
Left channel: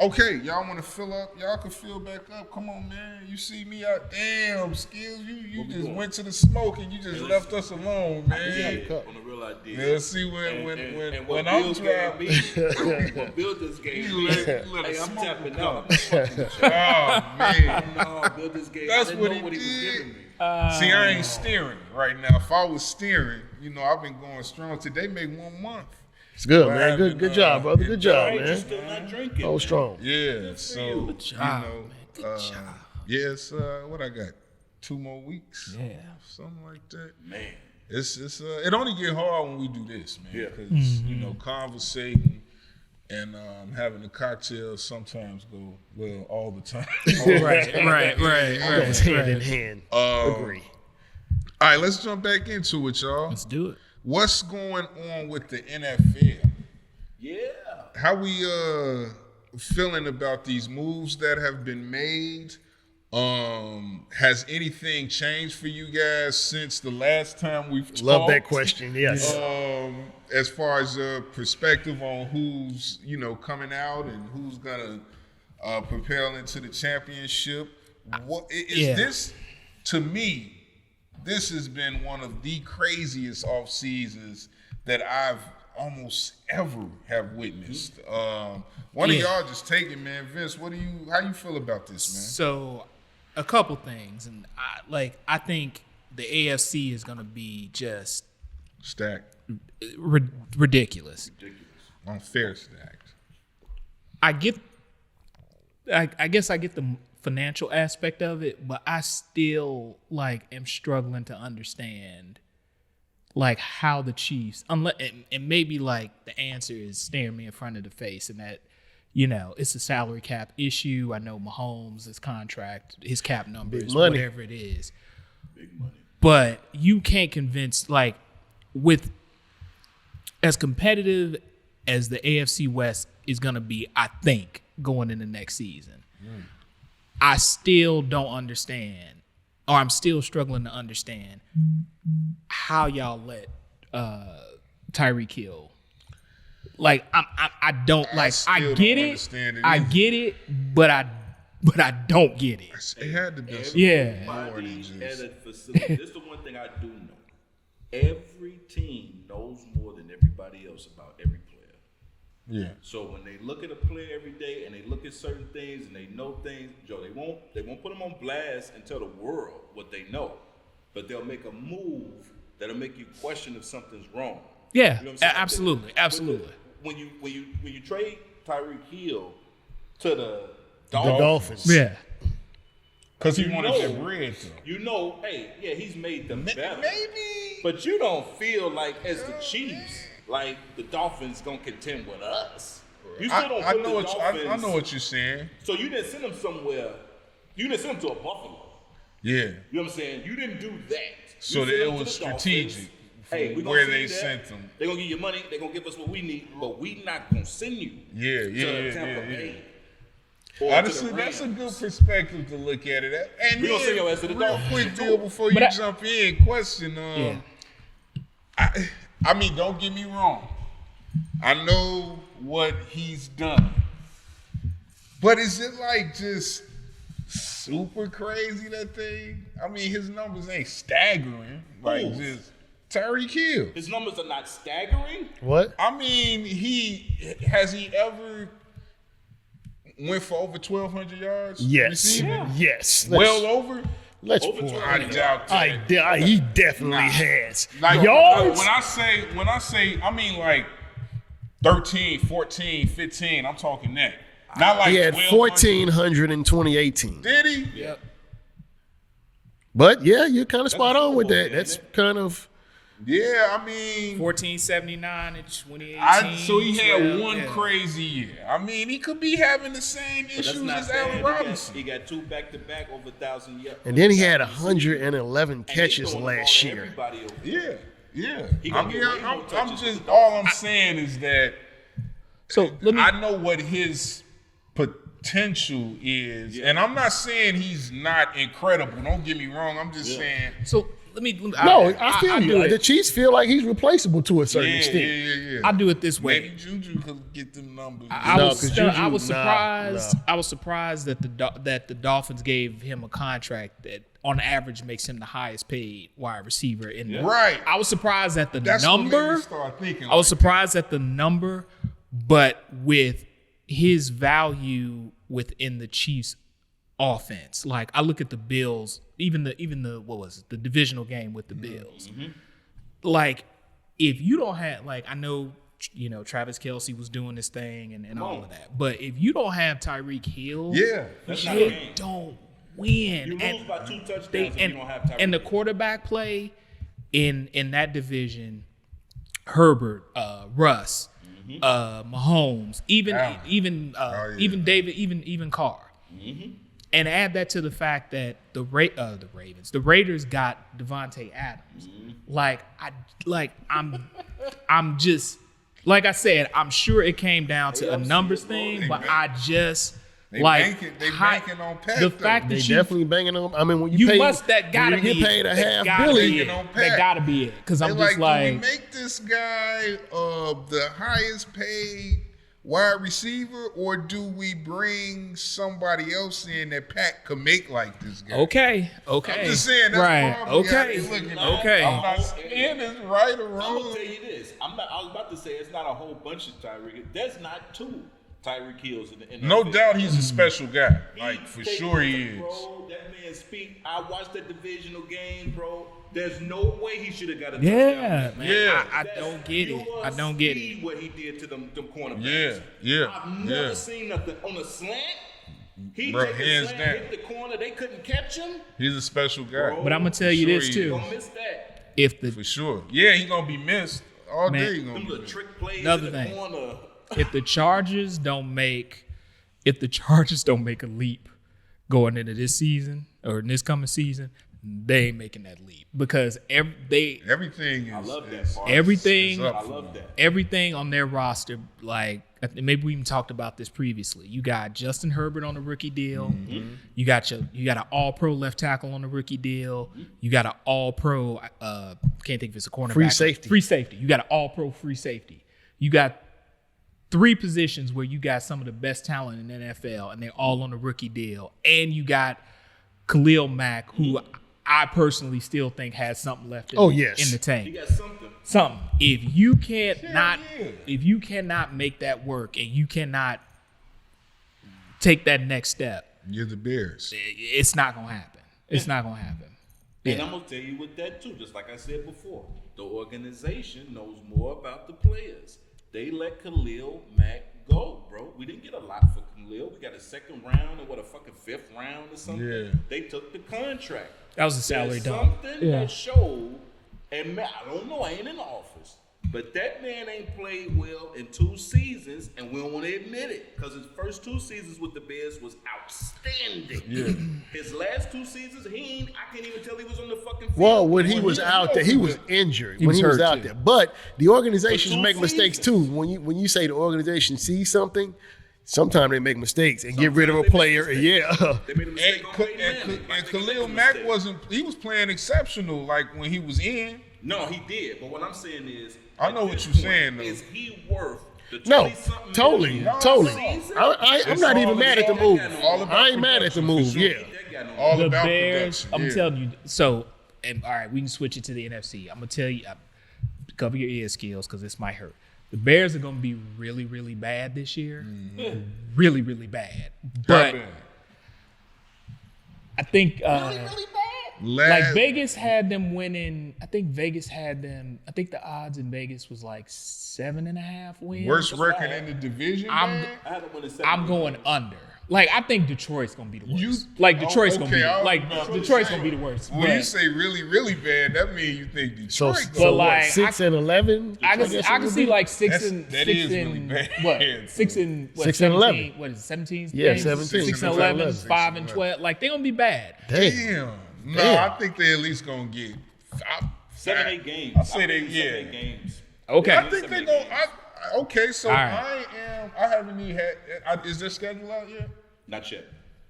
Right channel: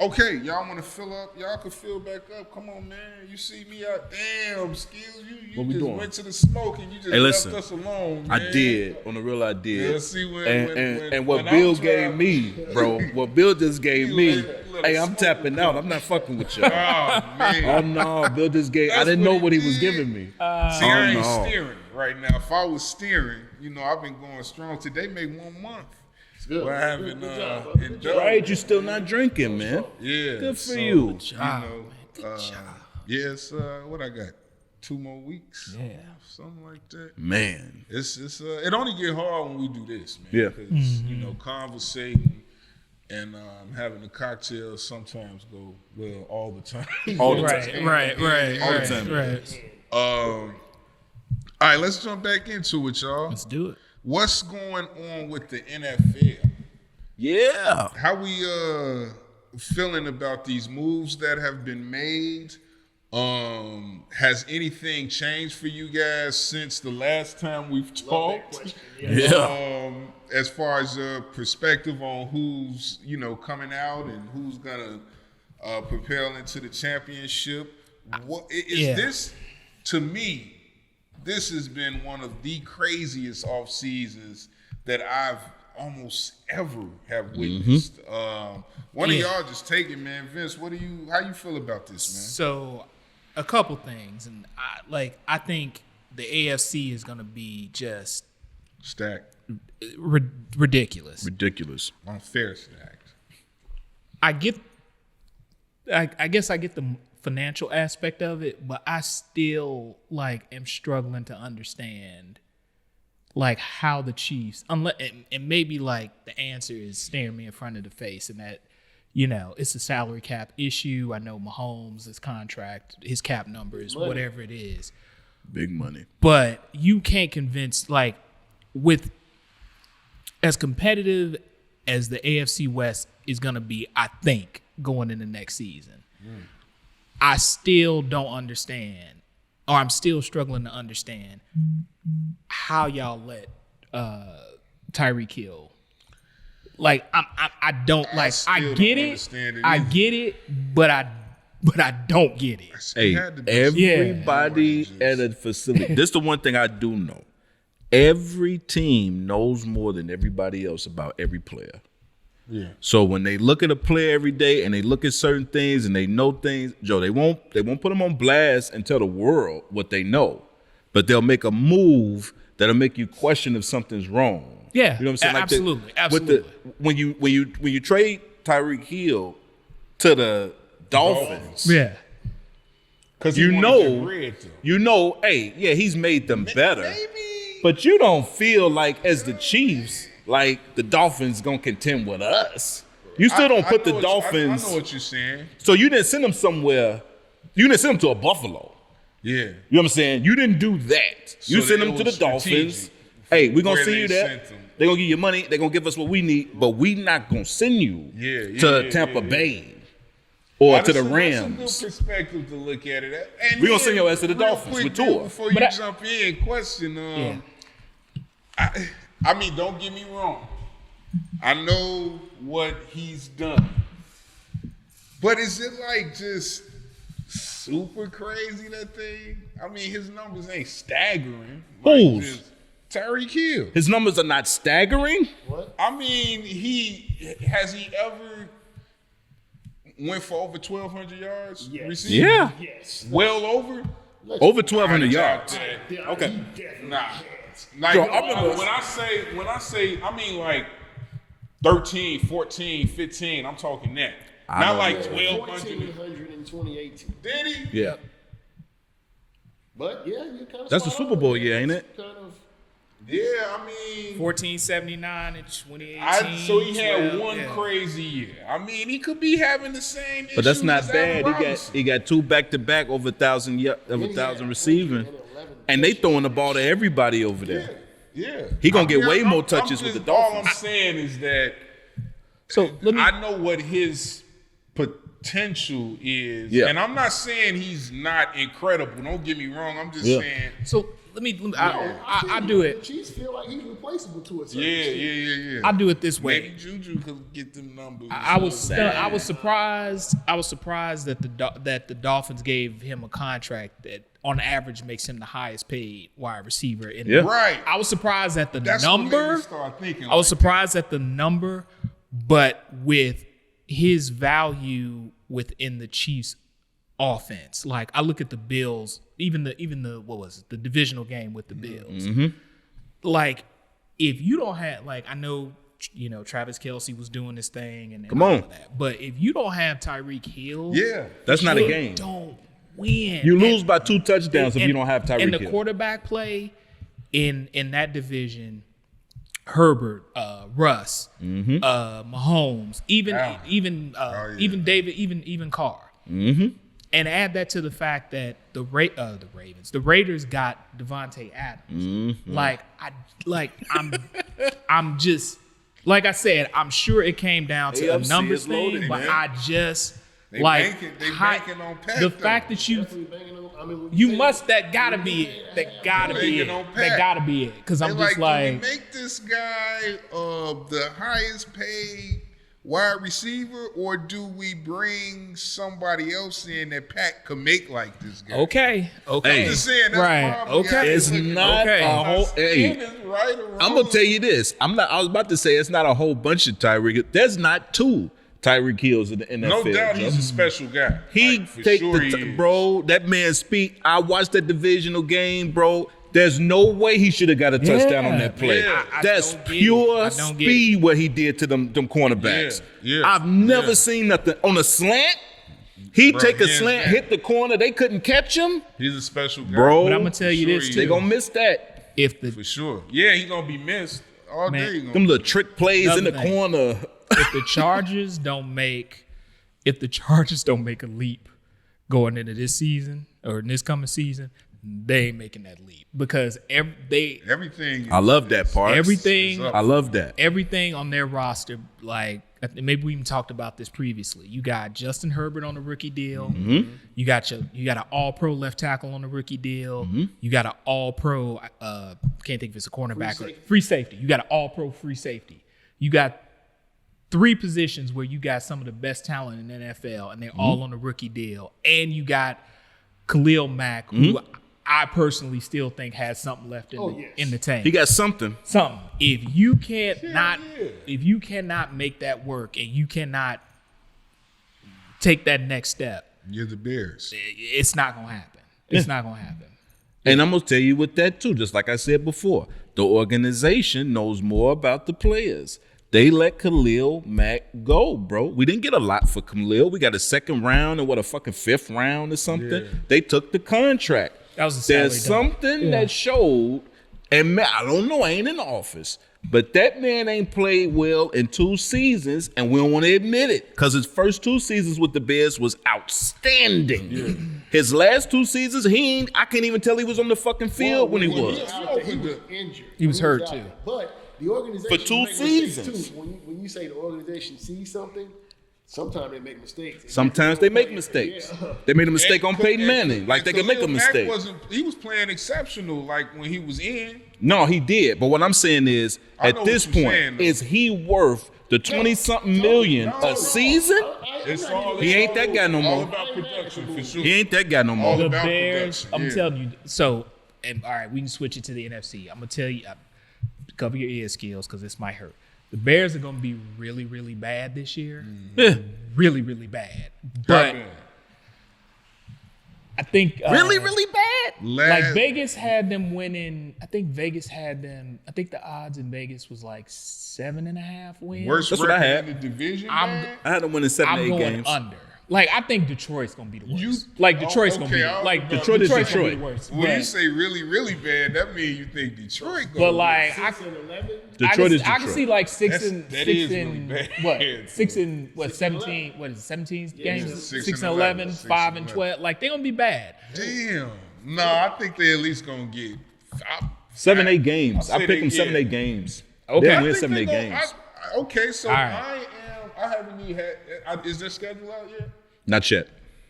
Okay, y'all want to fill up? Y'all can fill back up. Come on, man. You see me out. Damn, Skills. You we just doing? went to the smoke and you just listen, left us alone, man. I did. On the real, I did. Yeah, see And what when Bill I'm gave me, bro, what Bill just gave me, Look, hey, I'm smoke tapping will out. come. I'm not fucking with you. Oh, man. Oh, no, Bill just gave, I That's didn't know what what he he was did. giving me. See, I ain't no. steering right now. If I was steering, I've been going strong. Today make 1 month. It's good, We're man. having, Good job, brother. Good job, Hey, man. you still not drinking, So man. strong. Yeah. Good for so, you. Good job, man. Good job. Yes, what I got? 2 more weeks? Yeah. Something like that. Man. It's it only get hard when we do this, man. Yeah. Because, conversating and having a cocktail sometimes go well all the time. Right. Hand in hand. Agree. All right, let's jump back into it, y'all. Let's do it. What's going on with the NFL? Yeah. How we feeling about these moves that have been made? Has anything changed for you guys since the last time we've talked? Love that question. Yeah. As far as perspective on who's coming out and who's gonna propel into the championship, what is this? To me, this has been one of the craziest off seasons that I've almost ever have witnessed. One of y'all just take it, man. Vince, how you feel about this, man? So, a couple things, and I think the AFC is gonna be just Stacked. ridiculous. Ridiculous. Unfair stacked. I guess I get the financial aspect of it, but I still am struggling to understand like how the Chiefs, unless and maybe like the answer is staring me in front of the face, and that it's a salary cap issue. I know Mahomes, his contract, his cap numbers, whatever it is, Big money. but you can't convince like with as competitive as the AFC West is going to be, I think, going in the next season. I still don't understand, or I'm still struggling to understand how y'all let Tyreek Hill. Like I don't like. I get it. I get it, but I don't get it. Hey, had to be everybody some at a facility. This is the one thing I do know. Every team knows more than everybody else about every player. Yeah. So when they look at a player every day and they look at certain things and they know things, Joe, they won't put them on blast and tell the world what they know, but they'll make a move that'll make you question if something's wrong. Yeah, you know what I'm saying? Like absolutely, absolutely. When you trade Tyreek Hill to the Dolphins, Yeah. Because hey, yeah, he's made them better. Maybe. But you don't feel like, as the Chiefs, like the Dolphins gonna contend with us. You still don't put the Dolphins. I know what you're saying. So you didn't send them somewhere. You didn't send them to a Buffalo. Yeah. You know what I'm saying? You didn't do that. You So sent it them to the was Dolphins. strategic Hey, we're gonna where see they you there. sent them. They're gonna give you money. They're gonna give us what we need, but we not gonna send you to Tampa Bay or to the Rams. That's a good perspective to look at it. And We gonna send your ass to the real Dolphins quick with deal Tua. before But you I- jump in, question. I mean, don't get me wrong. I know what he's done, but is it like just super crazy, that thing? I mean, his numbers ain't staggering. Like Whose? just Tyreek Hill. His numbers are not staggering. What? I mean, has he ever went for over 1,200 yards? Yes. receiving? Yeah. Yes. Well over? Over 1,200 yards. He definitely has. Like, Yards. when I say, I mean like 13, 14, 15. I'm talking that. Not like He had 1,200. 1,400 in 2018. Did he? Yeah. But yeah, you're kind of That's spot a on Super with Bowl that. year, ain't That's it? kind of. Yeah, I mean, 1479 in 2018. so he had 12, one yeah. crazy year. I mean, he could be having the same issues But that's not as Allen bad. Robinson. He got 2 back-to-back over 1,000 yards. And then he had 111 111 and they catches throwing the ball last to year. everybody over there. Yeah. He gonna get way more touches with the All I'm saying is that So let me. I know what his potential is, Yeah. and I'm not saying he's not incredible. Don't get me wrong. I'm just saying, So let me. No, I feel I you. do The it. Chiefs feel like he's replaceable to a certain extent. yeah. I do it this Maybe way. Juju could get them numbers. I was 'cause stunned. Juju- I was nah, surprised. I was surprised that the Dolphins gave him a contract that, on average, makes him the highest paid wide receiver in. Yeah. Right. I was surprised at the That's what made number. me start thinking. I was like, surprised at the number, but with his value within the Chiefs' offense, like I look at the Bills, even the what was it, the divisional game with the Bills. Like, if you don't have, like, I know Travis Kelce was doing this thing and all on. of that, but if you don't have Tyreek Hill, That's not a you game. don't win. You And- lose by 2 touchdowns if you don't have Tyreek And the Hill. quarterback play in that division, Herbert, Russ, Mahomes, even David, even Carr. And add that to the fact that the Raiders got Devontae Adams. I'm just, like I said, I'm sure it came down to a AFC numbers is loaded, thing, but man. I just They like banking on Pat, the though. fact They that you definitely banging on. I mean, when you pay, must that gotta when you be get paid it. a That half gotta billion, be it. on Pat. That gotta be it. Because I'm They just do like, we make this guy the highest paid wide receiver, or do we bring somebody else in that Pat could make like this guy? okay. I'm just saying, that's Right. probably how Okay. they It's look at it. not Okay. a I'm whole- not saying it's right or wrong. I'm gonna tell you this. I was about to say it's not a whole bunch of Tyreek. There's not 2 Tyreek Hills in the NFL. No doubt he's a special guy. He Like, for take sure he the is. bro. That man speak. I watched that divisional game, bro. There's no way he should have got a touchdown on that play. Yeah. I That's don't get it. pure I don't get speed what he did to them cornerbacks. Yeah, yeah, I've never yeah. seen nothing on a slant. He Bro, take a hands slant, down. hit the corner. They couldn't catch him, He's a special guy. bro. But I'm gonna tell you Sure this he They too. gonna miss that. if the For sure. Yeah, he gonna be missed all Man, day. He gonna Them be little trick plays Another in the thing. corner. if the Chargers don't make a leap going into this season or in this coming season, they ain't making that leap because everything. I love that part. everything up. I love that. everything on their roster, like maybe we even talked about this previously. You got Justin Herbert on a rookie deal. Mm-hmm. You got an All-Pro left tackle on a rookie deal. Mm-hmm. You got an All-Pro. Can't think if it's a cornerback. Free safety. Free safety. You got an All-Pro free safety. You got 3 positions where you got some of the best talent in the NFL, and they're all on a rookie deal. And you got Khalil Mack, who I personally still think has something left in, in the tank. He got something. Something. If you cannot make that work and you cannot take that next step, You're the Bears. it's not gonna happen. It's not gonna happen. And I'm going to tell you with that, too, just like I said before. The organization knows more about the players. They let Khalil Mack go, bro. We didn't get a lot for Khalil. We got a 2nd round and a fucking 5th round or something. Yeah. They took the contract. That was a salary There's dump. something that showed, and man, I don't know, I ain't in the office, but that man ain't played well in 2 seasons, and we don't want to admit it because his first 2 seasons with the Bears was outstanding. His last 2 seasons, I can't even tell he was on the fucking field. Well, when he was out there, he was injured. He was hurt, out too. there. But the organization For 2 make mistakes too. seasons. When you say the organization sees something, sometimes they make mistakes and Sometimes get rid of they a make player. mistakes. Yeah. They made a mistake on And- Peyton Manning. Like they and can make a Khalil Mack mistake. he was playing exceptional like when he was in. No, he did. But what I'm saying is, I at know this what you're point, saying, though. is he worth the No, 20-something totally, million a totally. season? I'm It's not even all- mad he at ain't the that move. guy no All more. about I ain't mad at the production, move. for sure. He ain't that guy no more. All The about Bears, production, I'm yeah. telling you. So, and all right, we can switch it to the NFC. I'm gonna tell you, cover your ear skills because this might hurt. The Bears are gonna be really, really bad this year. Really, really bad. But Batman. I think Really, really bad? like Vegas had them winning. I think the odds in Vegas was like 7.5 wins. Worst That's what I record had. in the division. I'm man? I had him winning 7 I'm 8 going games. under. Like I think Detroit's gonna be the worst. You- like Detroit's okay, gonna be I don't like know. Detroit's gonna be the worst. When you But- say really, really bad, that means you think Detroit. but gonna- like 6-11. I Detroit is can see like six That and is 6 really and bad. what 6 and what 6 and 11. 17 what is it 17 Yeah, games 17. 6 and 11, 11 6 5 and and 11. 12 like they're gonna be bad. Damn. No, Damn. I think they at least gonna get 7 8 games. I I say picked they- them 7 yeah. 8 games. Okay. They'll I win think 7 they 8 gonna. games. Okay, so All right. I haven't even had. Is their schedule out yet? Not yet.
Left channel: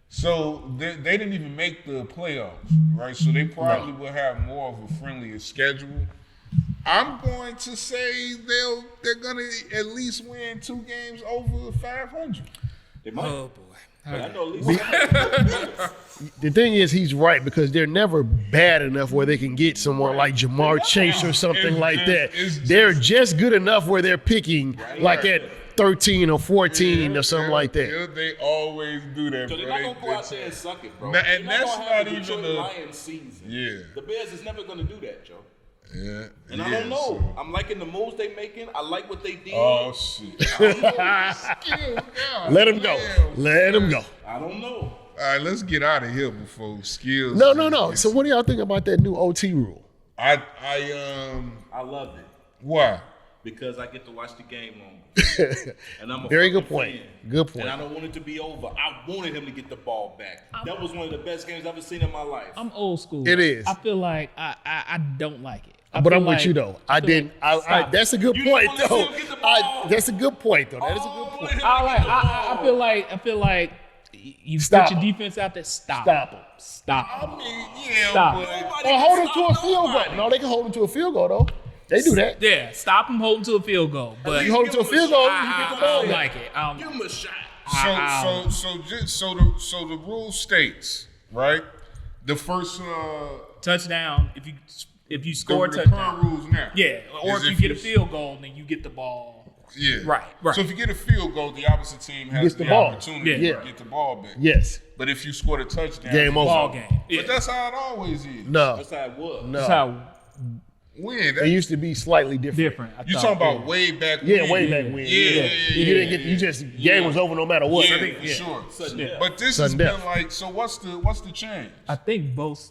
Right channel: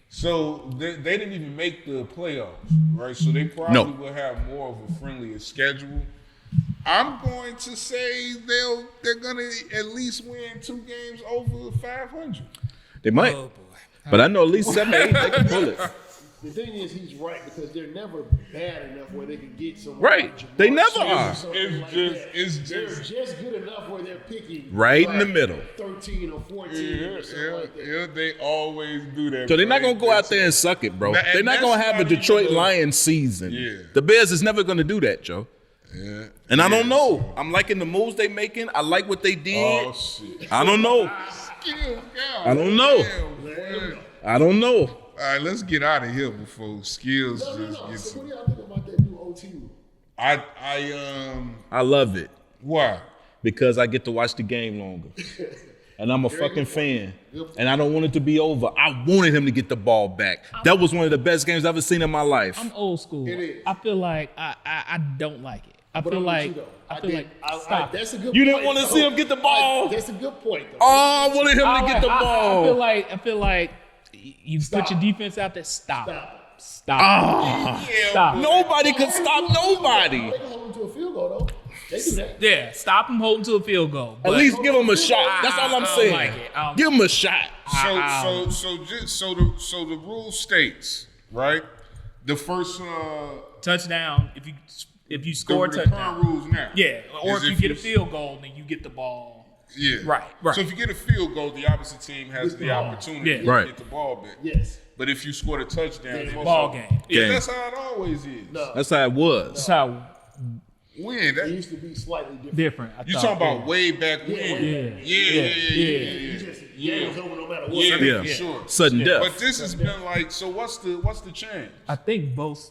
So they didn't even make the playoffs, right? So they probably will have more of a friendlier schedule. I'm going to say they're gonna at least win 2 games over 500. They might. Oh boy. But I know at least 7 8 bullets. The thing is, he's right because they're never bad enough where they can get someone Right. like They Jamar never Chase are. or something It's like just- that. it's They're just- just good enough where they're picking Right like in the at middle. 13 or 14 or something like that. Yeah, they always do that. So they're bro. not gonna go out there and suck it, bro. Nah, They're and not gonna that's have a not even Detroit the- Lions season. Yeah. The Bears is never gonna do that, Joe. Yeah. And I don't Yeah, know. so- I'm liking the moves they making. I like what they did. Oh shit. I don't know. Let don't him know. go. Let him go. I don't know. All right, let's get out of here before skills. No. just So gets- what do y'all think about that new OT rule? I I love it why? because I get to watch the game longer. And I'm a Very fucking good point. fan. Good point. And I don't want it to be over. I wanted him to get the ball back. That was one of the best games I've ever seen in my life. I'm old school. It is. I feel like I don't like it. But feel I'm like, with you though. I feel didn't. like- stop. That's a good You point. don't wanna though. see him get the ball? That's a good point though. Oh, I wanted him to get the ball. I feel like you Stop put your him. defense out there. Stop. Stop him. Stop. Yeah, Stop. but- Nobody Well, can hold him stop to a field goal. nobody. No, they can hold him to a field goal though. They do that. Yeah, stop him holding to a field goal. But At least hold give him him to a a field goal. shot. That's all I'm I don't saying. like it. Give him a shot. So the rule states, right? The first touchdown if you score a the touchdown. current rules now. Yeah, or is if you get a field goal, then you get the ball. Yeah. Right. So if you get a field goal, the opposite team has Gets the the ball. opportunity Yeah. to Right. get the ball back. Yes. But if you scored a touchdown, Game it's over. Ball over. game. But Yeah. that's how it always is. No. That's how it was. That's how When? That, It used to be slightly different. different. I you thought. talking about way back when? Yeah, way back when. Yeah. You just game was over no matter what. Yeah, Yeah. for sure. Sudden death. But this has Sudden been death. like, so what's the change? I think both.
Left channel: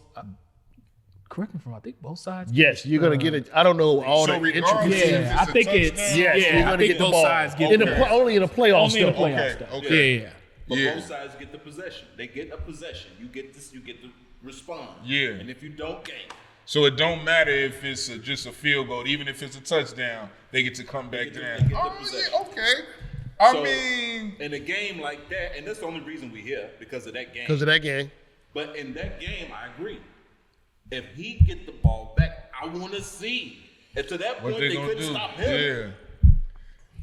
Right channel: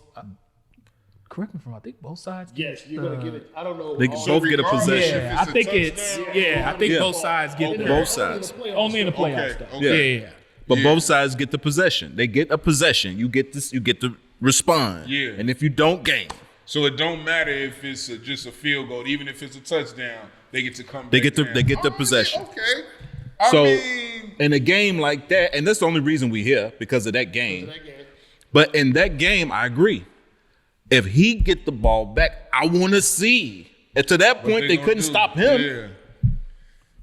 correct me if I'm wrong, I think both sides. Yes, you're gonna get it. I don't know They all both the get a Regardless possession. if Yeah, I a think touchdown, it's you're I gonna think get both the ball. sides get In the, the only in the playoffs. only in the though. playoffs. Okay, though. okay. Yeah. But Yeah. both sides get the possession. They get a possession. You get this. You get to respond. Yeah. And if you don't, game. So it don't matter if it's just a field goal, even if it's a touchdown, they get to come They back. get the- down. they get the Oh, yeah, possession. okay. I So mean, in a game like that, and that's the only reason we here because of that game. Because of that game. But in that game, I agree. If he get the ball back, I want to see. And to that what point, they gonna couldn't do? stop him. Yeah.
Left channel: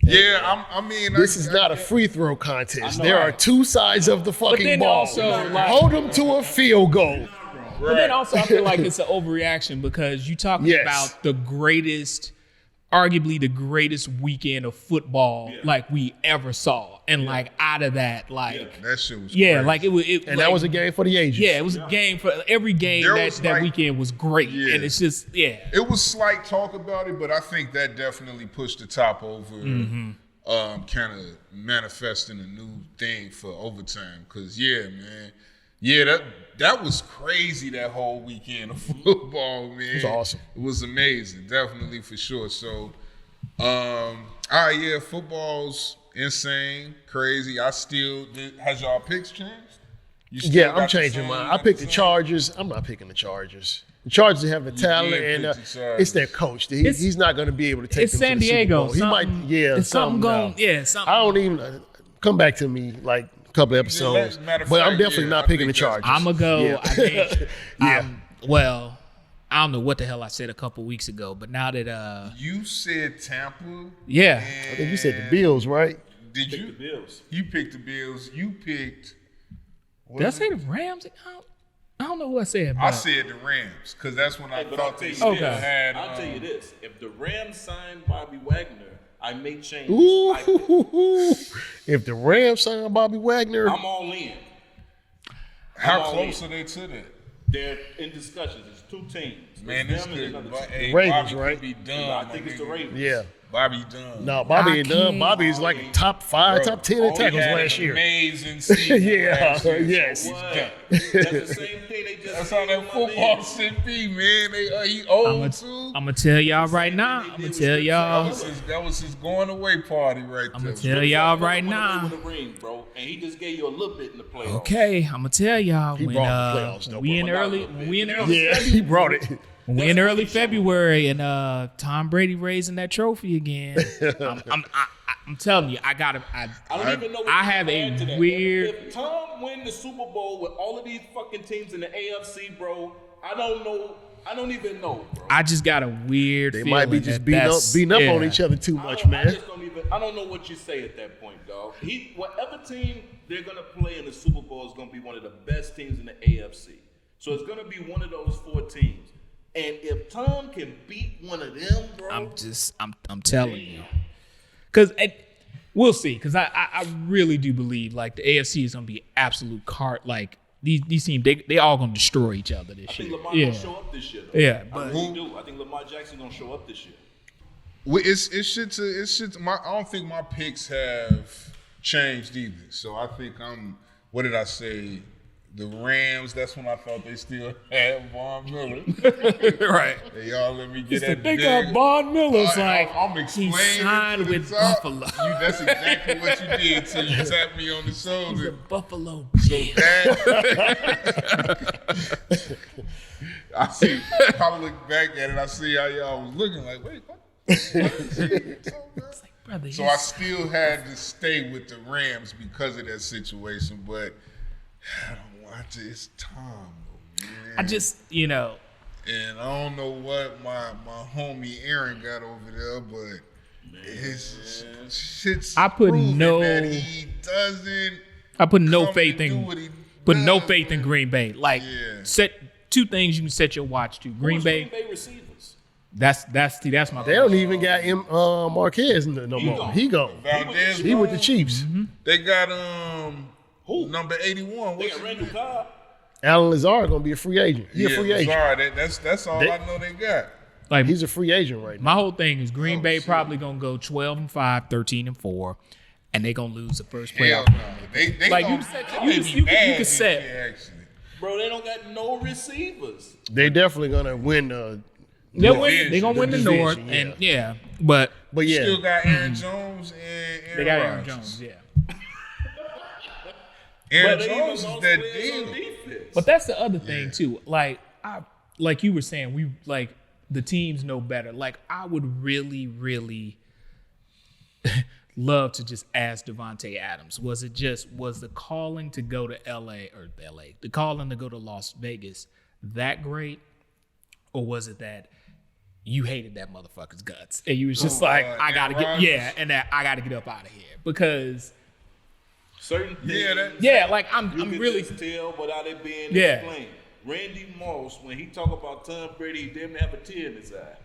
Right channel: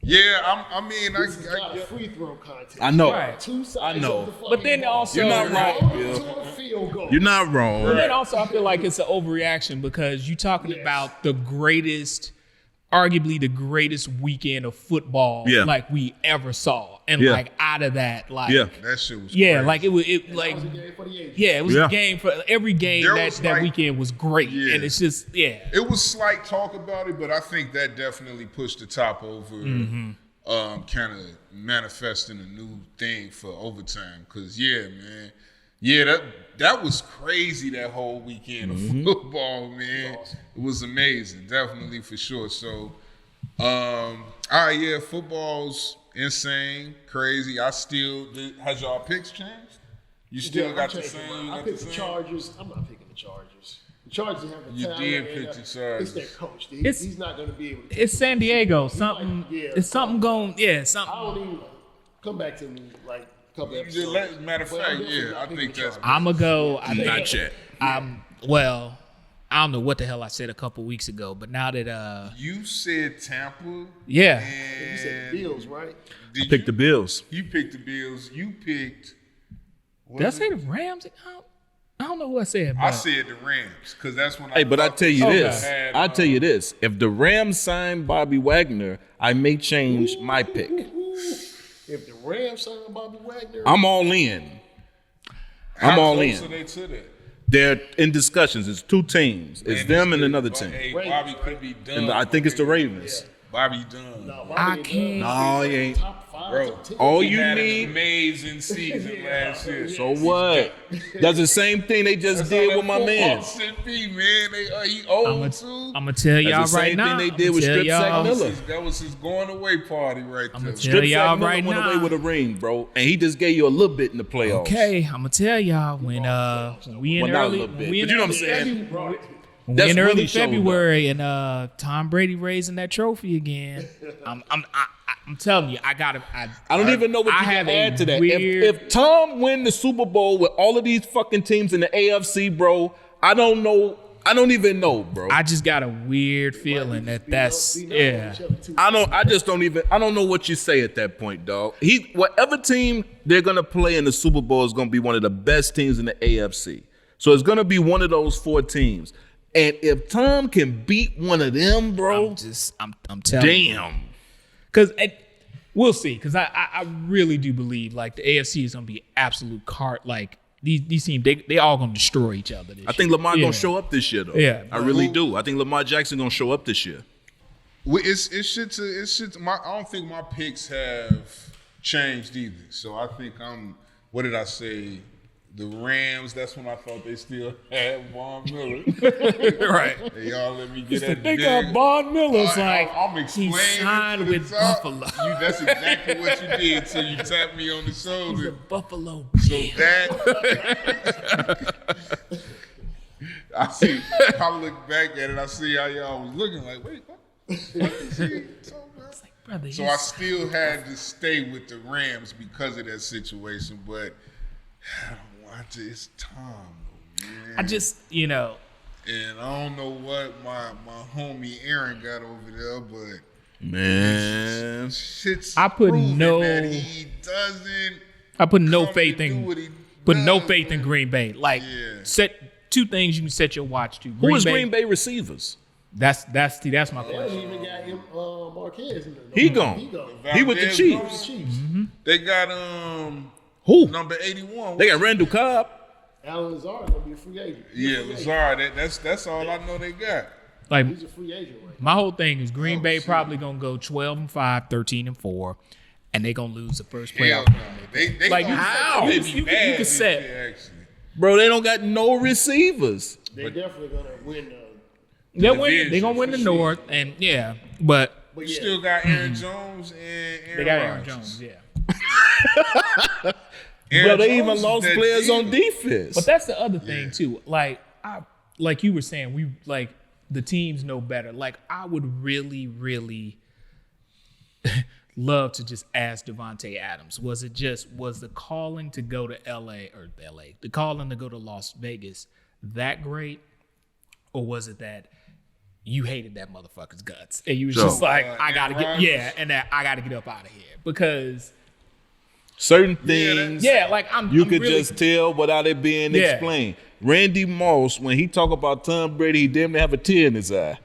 Yeah, I mean, This is not a get- free throw contest. I know. There are two sides of the fucking then ball. also, You're not like- hold them to a field goal. You're not wrong. But then also, I feel like it's an overreaction because you're talking Yes. about the greatest, arguably the greatest weekend of football Yeah. like we ever saw, and Yeah. like out of that, like Yeah. That shit was yeah, crazy. like it was. And Like, that was a game for the ages. yeah, it was Yeah. a game for every game There that was, that like- weekend was great, Yeah. and it's just It was slight talk about it, but I think that definitely pushed the top over kind of manifesting a new thing for overtime. Cause that was crazy, that whole weekend of football, man. It was awesome. It was amazing, definitely for sure. So all right, yeah, football's insane, crazy. Has y'all picks changed? You still Yeah, I'm got the changing same- mine. got I picked the same? Chargers. I'm not picking the Chargers. The Chargers have a You talent, did and pick the Chargers. it's their coach. He's not going to be able to take it's them to San the Super Diego. Bowl. He Something, might, yeah, it's something going. down. Yeah, something. I don't even come back to me like a couple episodes. matter of But I'm fact, definitely yeah, not I picking the think that's- Chargers. I'm gonna go. Yeah. I think. Well, I don't know what the hell I said a couple weeks ago, but now that You said Tampa. yeah, I think you said the Bills, right? Did Pick you? the Bills. You picked the Bills. You picked. did I say the Rams? I don't know who I said. But I said the Rams because that's when I. Hey, but I thought tell you they this. had, I tell you this. If the Rams sign Bobby Wagner, I may change my pick. If the Rams sign Bobby Wagner, I'm all in. How all close in. are they to that? They're in discussions. It's two teams. It's Man, them this and dude, another but, team. Hey, Ravens, Bobby right? could be done. And I think it's the Ravens. yeah. Bobby done. No, Bobby ain't done. Bobby is No, like he ain't. top 5, Bro, top 10 all in you touchdowns He had last an year. amazing season Yeah, last year. yeah. So what? That's the same thing they just That's how did that with my football man. should be, man. He old too. I'm gonna tell y'all That's the right same now. thing I'm they did gonna with tell Strip y'all. Sack. That was his going away party right I'm there. gonna tell y'all Strip right Sack went away now. with a ring, bro, and he just gave you a little bit in the playoffs. Okay, I'm gonna tell y'all He when brought the playoffs, though, we in but not a early little bit. when we in But you know what I'm early saying? He brought it. when we That's in really early showing. February and Tom Brady raising that trophy again. I'm telling you, I I don't even know what I you have can a add to that. weird- If Tom win the Super Bowl with all of these fucking teams in the AFC, bro, I don't know. I don't even know, bro. I just got a weird They might be feeling just that that's beating up on each other too much. I don't. I man. just don't even. I don't know what you say at that point, dog. Whatever team they're gonna play in the Super Bowl is gonna be one of the best teams in the AFC. So it's gonna be one of those 4 teams. And if Tom can beat one of them, bro, I'm telling you. damn. Because we'll see. Because I really do believe like the AFC is gonna be absolute cart. Like these teams, they all gonna destroy each other. This I think year. Lamar Yeah. gonna show up this year, though. Yeah, I but really do. I think Lamar Jackson gonna show up this year. Well, it's shit to I don't think my picks have changed either. So I think what did I say? The Rams, that's when I thought they still had Von Miller. right. Hey, y'all let me get that They big. got Von Miller's like I'm he explaining signed to the with top. Buffalo. That's exactly what you did till you tapped me on the He's a shoulder. Buffalo. So that I look back at it, I see how y'all was looking like, wait, what is he talking about? Brother, So I still had to stay with the Rams because of that situation, but I don't watch it. It's Tom, though, man. I just, And I don't know what my homie Aaron got over there, but Man, shit's I put proven no- that he doesn't. I put no come faith to do in what he put no does, faith in man. Green Bay. Like Yeah. set 2 things you can set your watch to. who Green is Bay. Green Bay receivers? That's my They don't even got Marquez no He more. gone. He gone. He with the Valdez Chiefs. He with the Chiefs. They got Who? number 81. They got Randall Cobb. Alan Lazard gonna be a free agent. He's a free agent. Sorry, that's all I know they got. like He's a free agent right now. my whole thing is Green Oh, Bay shit. probably gonna go 12-5, 13-4, and they gonna lose the first Hell playoff. no. They Like, gonna you- set- you- they be you- you bad could this set- year, actually. Bro, they don't got no receivers. They definitely gonna win. They're gonna win the North, and but But yeah, Still got Aaron Jones and Aaron they got Aaron Rodgers. Jones. Yeah. Aaron But they even Jones is lost that players deal. on defense. But that's the other thing too. Like you were saying, we like the teams know better. Like I would really, really love to just ask Devontae Adams. Was the calling to go to the calling to go to Las Vegas that great, or was it that you hated that motherfucker's guts and you was just like, I gotta Rodgers? and that I gotta get up out of here because certain things, like I'm could really just tell without it being explained. Randy Moss, when he talk about Tom Brady, he damn near have a tear in his eye.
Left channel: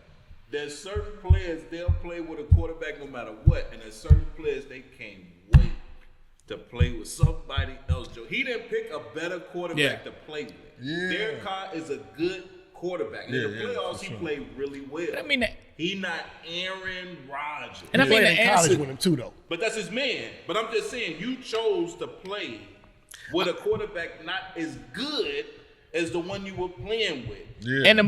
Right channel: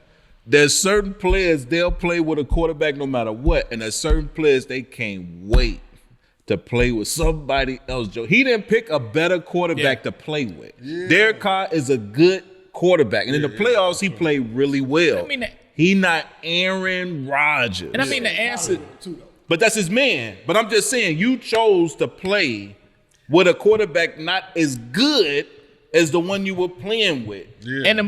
There's certain players, they'll play with a quarterback no matter what, and there's certain players they can't wait to play with somebody else. Joe, he didn't pick a better quarterback to play with. Derek Carr is a good quarterback, and in the playoffs he played really well. I mean, he not Aaron Rodgers. and I mean the college answer. with him too though. But that's his man. But I'm just saying, you chose to play with a quarterback not as good as the one you were playing with.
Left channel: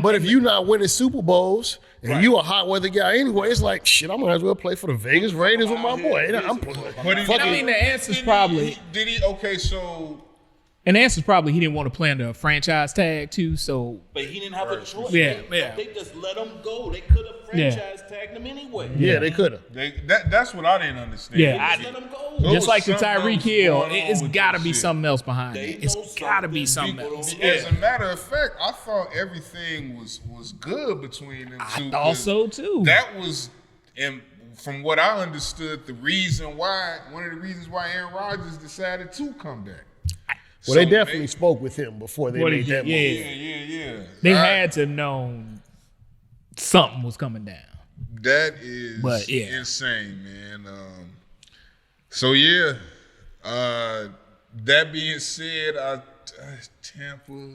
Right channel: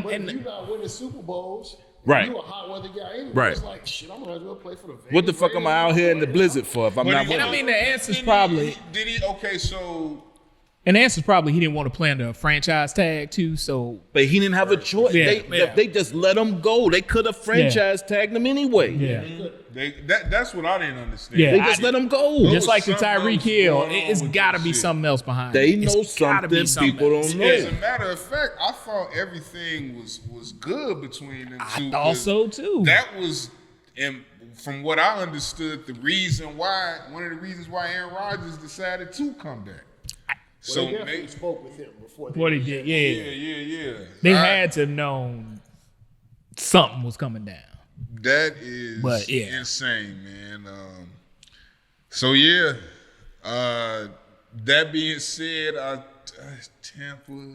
But if you're not winning Super Bowls, and you a hot weather guy anyway, it's like shit. I might as well play for the Vegas What the fuck Raiders am I with out my here boy. in the blizzard for? If I'm But not he- And I mean the answer's Did probably he? Okay, so And the answer's probably he didn't want to play under a franchise tag too. So But he didn't have a choice. Yeah, They just let him go. They could have franchise tagged him anyway. Yeah, they could have. that's what I didn't understand. Yeah, They just let him go. There just was like the something Tyreek else Hill, going on it's with got to this be shit. something else behind They it. It's know got to be something something people else. don't Yeah. As a matter of fact, I thought everything was good between them two. I thought so too. That was, and from what I understood, one of the reasons why Aaron Rodgers decided to come back. Well, they definitely spoke with him before they What he made did, that yeah. move. Yeah. They had to know something was coming down. That is But, yeah. insane, man. So yeah, that being said, Tampa,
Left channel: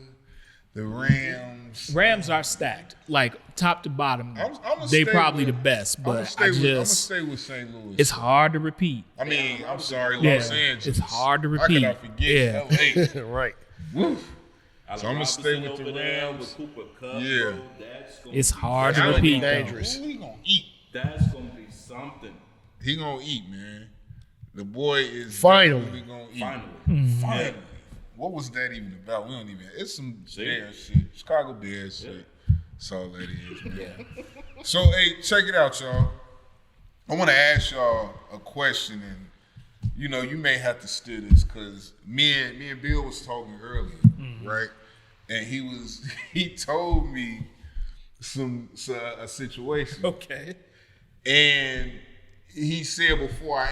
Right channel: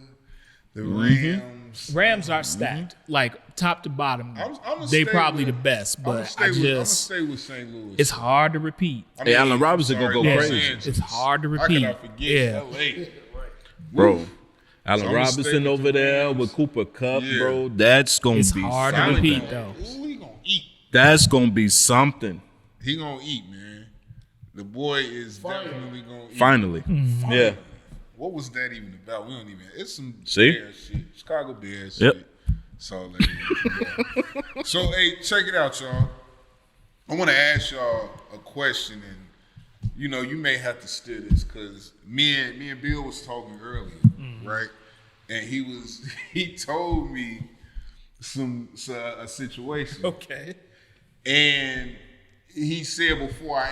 the Rams. Rams are stacked, like top to bottom. I'ma They stay probably with- the best, I'm but gonna stay with St. Louis. it's hard to repeat. I Hey, Allen Robinson I'm sorry, gonna go Los crazy. Angeles. It's hard to How repeat. could I forget Yeah. LA? Right. Bro. Allen So I'ma stay Robinson with over the there Rams. with Cooper Kupp, Yeah. bro. That's gonna It's be hard to Allen repeat gonna- though. Ooh, he gonna eat. That's gonna be something. He gonna eat, man. The boy is Finally. definitely gonna eat. Finally. Yeah. What was that even about? We don't even. It's some See? Bears shit. Chicago Bears Yep. shit. That's all that is. Yeah. So, hey, check it out, y'all. I want to ask y'all a question, and you may have to steer this because me and Bill was talking earlier, right? And he told me a situation. Okay. And he said before I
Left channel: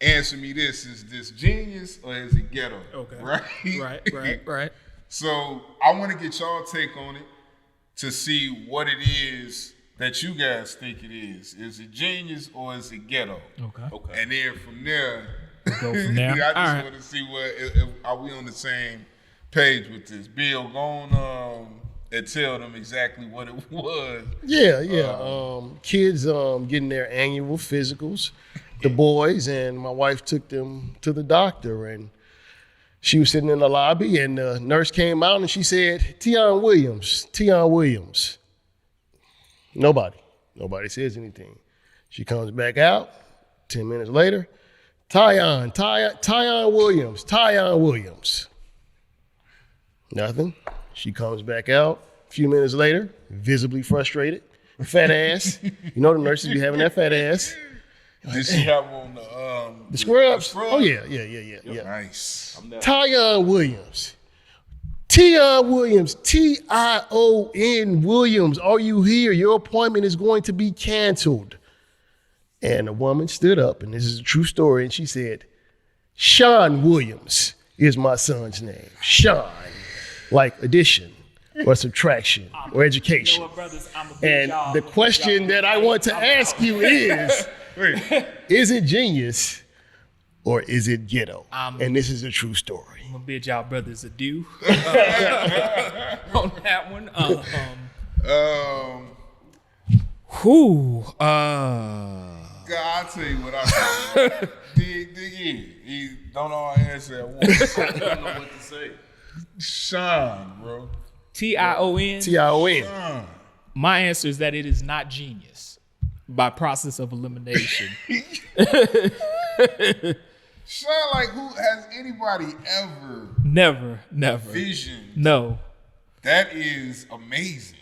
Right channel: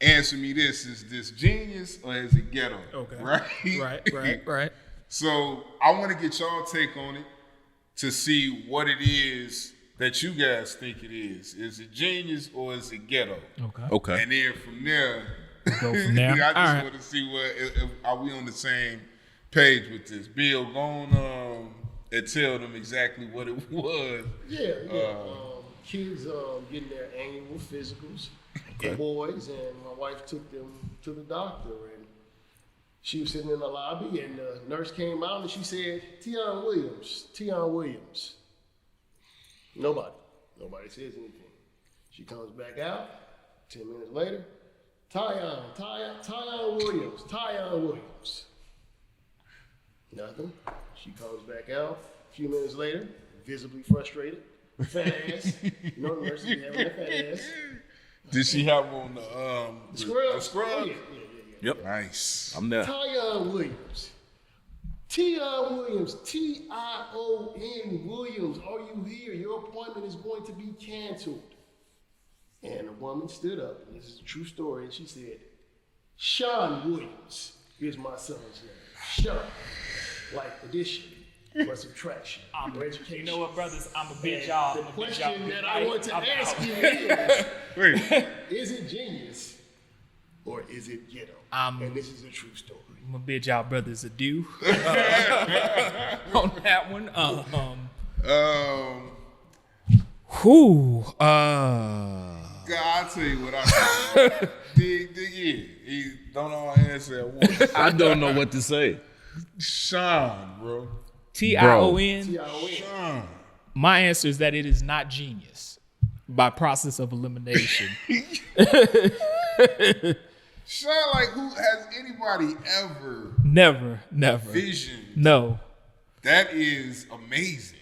answer me this: is this genius or is it ghetto? Okay. Right. So I want to get y'all take on it to see what it is that you guys think it is. Is it genius or is it ghetto? Okay. And then from there, Go from there. I just All right. want to see if are we on the same page with this. Bill, go on and tell them exactly what it was. Yeah. Kids getting their annual physicals, the boys, and my wife took them to the doctor, and she was sitting in the lobby, and the nurse came out and she said, Tion Williams. Nobody says anything. She comes back out 10 minutes later, Tion Williams. Nothing. She comes back out a few minutes later, visibly frustrated, fat ass. You know the nurses be having that fat ass. Did she have on the Scrubs? scrubs? Oh yeah. Nice. I'm there. Tion Williams. Tion Williams. Are you here? Your appointment is going to be canceled. And a woman stood up, and this is a true story, and she said, Sean Williams is my son's name. Sean. Like addition or subtraction or education. You know what, brothers? I'm a big And the question that I want to ask you is it genius or is it ghetto? And this is a true story. I'm gonna bid y'all brothers adieu on that one. God, I'll tell you what I dig in. Don't all answer at once. I don't know what to say. Sean, bro. Tion. Tion. Sean. My answer is that it is not genius by process of elimination. Sean, like, who has anybody ever Never. visioned? No. That is amazing.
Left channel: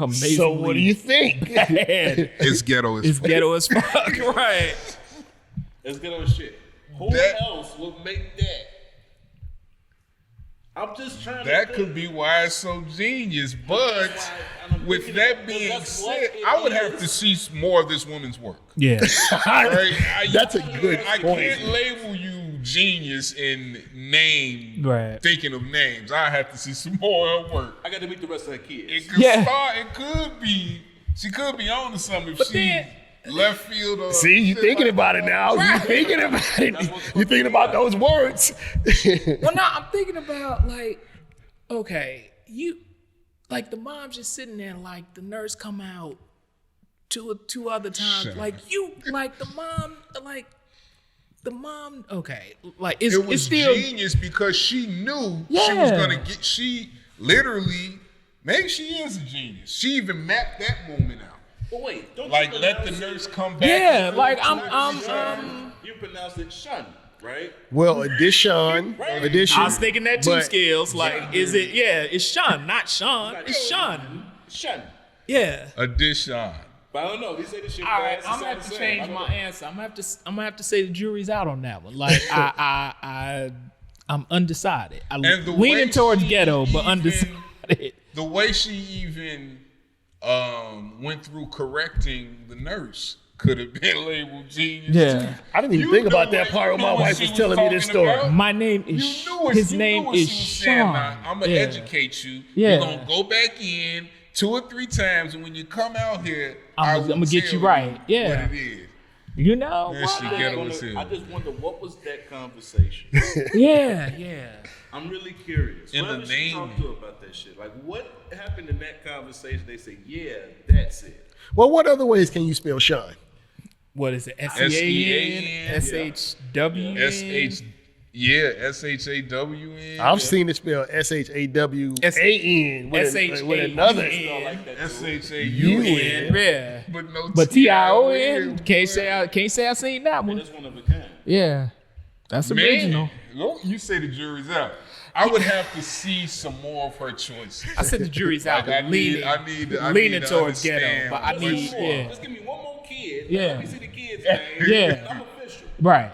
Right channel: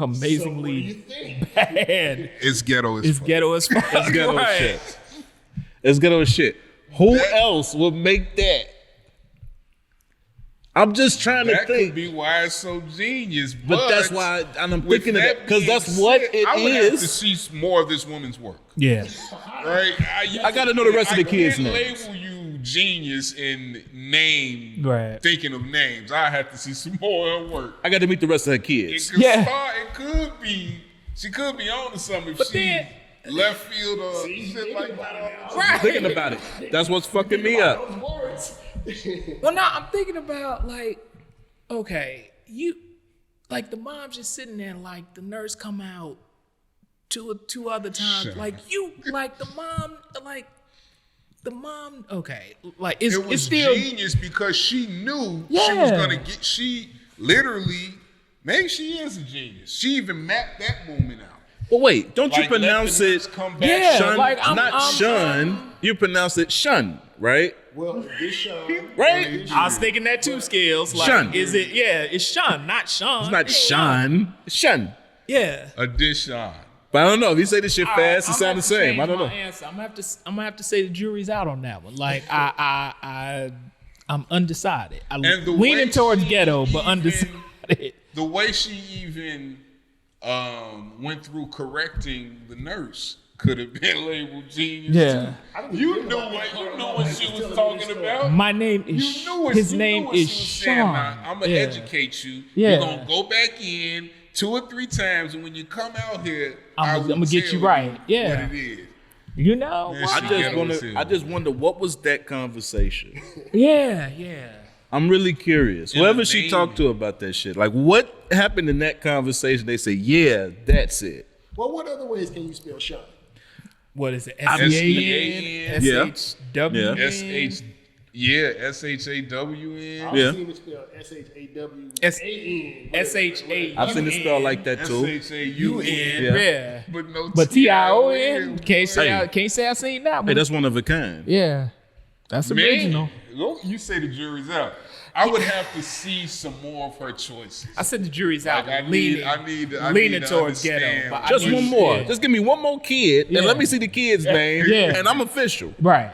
Amazingly So what do you think? bad. It's ghetto as It's ghetto as fuck. Ghetto Right. shit. It's ghetto as shit. Who That- else would make that? I'm just trying That to think. could be why it's so genius, But that's why I'm with thinking that of because being that's what said, it I would have is. to see more of this woman's work. Yeah. Right? I gotta know the rest of the kids' I can't names. label you genius in name. Right. Thinking of names, I have to see some more of her work. I got to meet the rest of her It kids. could Yeah. start. It could be. She could be on to something if But she then- left field. Or See, you shit thinking like about it that. now. Right. You thinking about it. That's what's You fucking thinking me about up. those words. Well, no, I'm thinking about like, okay, you like the mom's just sitting there, like the nurse come out two other times, Shut like up. you, like the mom, okay, like it's It was still genius because she knew she Yeah. was gonna get. She literally, maybe she is a genius. She even mapped that moment out. But wait, don't Like you let pronounce the it nurse come back. Yeah, Shun. like, It's I'm- not shun? You pronounce it shun, right? Well, addition. Right. Addition. I was thinking that too, But Skills. Like, Shun. is it? Yeah, it's Sean, not Sean. It's not It's shun. It's shun. Yeah. Addition. But I don't know. If you say this shit All right, fast, it I'm gonna sounds have the to same. I change don't my know. answer. I'm gonna have to say the jury's out on that one. Like I'm undecided. I'm And the leaning way towards she ghetto, but even- undecided. The way she even went through correcting the nurse could have been labeled genius. Yeah. too. I didn't even think knew about that what- part you when knew my what wife she was telling me this talking story. about. My name You is knew what his you name knew what is she was saying. Sean. Now, I'm gonna Yeah. educate you. Yeah. We're gonna go back in 2 or 3 times, and when you come out here, I'ma get tell you right. Yeah. what it is. You know? Yeah, why she not? ghetto as hell. I just wonder what was that conversation. Yeah. I'm really curious. In Whoever the she name. talked to about that shit, like what happened in that conversation? They say, yeah, that's it. Well, what other ways can you spell Sean? What is it? S-E-A-N. SHWN. S-H-A-W-N. I've Yeah. seen it spelled SHAWAN. S-H-A-W. I've seen it spelled like that too. S-H-A-U-N. Yeah. But no But T-I-O-N. T-I-O-N. Can't say I seen that Hey, one. that's one of a kind. Yeah. That's Man, original. you say the jury's out. I would have to see some more of her choices. I said the jury's out. Like, I leaning need leaning to towards understand ghetto. But I Just need, one more. yeah. Just give me one more kid Yeah. and let me see the kid's name. Yeah. And I'm official. Right.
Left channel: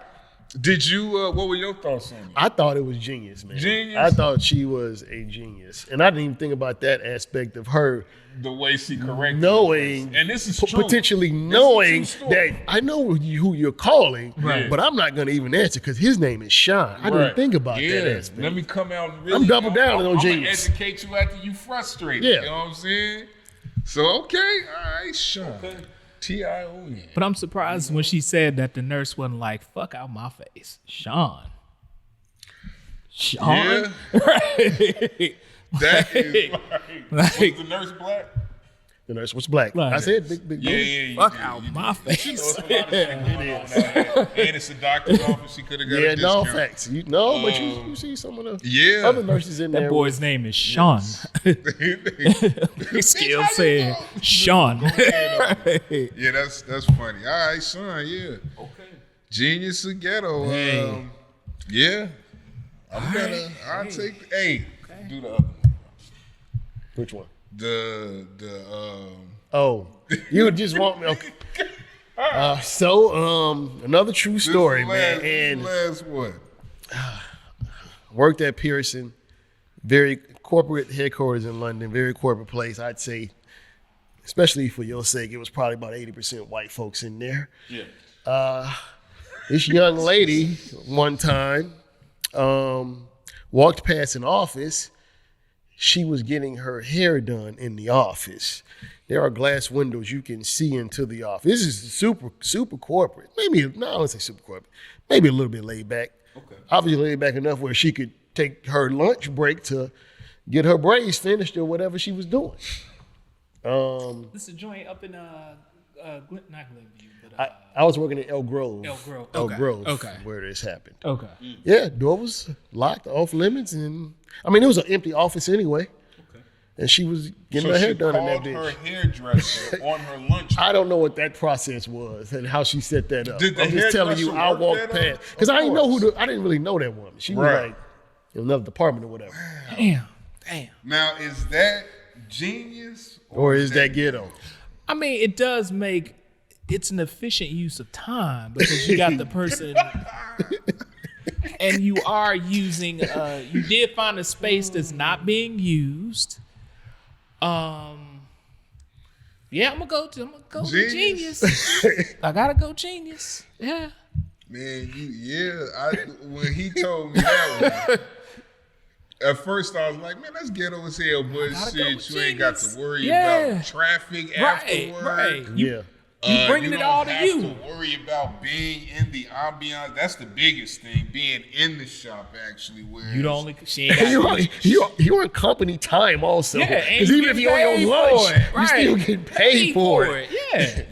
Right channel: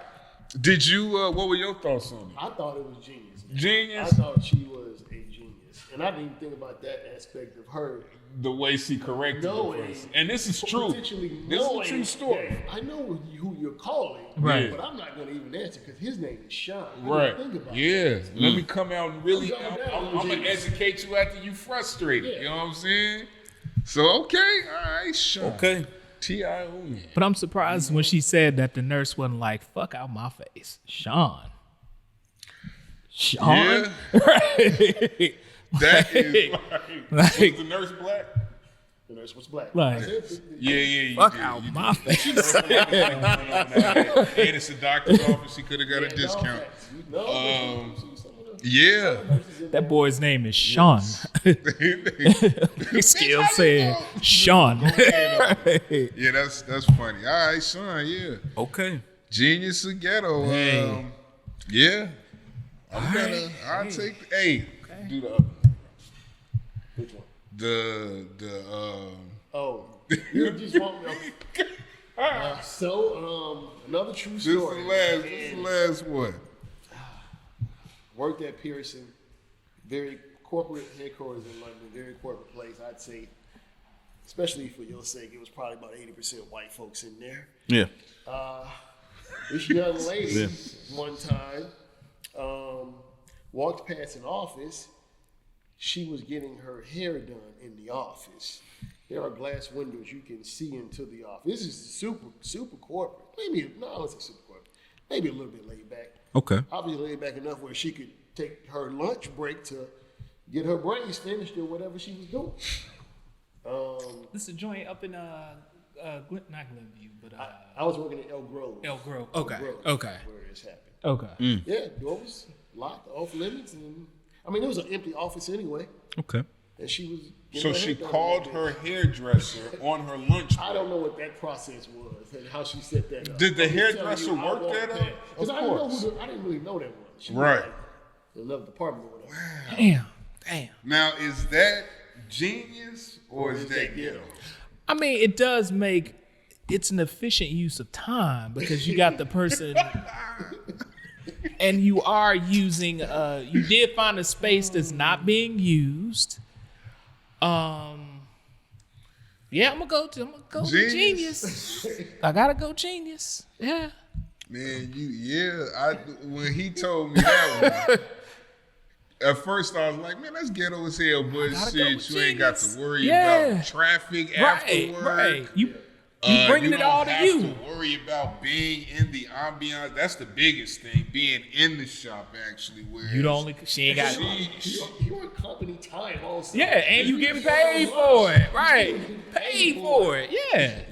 Did you? What were your thoughts on it? I thought it was genius, man. Genius? I thought she was a genius. And I didn't even think about that aspect of her The way she corrected knowing, the person. And this is true. potentially This is a knowing true story. that I know who you're calling, Right. but I'm not going to even answer because his name is Sean. I Right. didn't think about yeah. that aspect. Let me come out and really. I'm double down on I'm gonna genius. educate you after you frustrated. Yeah. You know what I'm saying? So okay, all right, Sean. Okay. T-I-O-N. But I'm surprised when she said that the nurse wasn't like, fuck out my face. Sean. Yeah. Right. That is like. Like- Was the nurse black? The nurse was black. Right. I said big. Yeah, you Fuck did. out You my face. did. And it's a doctor's office. She could have got Yeah, a no discount. facts. But you see some of the Yeah. other nurses in there. That boy's name is Sean. His skill said Sean. Yeah, that's funny. All right, son. Yeah, Okay. genius of ghetto. Hey. Yeah, I'll take. Hey, do the other one. Which one? The Oh, you just want me? Okay. Another true this story, is man. the And last one. worked at Pearson, very corporate headquarters in London, very corporate place. I'd say, especially for your sake, it was probably about 80% white folks in there. Yeah. This young lady one time walked past an office. She was getting her hair done in the office. There are glass windows you can see into the office. This is super corporate. Maybe, no, I don't say super corporate. Maybe a little bit laid back. Okay. Obviously laid back enough where she could take her lunch break to get her braids finished or whatever she was doing. This is a joint up in not Glenview, but I was working at Elk Grove. Elk Grove. Elk Okay. Grove, Okay. where this happened. okay. Yeah, door was locked, off limits, and I mean it was an empty office anyway. Okay. And she was getting So her hair she done. called in her that bitch. hairdresser on her lunch. I don't know what that process was and how she set that up. Did the I'm just telling hairdresser I work walked that past up? because Of I didn't know course. I didn't really know that woman. She was Right. like in another department or whatever. Damn. Now, is that genius Or is that ghetto? I mean, it does make it's an efficient use of time because you got the person and you are using you did find a space that's not being used. Yeah, I'm gonna go with Genius. genius. I gotta go genius. Yeah. Man, when he told me that one, at first I was like, man, that's ghetto as hell, but gotta go shit, with you ain't got to genius. worry Yeah. about traffic Right, afterward. right. You Yeah. bringing it all to You you. don't have to worry about being in the ambiance. That's the biggest thing, being in the shop actually. Where You don't only she ain't got You on company time also. Yeah, and you Even get if on paid your for lunch, it. Right. You still get paid for it. Yeah.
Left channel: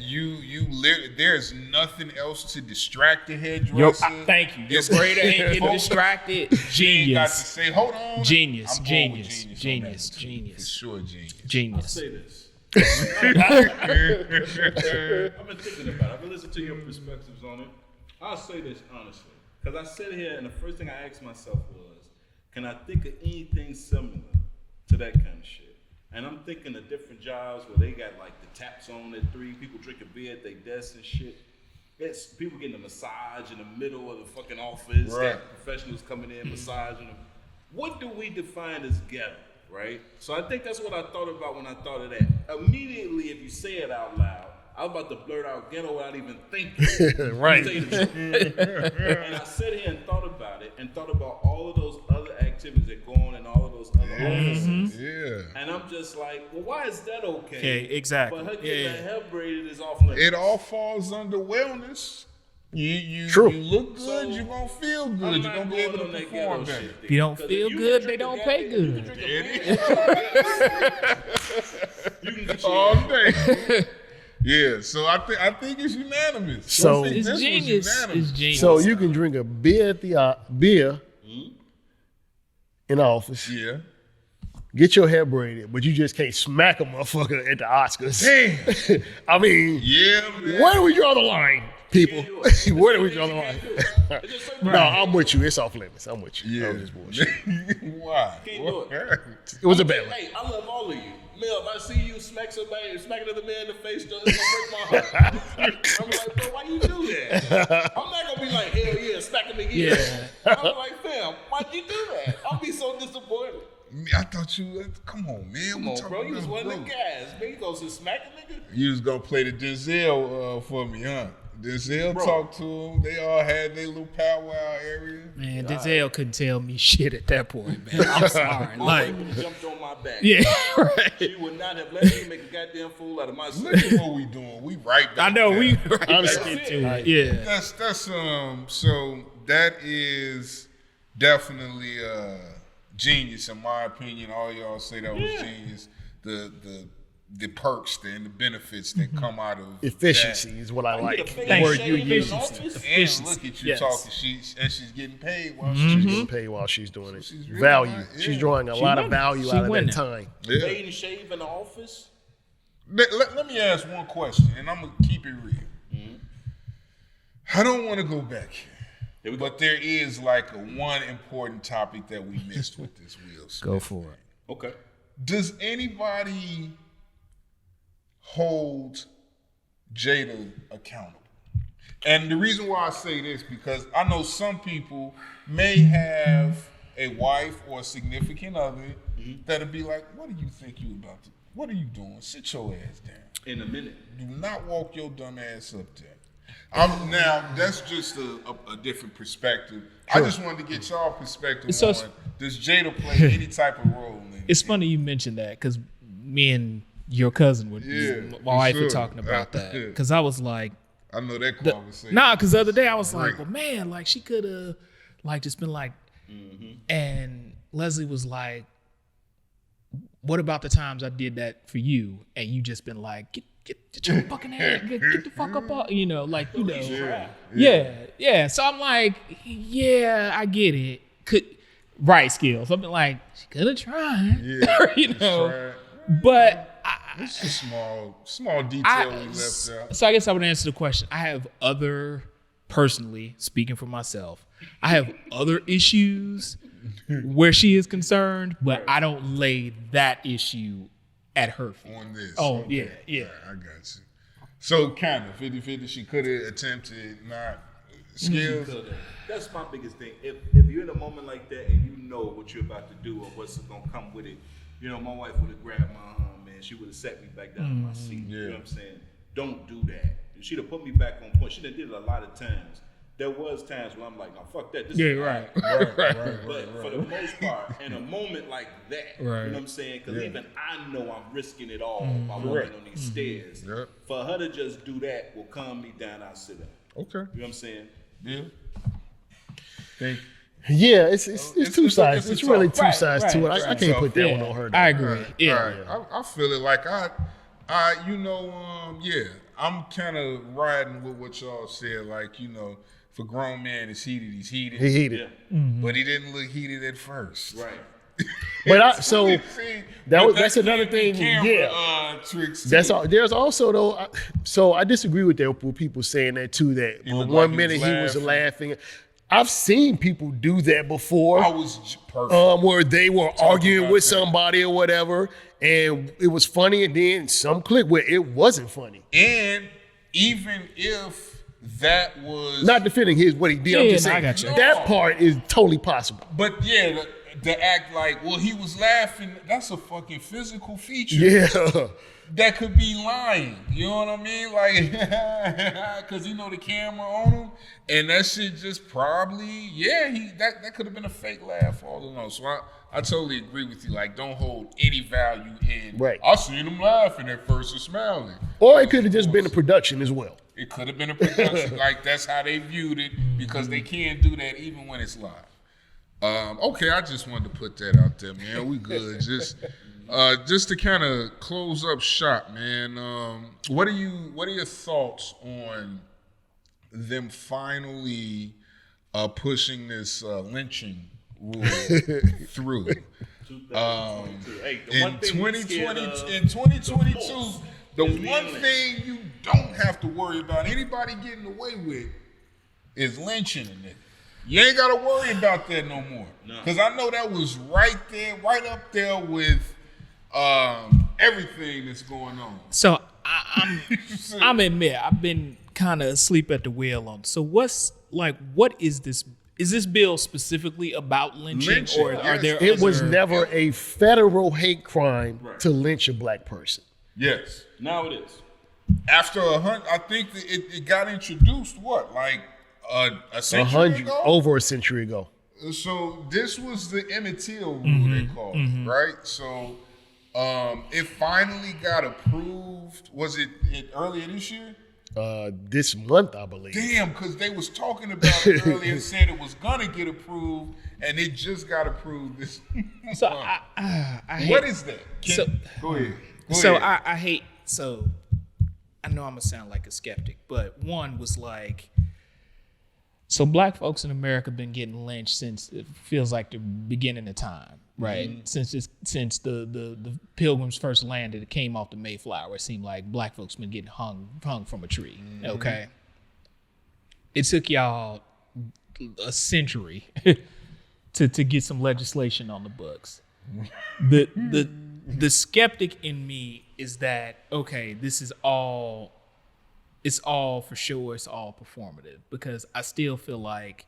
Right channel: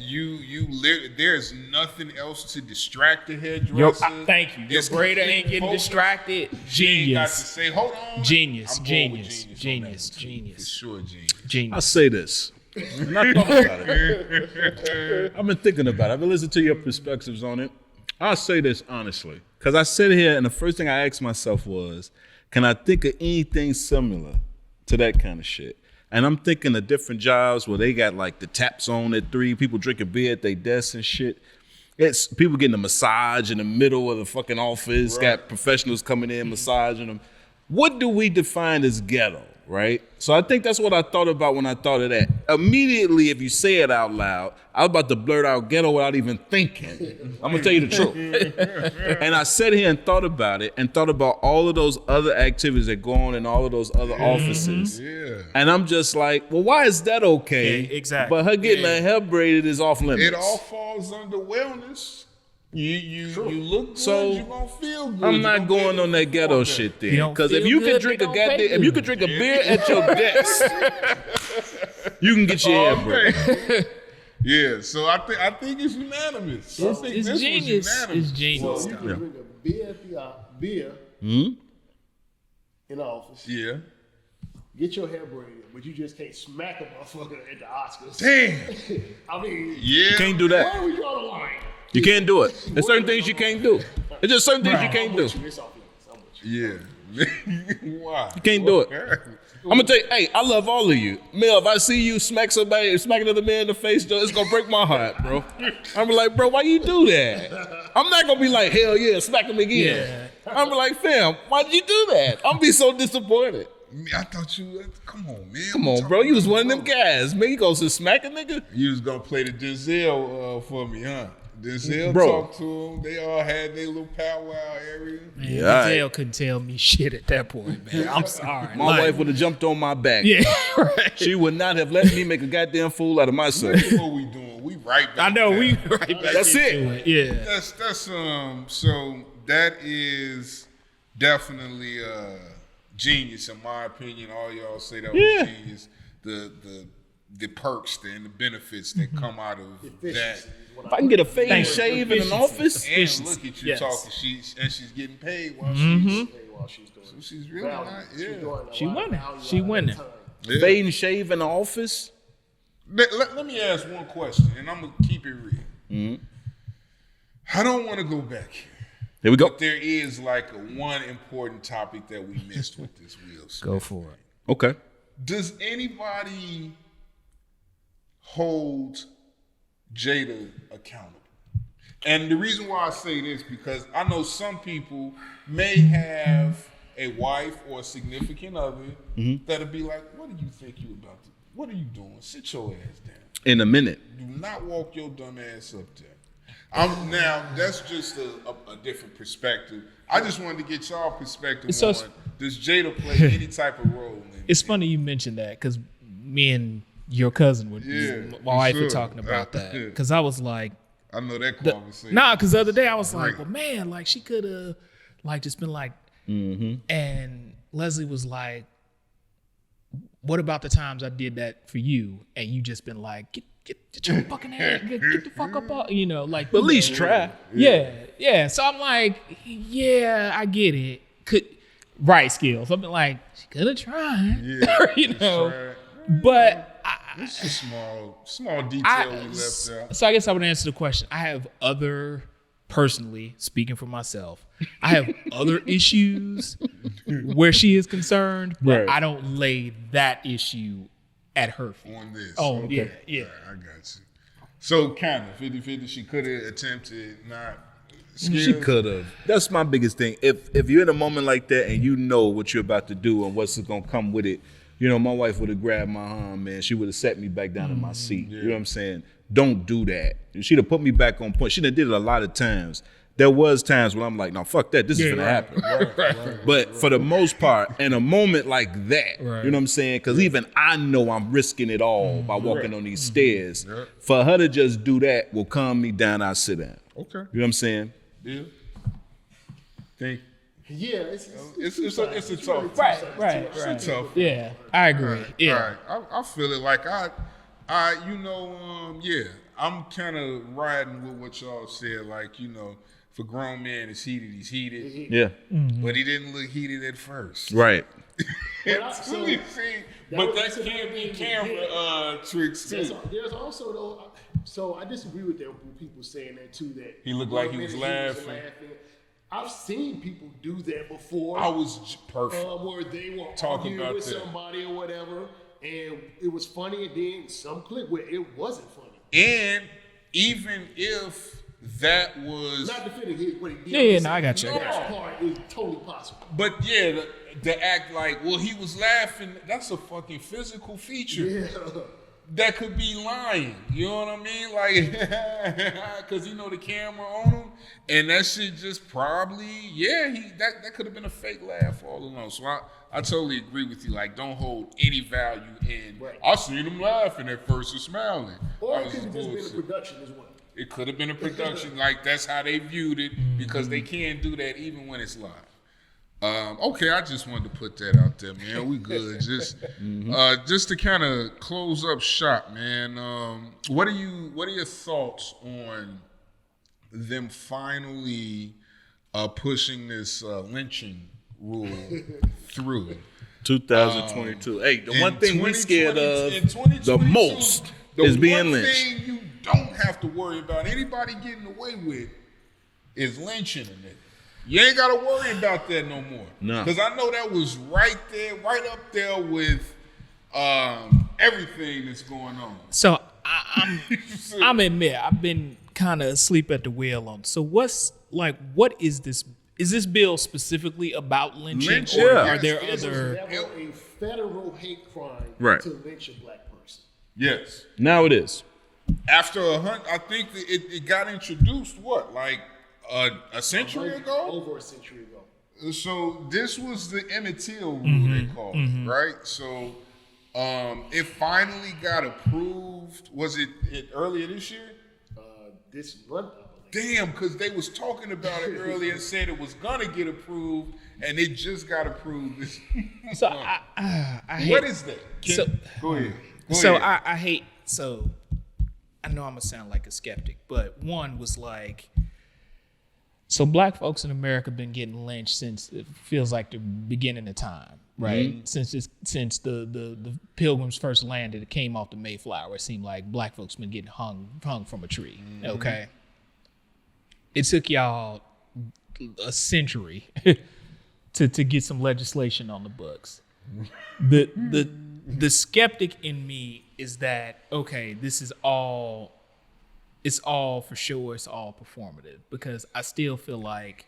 there's nothing else to distract the hairdresser. Thank you. Your It's- braider ain't getting distracted. She ain't got to Genius. say, hold on. Genius, I'm going with genius, on that genius, too, genius. For sure, genius. I Genius. say this. I've been thinking about it. I've been listening to your perspectives on it. I'll say this honestly. Because I sit here and the first thing I asked myself was, can I think of anything similar to that kind of shit? And I'm thinking of different jobs where they got like the tap zone at 3, people drinking beer at their desks and shit. It's people getting a massage in the middle of the fucking office, got professionals coming in, massaging them. What do we define as ghetto, right? So I think that's what I thought about when I thought of that. Immediately, if you say it out loud, I was about to blurt out ghetto without even thinking. I'm gonna tell you the truth. And I sat here and thought about it and thought about all of those other activities that go on in all of those other offices. Yeah. And I'm just like, well, why is that okay? Okay, exactly. But her getting her hair braided is off limits. It all falls under wellness. You look good, So, you're gonna feel good. I'm You not gonna be going able on to that ghetto perform shit better. then. You don't Because feel if you good, can they drink a don't goddamn, pay if you good. can drink a beer at your desk, you can get your All hair braided. day. Yeah, so I think it's unanimous. So- I think It's this was genius. unanimous. It's genius. So you can drink a beer at the in the office, Yeah. get your hair braided, but you just can't smack a motherfucker at the Oscars. Damn. I mean, Yeah. Can't do that. where do we draw the line? You can't do it. There's Where certain we things draw you the can't line? do. There's just certain things No, you can't I'm do. with you. It's off limits. I'm with you. Yeah. Why? You can't do it. I'm gonna tell you, hey, I love all of you. Mel, if I see you smack another man in the face, it's gonna break my heart, bro. I'm like, bro, why you do that? I'm not gonna be like, hell yeah, smack him again. Yeah. I'm like, fam, why'd you do that? I'm be so disappointed. I thought you. Come on, man. Come on, bro. You was one of them guys. Man, you gonna smack a nigga? You was gonna play the Denzel for me, huh? Denzel Bro. talked to him. They all had their little powwow area. Man, Yeah, Denzel couldn't tell me shit at that point, man. I'm sorry. My Like, wife would have jumped on my back. yeah, right. She would not have let me make a goddamn fool out of myself. Look at what we doing. We right back. I know there. we right back That's into it. Yeah. That's so that is definitely genius in my opinion. All y'all say that was genius. The perks and the benefits that come out of Efficiency that. is what I I can like. get a fade Thank you. shave in an office. And look at you Yes. talking. She's getting paid while She's paid while she's doing it. she's really Value. not- yeah. She's drawing a She lot winning. of value She out of winning. that time. she's. Yeah. Fade and shave in the office. Let me ask one question, and I'm gonna keep it real. I don't want to go back here. There we go. But there is like one important topic that we missed with this Will Smith. Go for it. Okay. Does anybody hold Jada accountable? And the reason why I say this, because I know some people may have a wife or a significant other that'll be like, what do you think you about to, what are you doing? Sit your ass down. In a minute. Do not walk your dumb ass up there. Now, that's just a different perspective. I just wanted to get y'all perspective It's so- on, does Jada play any type of role in It's funny you mentioned that because me and your cousin were, Yeah, my wife were sure. talking about that. Because I was like, I know that conversation. nah, because the other day I was like, Great. well, man, like she could have like just been like, and Leslie was like, what about the times I did that for you and you just been like, get your fucking ass, get the fuck up, like But at least try. yeah. So I'm like, yeah, I get it. Right skills. Something like she could have tried, Tried. but It's a small detail we left out. So I guess I would answer the question. I have personally, speaking for myself, I have other issues where she is concerned, but Right. I don't lay that issue at her feet. On this. Oh, Okay. yeah. I got you. So kind of 50-50, she could have attempted, not skills. She could have. That's my biggest thing. If you're in a moment like that and you know what you're about to do and what's gonna come with it, my wife would have grabbed my arm, man. She would have set me back down in my seat. You know what I'm saying? Don't do that. She'd have put me back on point. She done did it a lot of times. There was times when I'm like, no, fuck that. This is gonna happen. Right. But for the most part, in a moment like that, Right. you know what I'm saying? Because even I know I'm risking it all by walking on these stairs. Yeah. For her to just do that will calm me down. I sit down. Okay. You know what I'm saying? Yeah. Thank you. Yeah, it's two sides. It's really two Right, sides right, to it. I right. can't put that one Yeah, on her. I agree. Yeah. All right. I feel it like I'm kind of riding with what y'all said. Like, if a grown man is heated, he's heated. He heated. Yeah. But he didn't look heated at first. Right. But See, that's another thing. Camera, tricks That's too. all. There's also though. So I disagree with that. With people saying that too. That looked one like he minute was he was laughing. I've seen people do that before. I was perfect. Where they were Talk arguing about with that. somebody or whatever, and it was funny, and then some clip where it wasn't funny. And even if that was Not defending what he did. Yeah, I'm just no, I saying, got you. That part is totally possible. but to act like, well, he was laughing, that's a fucking physical feature. Yeah. That could be lying. You know what I mean? Like, because the camera on him, and that shit just probably, that could have been a fake laugh all along. So I totally agree with you. Like, don't hold any value in. Right. I seen him laughing at first and smiling. Or it could have just been a production as well. It could have been a production. Like, that's how they viewed it, because they can do that even when it's live. Okay, I just wanted to put that out there, man. We good. Just to kind of close up shop, man. What are your thoughts on them finally pushing this lynching rule through? 2022. Hey, the one thing we're scared of in 2022, the most the is being one lynched. thing you don't have to worry about anybody getting away with is lynching a nigga. You ain't got to worry about that no more. No. Because I know that was right up there with everything that's going on. So I'm admit I've been kind of asleep at the wheel on. So what is this? Is this bill specifically about lynching, Lynching, or yes. are there It was other? never a federal hate crime Right. to lynch a black person. Yes. Now it is. After I think that it got introduced, like a century ago? Over a century ago. So this was the Emmett Till rule, they called it, right? So it finally got approved. Was it earlier this year? This month, I believe. Damn, because they was talking about it earlier and said it was gonna get approved, and it just got approved this So month. I hate. What is that? Go ahead. So I hate. So I know I'm gonna sound like a skeptic, but one was like, so black folks in America been getting lynched since it feels like the beginning of time, right? Since the Pilgrims first landed, it came off the Mayflower. It seemed like black folks been getting hung from a tree. Okay, it took y'all a century to get some legislation on the books. The skeptic in me is that, okay, this is all, it's all for sure, it's all performative, because I still feel like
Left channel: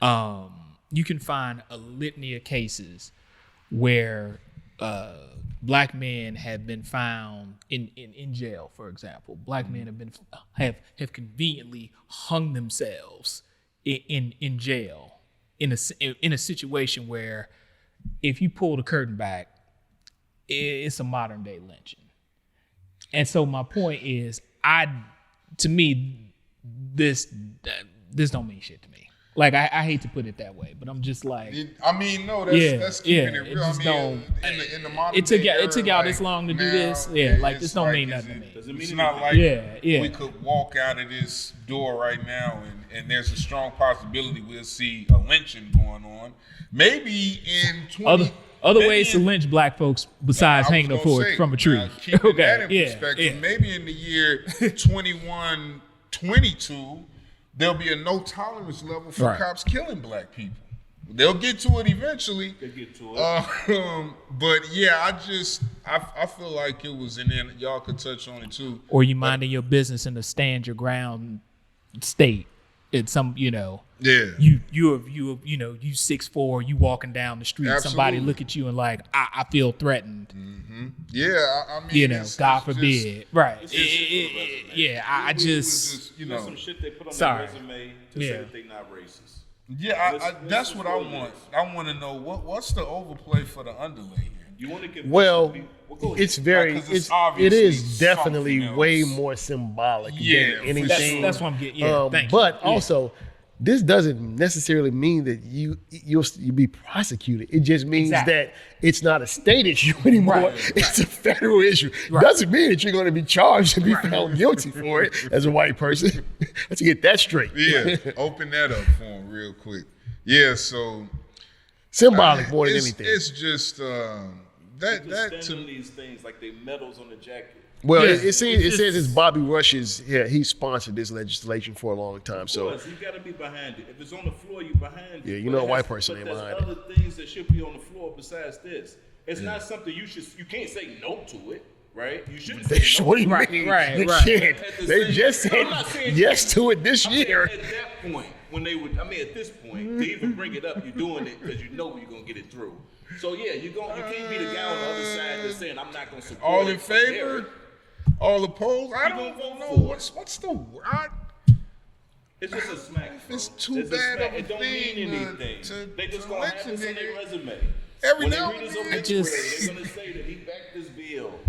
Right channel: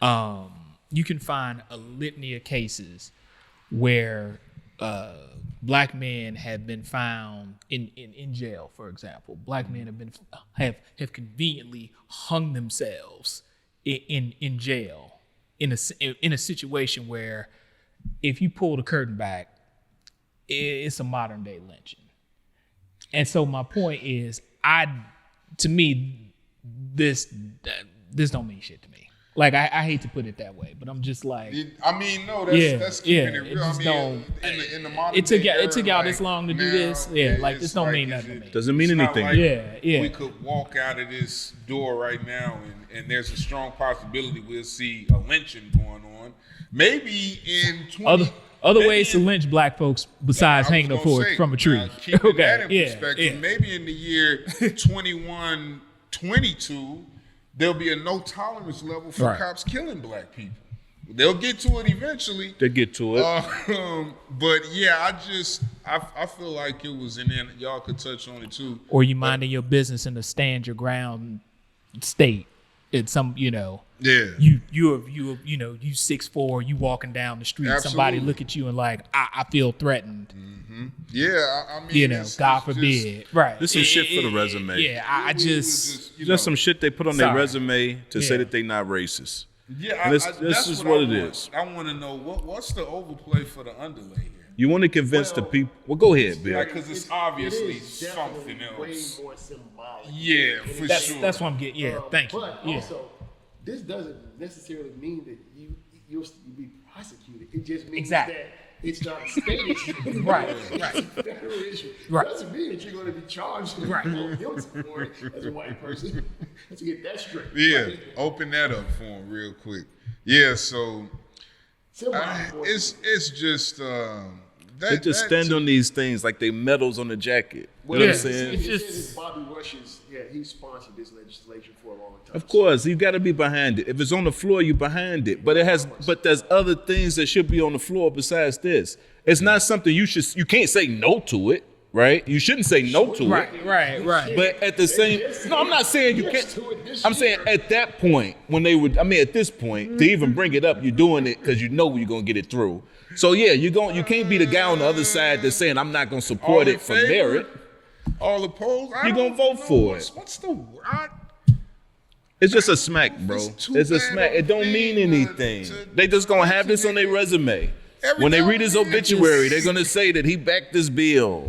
you can find a litany of cases where black men have been found in jail, for example. Black men have conveniently hung themselves in jail in a situation where, if you pull the curtain back, it's a modern day lynching. And so my point is, to me, this don't mean shit to me. Like I hate to put it that way, but I'm just like, I mean, no, that's keeping it it real. I just mean, don't. in the modern It took day it took y'all era, this long to do now, this. Yeah, like it's this don't mean is nothing to me. Doesn't mean it's not anything. like Yeah. we could walk out of this door right now, and there's a strong possibility we'll see a lynching going on. Maybe in 20. Other maybe ways to in- lynch black folks besides I was hanging them gonna say, from a tree. now, keeping that in yeah, perspective, yeah. maybe in the year 2122, there'll be a no tolerance level for Right. cops killing black people. They'll get to it eventually. They get to it. But yeah, I feel like it was, and then y'all could touch on it too. Or you minding your business in a stand your ground state. It's some, Yeah. you 6'4", you walking down the street, somebody Absolutely. look at you and like, I feel threatened. Yeah, I mean, God forbid. Right. This is shit for the resume. Yeah, I just Just some shit they put on Sorry. their resume to say Yeah. that they not racist. yeah, This that's is what what I it want. is. I want to know what's the overplay for the underlay here. You want to convince the people. Well, go ahead. It's very. Like, 'cause It's it's obviously it is definitely something way else. more symbolic. Yeah, than for anything. sure. that's what I'm getting. Yeah, thank you. But Yeah. also, this doesn't necessarily mean that you'll be prosecuted. It just means Exactly. that it's not a state issue anymore. Right. It's a federal issue. Right. Doesn't mean that you're going to be charged and be found guilty for it as a white person. Let's get that straight. Yeah, open that up for him real quick. Yeah, so Symbolic more than it's, anything. it's just They that just stand to- on these things like they medals on the jacket. Well, Yeah, it says it's it's Bobby Rush's. Yeah, he sponsored this legislation for a long time. Of course, you got to be behind it. If it's on the floor, you behind it. you But know it a has. white person But ain't there's behind other things that should be on the floor besides this. It's not something you should. You can't say no to it, right? You shouldn't say no to Right, it. right. But at the They same, just said no, I'm not saying you yes can't- to it this I'm year. saying at that point when they would. I mean, at this point to even bring it up, you're doing it because you know you're gonna get it through. So yeah, you can't be the guy on the other side that's saying I'm not gonna all support in it for favor, merit. all opposed. I You don't gonna vote know for what's the word? It's just a smack, bro. It's too It's a bad smack. of a It don't mean thing, anything. They just gonna have this on their resume. Every When they now read his and then. obituary, they're gonna say that he backed this bill.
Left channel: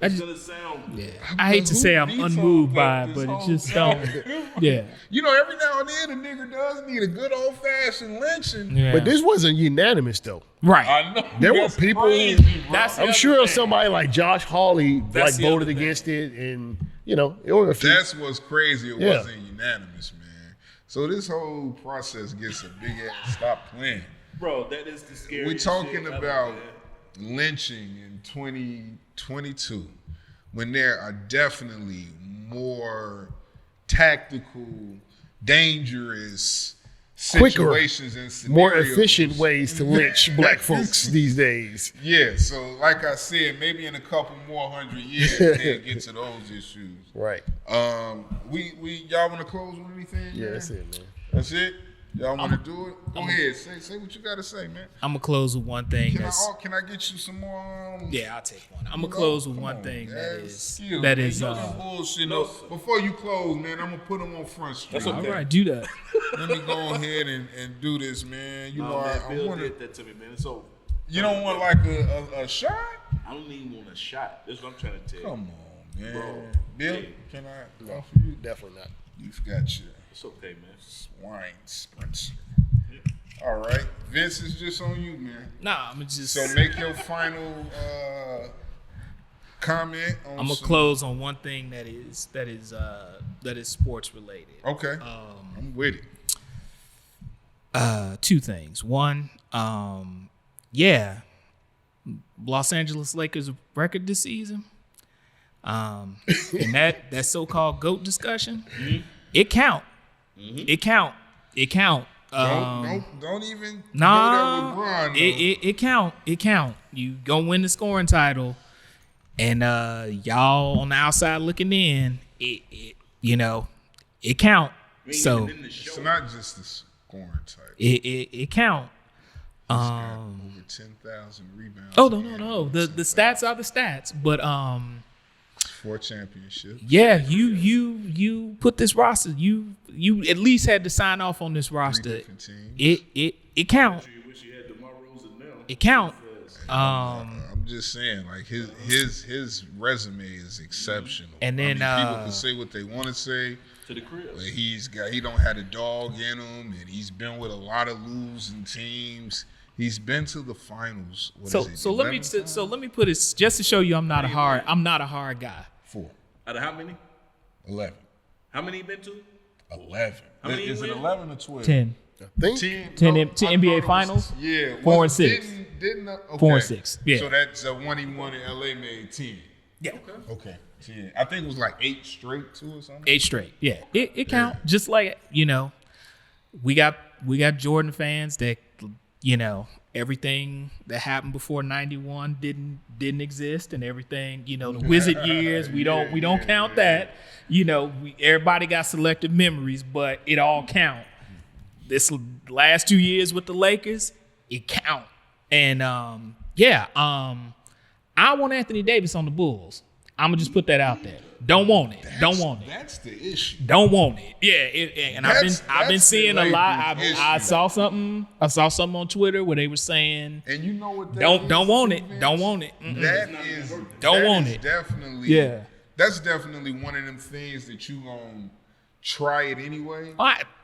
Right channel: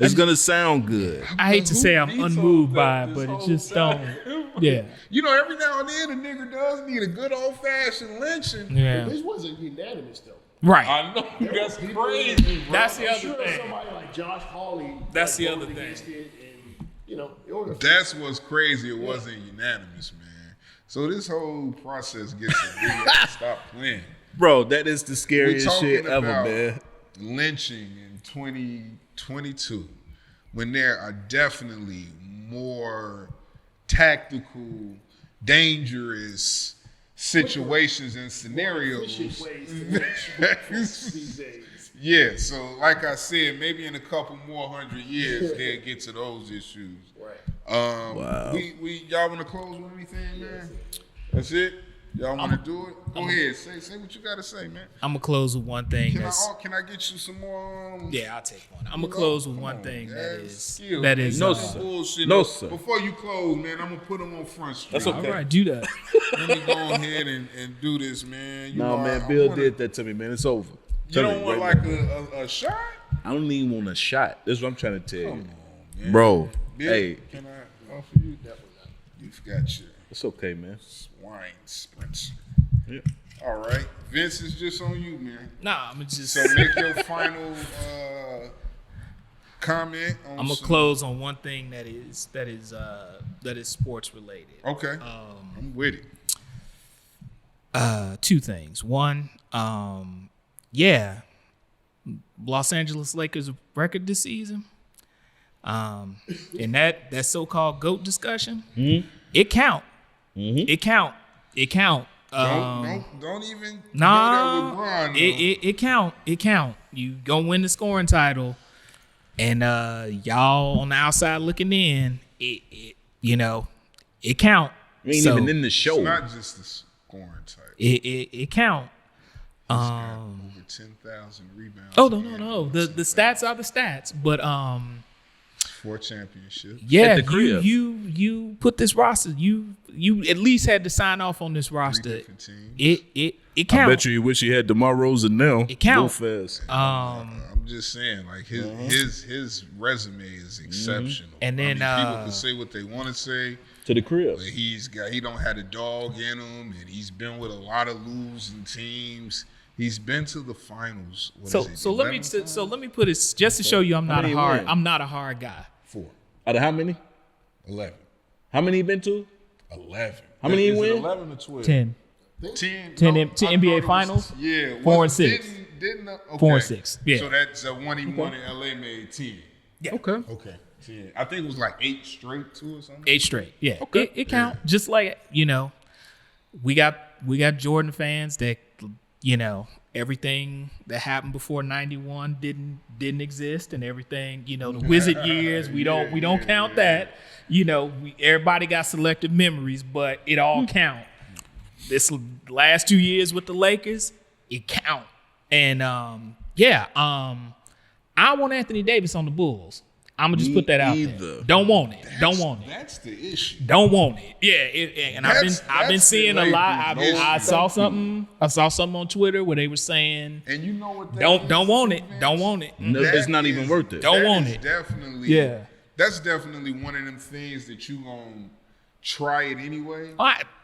It's gonna sound good. I hate to say I'm Who unmoved vetoed by it, this but it whole just thing? don't. Yeah. You know, every now and then a nigga does need a good old fashioned lynching. Yeah. But this wasn't unanimous though. Right. I know. There were that's people. crazy, bro. That's the I'm other sure thing. somebody like Josh Hawley That's the voted other thing. against it, and there were a few. That's what's crazy. It Yeah. wasn't unanimous, man. So this whole process gets a big ass. Stop playing. Bro, that is the We're scariest talking shit ever, about man. lynching in 2022 when there are definitely more tactical, dangerous situations and more scenarios. efficient ways to lynch black folks these days. Yeah, so like I said, maybe in a couple more 100 years they'll get to those issues. Right. We y'all want to close with anything? Yeah, man? that's it, man. That's it. Y'all want to do it? Go ahead. Say what you got to say, man. I'm gonna close with one thing Can I get you some more? Yeah, I'll take one. I'm gonna close with Come one on, thing man. that is Skill, that man. is. No bullshit. no, No, sir. before you close, man, I'm gonna put them on Front Street. That's okay. All right, do that. Let me go ahead and do this, man. You know, No, man, I Bill wanna, did that to me, man. It's over. you don't want like a shot? I don't even want a shot. This is what I'm trying to tell you. Come on, man. Bro, Bill, hey. can I offer you? Definitely not. You've got your It's okay, man. swine sprints. All right, Vince is just on you, man. Nah, I'm just. So make your final comment on. I'm gonna some- close on one thing that is sports related. Okay, I'm with it. Two things. One, Los Angeles Lakers record this season. And that so-called GOAT discussion, it count. It count. It count. Don't even Nah, go there with Bron, though. it count. It count. You gonna win the scoring title, and y'all on the outside looking in. It count. You ain't So even in the show. It's not just the scoring type. it count. Over 10,000 rebounds. Oh no. The stats are the stats, but 4 championships. yeah, At the crib. you put this roster. You at least had to sign off on this 3 roster. different teams. It I count. bet you wish he had DeMar Rosen now. It count. Real fast. I'm just saying, like his resume is exceptional. And then, I mean, people can say what they want to say. To the crib. But he don't have a dog in him, and he's been with a lot of losing teams. He's been to the finals. So let me put it just to show you I'm not a hard guy. 4. Out of how many? 11. How many he been to? 11. How many is he it win? 11 or 12? 10. 10 NBA finals? Yeah. 4 and 6. Didn't okay. 4 and 6. Yeah. So that's one he won in LA made 10. Yeah. Okay. 10. I think it was like 8 straight too or something. 8 straight. Yeah. It count. Just like, we got Jordan fans that, everything that happened before 91 didn't exist, and everything, the Wizard years, we don't count that. Everybody got selective memories, but it all count. This last 2 years with the Lakers, it count. And I want Anthony Davis on the Bulls. I'm gonna just put that out there. Don't want it. That's the issue. Don't want it. Yeah, I've been seeing a lot. I saw something on Twitter where they were saying, and you know what? Don't want it. Don't want it. No, it's not even worth it. Don't want it. Definitely. That's definitely one of them things that you gonna try it anyway.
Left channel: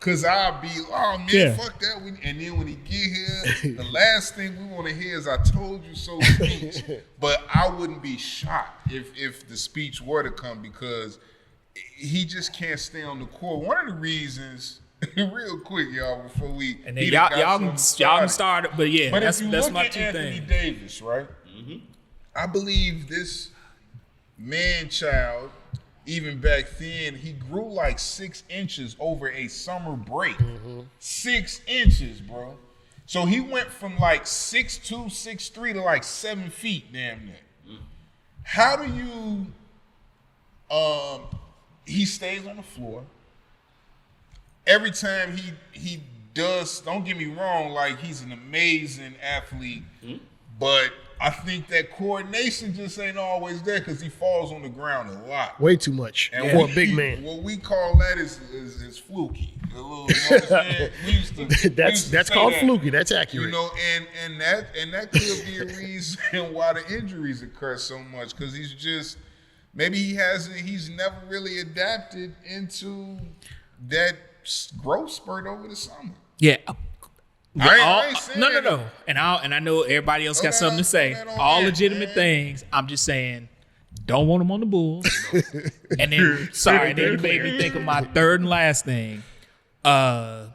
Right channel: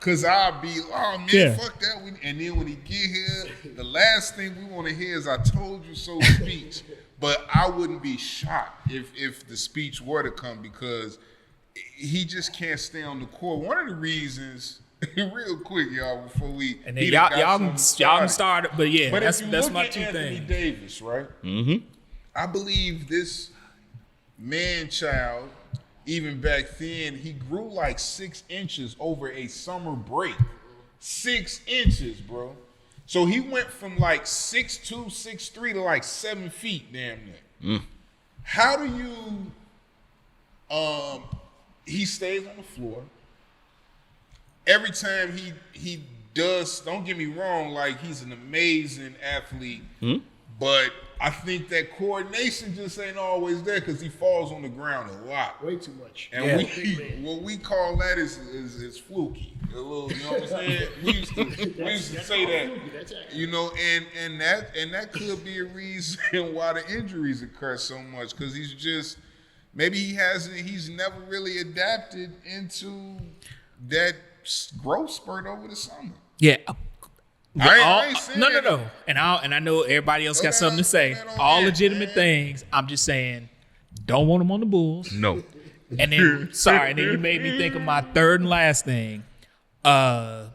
Cause I'll be, fuck that. And then when he get here, the last thing we want to hear is "I told you so" speech. But I wouldn't be shocked if the speech were to come, because he just can't stay on the court. One of the reasons, real quick, y'all, before we and then y'all can start it, but that's my two Anthony things. Davis, right? Mm-hmm. I believe this man-child, even back then, he grew like 6 inches over a summer break. 6 inches, bro. So he went from like 6'2", 6'3" to like 7 feet, damn near. How do you? He stays on the floor. Every time he does, don't get me wrong, like he's an amazing athlete, but I think that coordination just ain't always there because he falls on the ground a lot. Way too much. And for a big man. What we call that is fluky. A little, you know what I'm saying? We used to That's say called that. fluky. That's accurate. And that could be a reason why the injuries occur so much, because he's never really adapted into that growth spurt over the summer. Yeah. I ain't saying No. And I know everybody else got something to say. All legitimate things. I'm just saying, don't want him on the Bulls. No. And then you made me think of my third and last thing. 5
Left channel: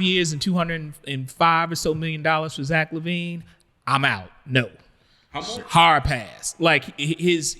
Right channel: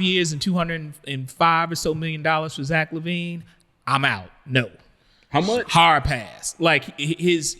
years and $205 or so million for Zach Levine. I'm out. No. How much? Hard pass. Like if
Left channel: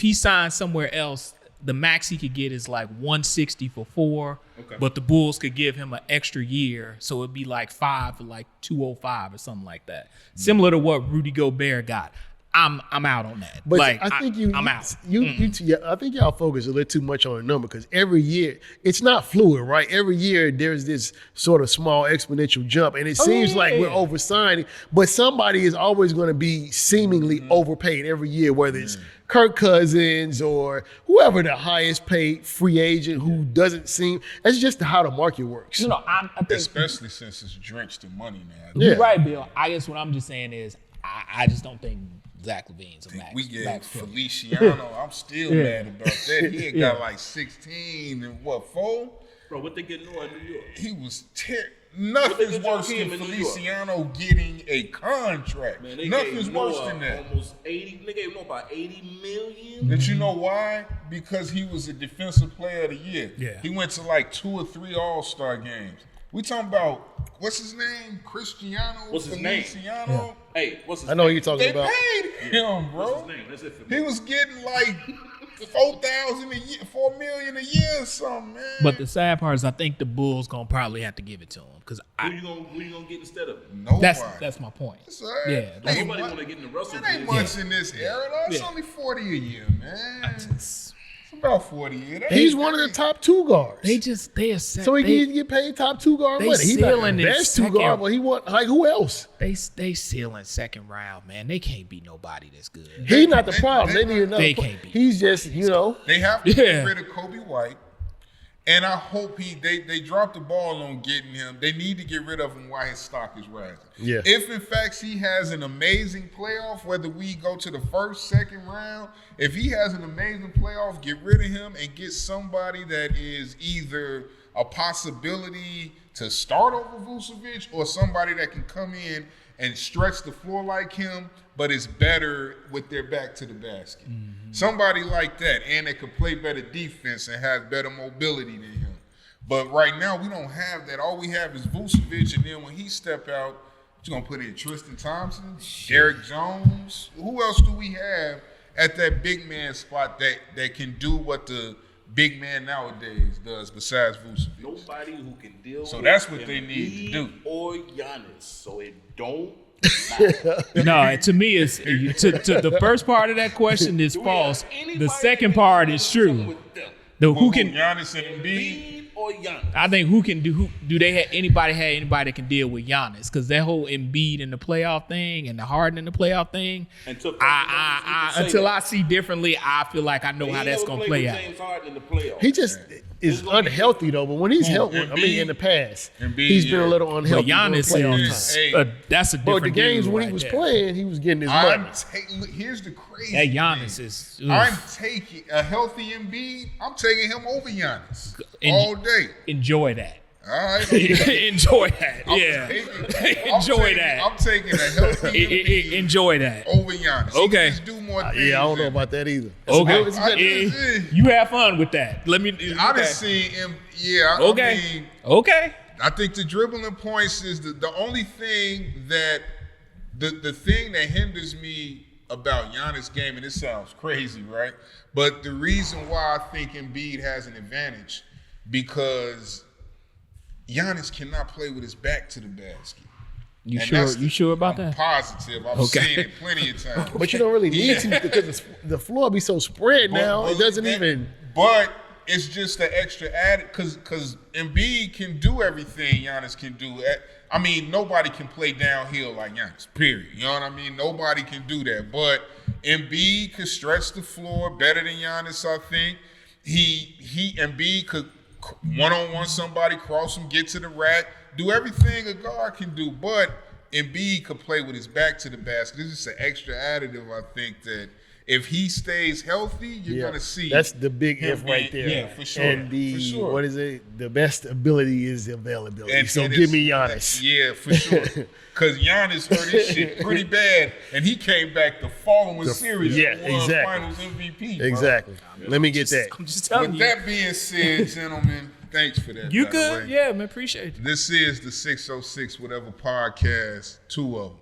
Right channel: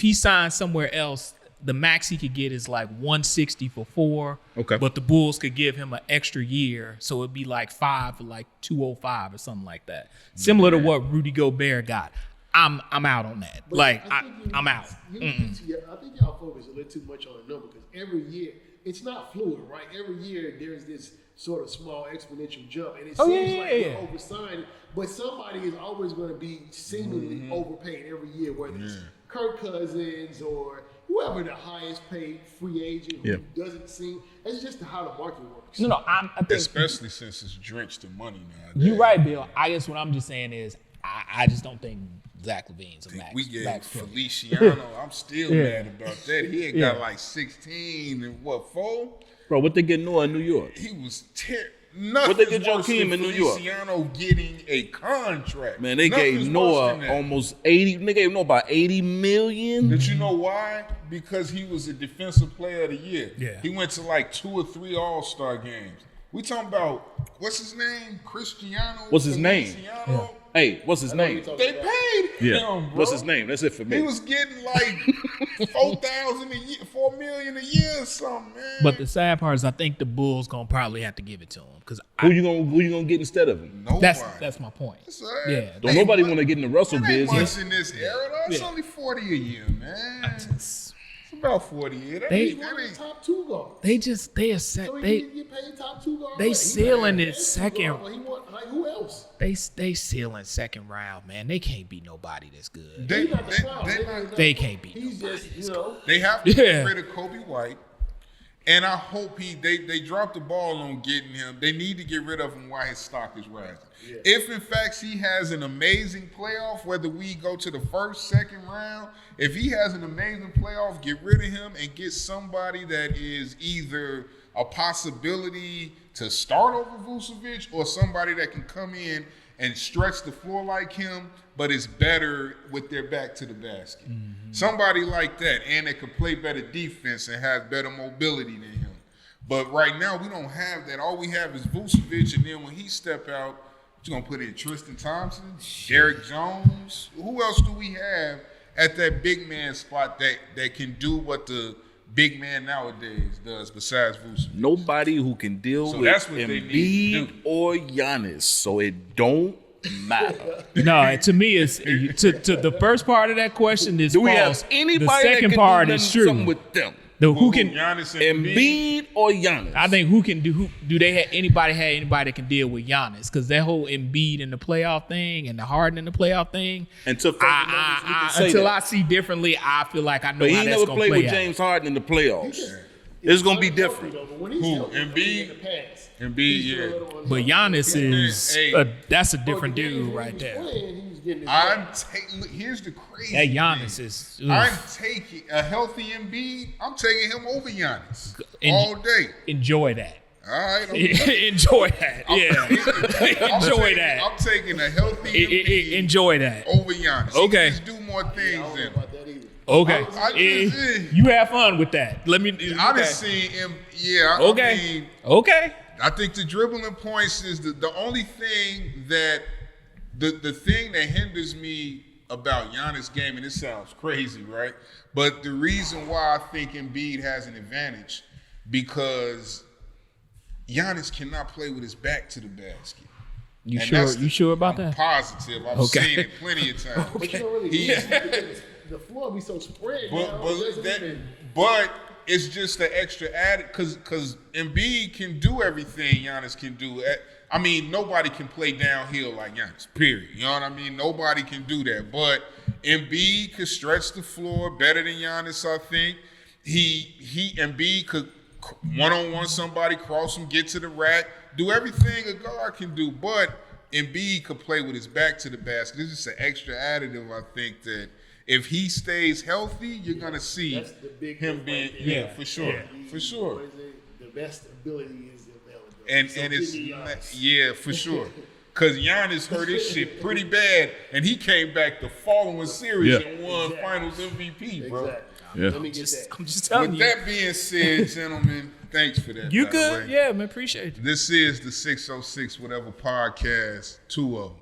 he signs somewhere else, the max he could get is like 160 for 4. Okay. But the Bulls could give him an extra year, so it'd be like 5 for like 205 or something like that. Similar to what Rudy Gobert got. I'm out on that. But like I think I'm out. I think y'all focus a little too much on the number, because every year it's not fluid, right? Every year there's this sort of small exponential jump, and it seems like we're oversigning, but somebody is always going to be seemingly overpaid every year, whether it's Kirk Cousins or whoever the highest paid free agent who doesn't seem. That's just how the market works. No, I think Especially since it's drenched in money now. you're right, Bill. I guess what I'm just saying is I just don't think Zach Levine's a max. We gave max player. Feliciano. I'm still mad about that. He had got like 16 and 4? Bro, what they getting on in New York? He was nothing's worse than Feliciano getting a contract. Man, they Nothing's gave worse Noah than that. almost 80. They gave Noah about 80 million. But you know why? Because he was a defensive player of the year. Yeah. He went to like 2 or 3 All-Star games. We talking about, what's his name? Cristiano. What's his name? Feliciano? Hey, what's his I name? know who you're talking They about. paid him, bro. What's his name? That's it for me. He was getting like $4,000 a year, $4 million a year or something, man. But the sad part is I think the Bulls gonna probably have to give it to him, because Who you gonna get instead of him? Nobody. that's my point. That's all right. Yeah, Don't nobody want to get in the Russell That ain't business. much in this era, though. It's only 40 a year, man. It's about 40 a year. He's one of the top 2 guards. They are set. So he can get paid top 2 guard. they money. He's ceiling not the is best 2 second. guard, but he want, like, who else? They ceiling second round, man. They can't beat nobody that's good. He's not the problem. They need another. They can't beat He's just, They have to Yeah. get rid of Kobe White, And I hope they dropped the ball on getting him. They need to get rid of him while his stock is rising. Yeah. If in fact he has an amazing playoff, whether we go to the first, second round, if he has an amazing playoff, get rid of him and get somebody that is either a possibility to start over Vucevic or somebody that can come in and stretch the floor like him, but is better with their back to the basket. Mm-hmm. Somebody like that, and that could play better defense and has better mobility than him. But right now, we don't have that. All we have is Vucevic, and then when he step out, you're going to put in Tristan Thompson, Derek Jones. Who else do we have at that big man spot that can do what the big man nowadays does besides Vucevic? Nobody who can deal with that's what they need to do. Or Giannis, so it don't matter. No, to me, it's to the first part of that question is false. The second part is true. With them? Who can Giannis and Embiid or Giannis? I think who do they have anybody that can deal with Giannis? Because that whole Embiid in the playoff thing and the Harden in the playoff thing, until I see differently, I feel like I know how that's gonna play out. James Harden in the playoffs. He just is unhealthy though. But when he's healthy, I mean, in the past, he's been a little unhealthy. But Giannis is that's a different dude when right he was there. playing, he was getting his money. Here's the crazy That Giannis thing. is. I'm taking a healthy Embiid. I'm taking him over Giannis all day. Enjoy that. All right. Enjoy that. Yeah. Enjoy that. I'm taking a healthy Embiid enjoy that. over Giannis. Okay. He can just do more things. Yeah, I don't know about that either. Okay. You have fun with that. Let me. I done seen him. Yeah. Okay. I mean, okay. I think the dribbling points is the only thing that the thing that hinders me about Giannis' game, and it sounds crazy, right? But the reason why I think Embiid has an advantage because Giannis cannot play with his back to the basket. You sure about that? I'm positive. I've seen it plenty of times. But you don't really need to because the floor be so spread now. It doesn't even. But it's just the extra added because Embiid can do everything Giannis can do. I mean, nobody can play downhill like Giannis, period. You know what I mean? Nobody can do that. But Embiid could stretch the floor better than Giannis, I think. Embiid could one-on-one somebody, cross him, get to the rack, do everything a guard can do. But Embiid could play with his back to the basket. This is an extra additive, I think, that if he stays healthy, you're going to see. That's the big if right there. Yeah, for sure. Embiid, for sure. What is it? The best ability is availability. And give me Giannis. Yeah, for sure. Because Giannis hurt his shit pretty bad, and he came back the following series and won Finals MVP. Bro. Exactly. Yeah. Let me get that. I'm just telling you. With that being said, gentlemen, thanks for that. You good? Yeah, man, appreciate it. This is the 606 Whateva podcast 2-0.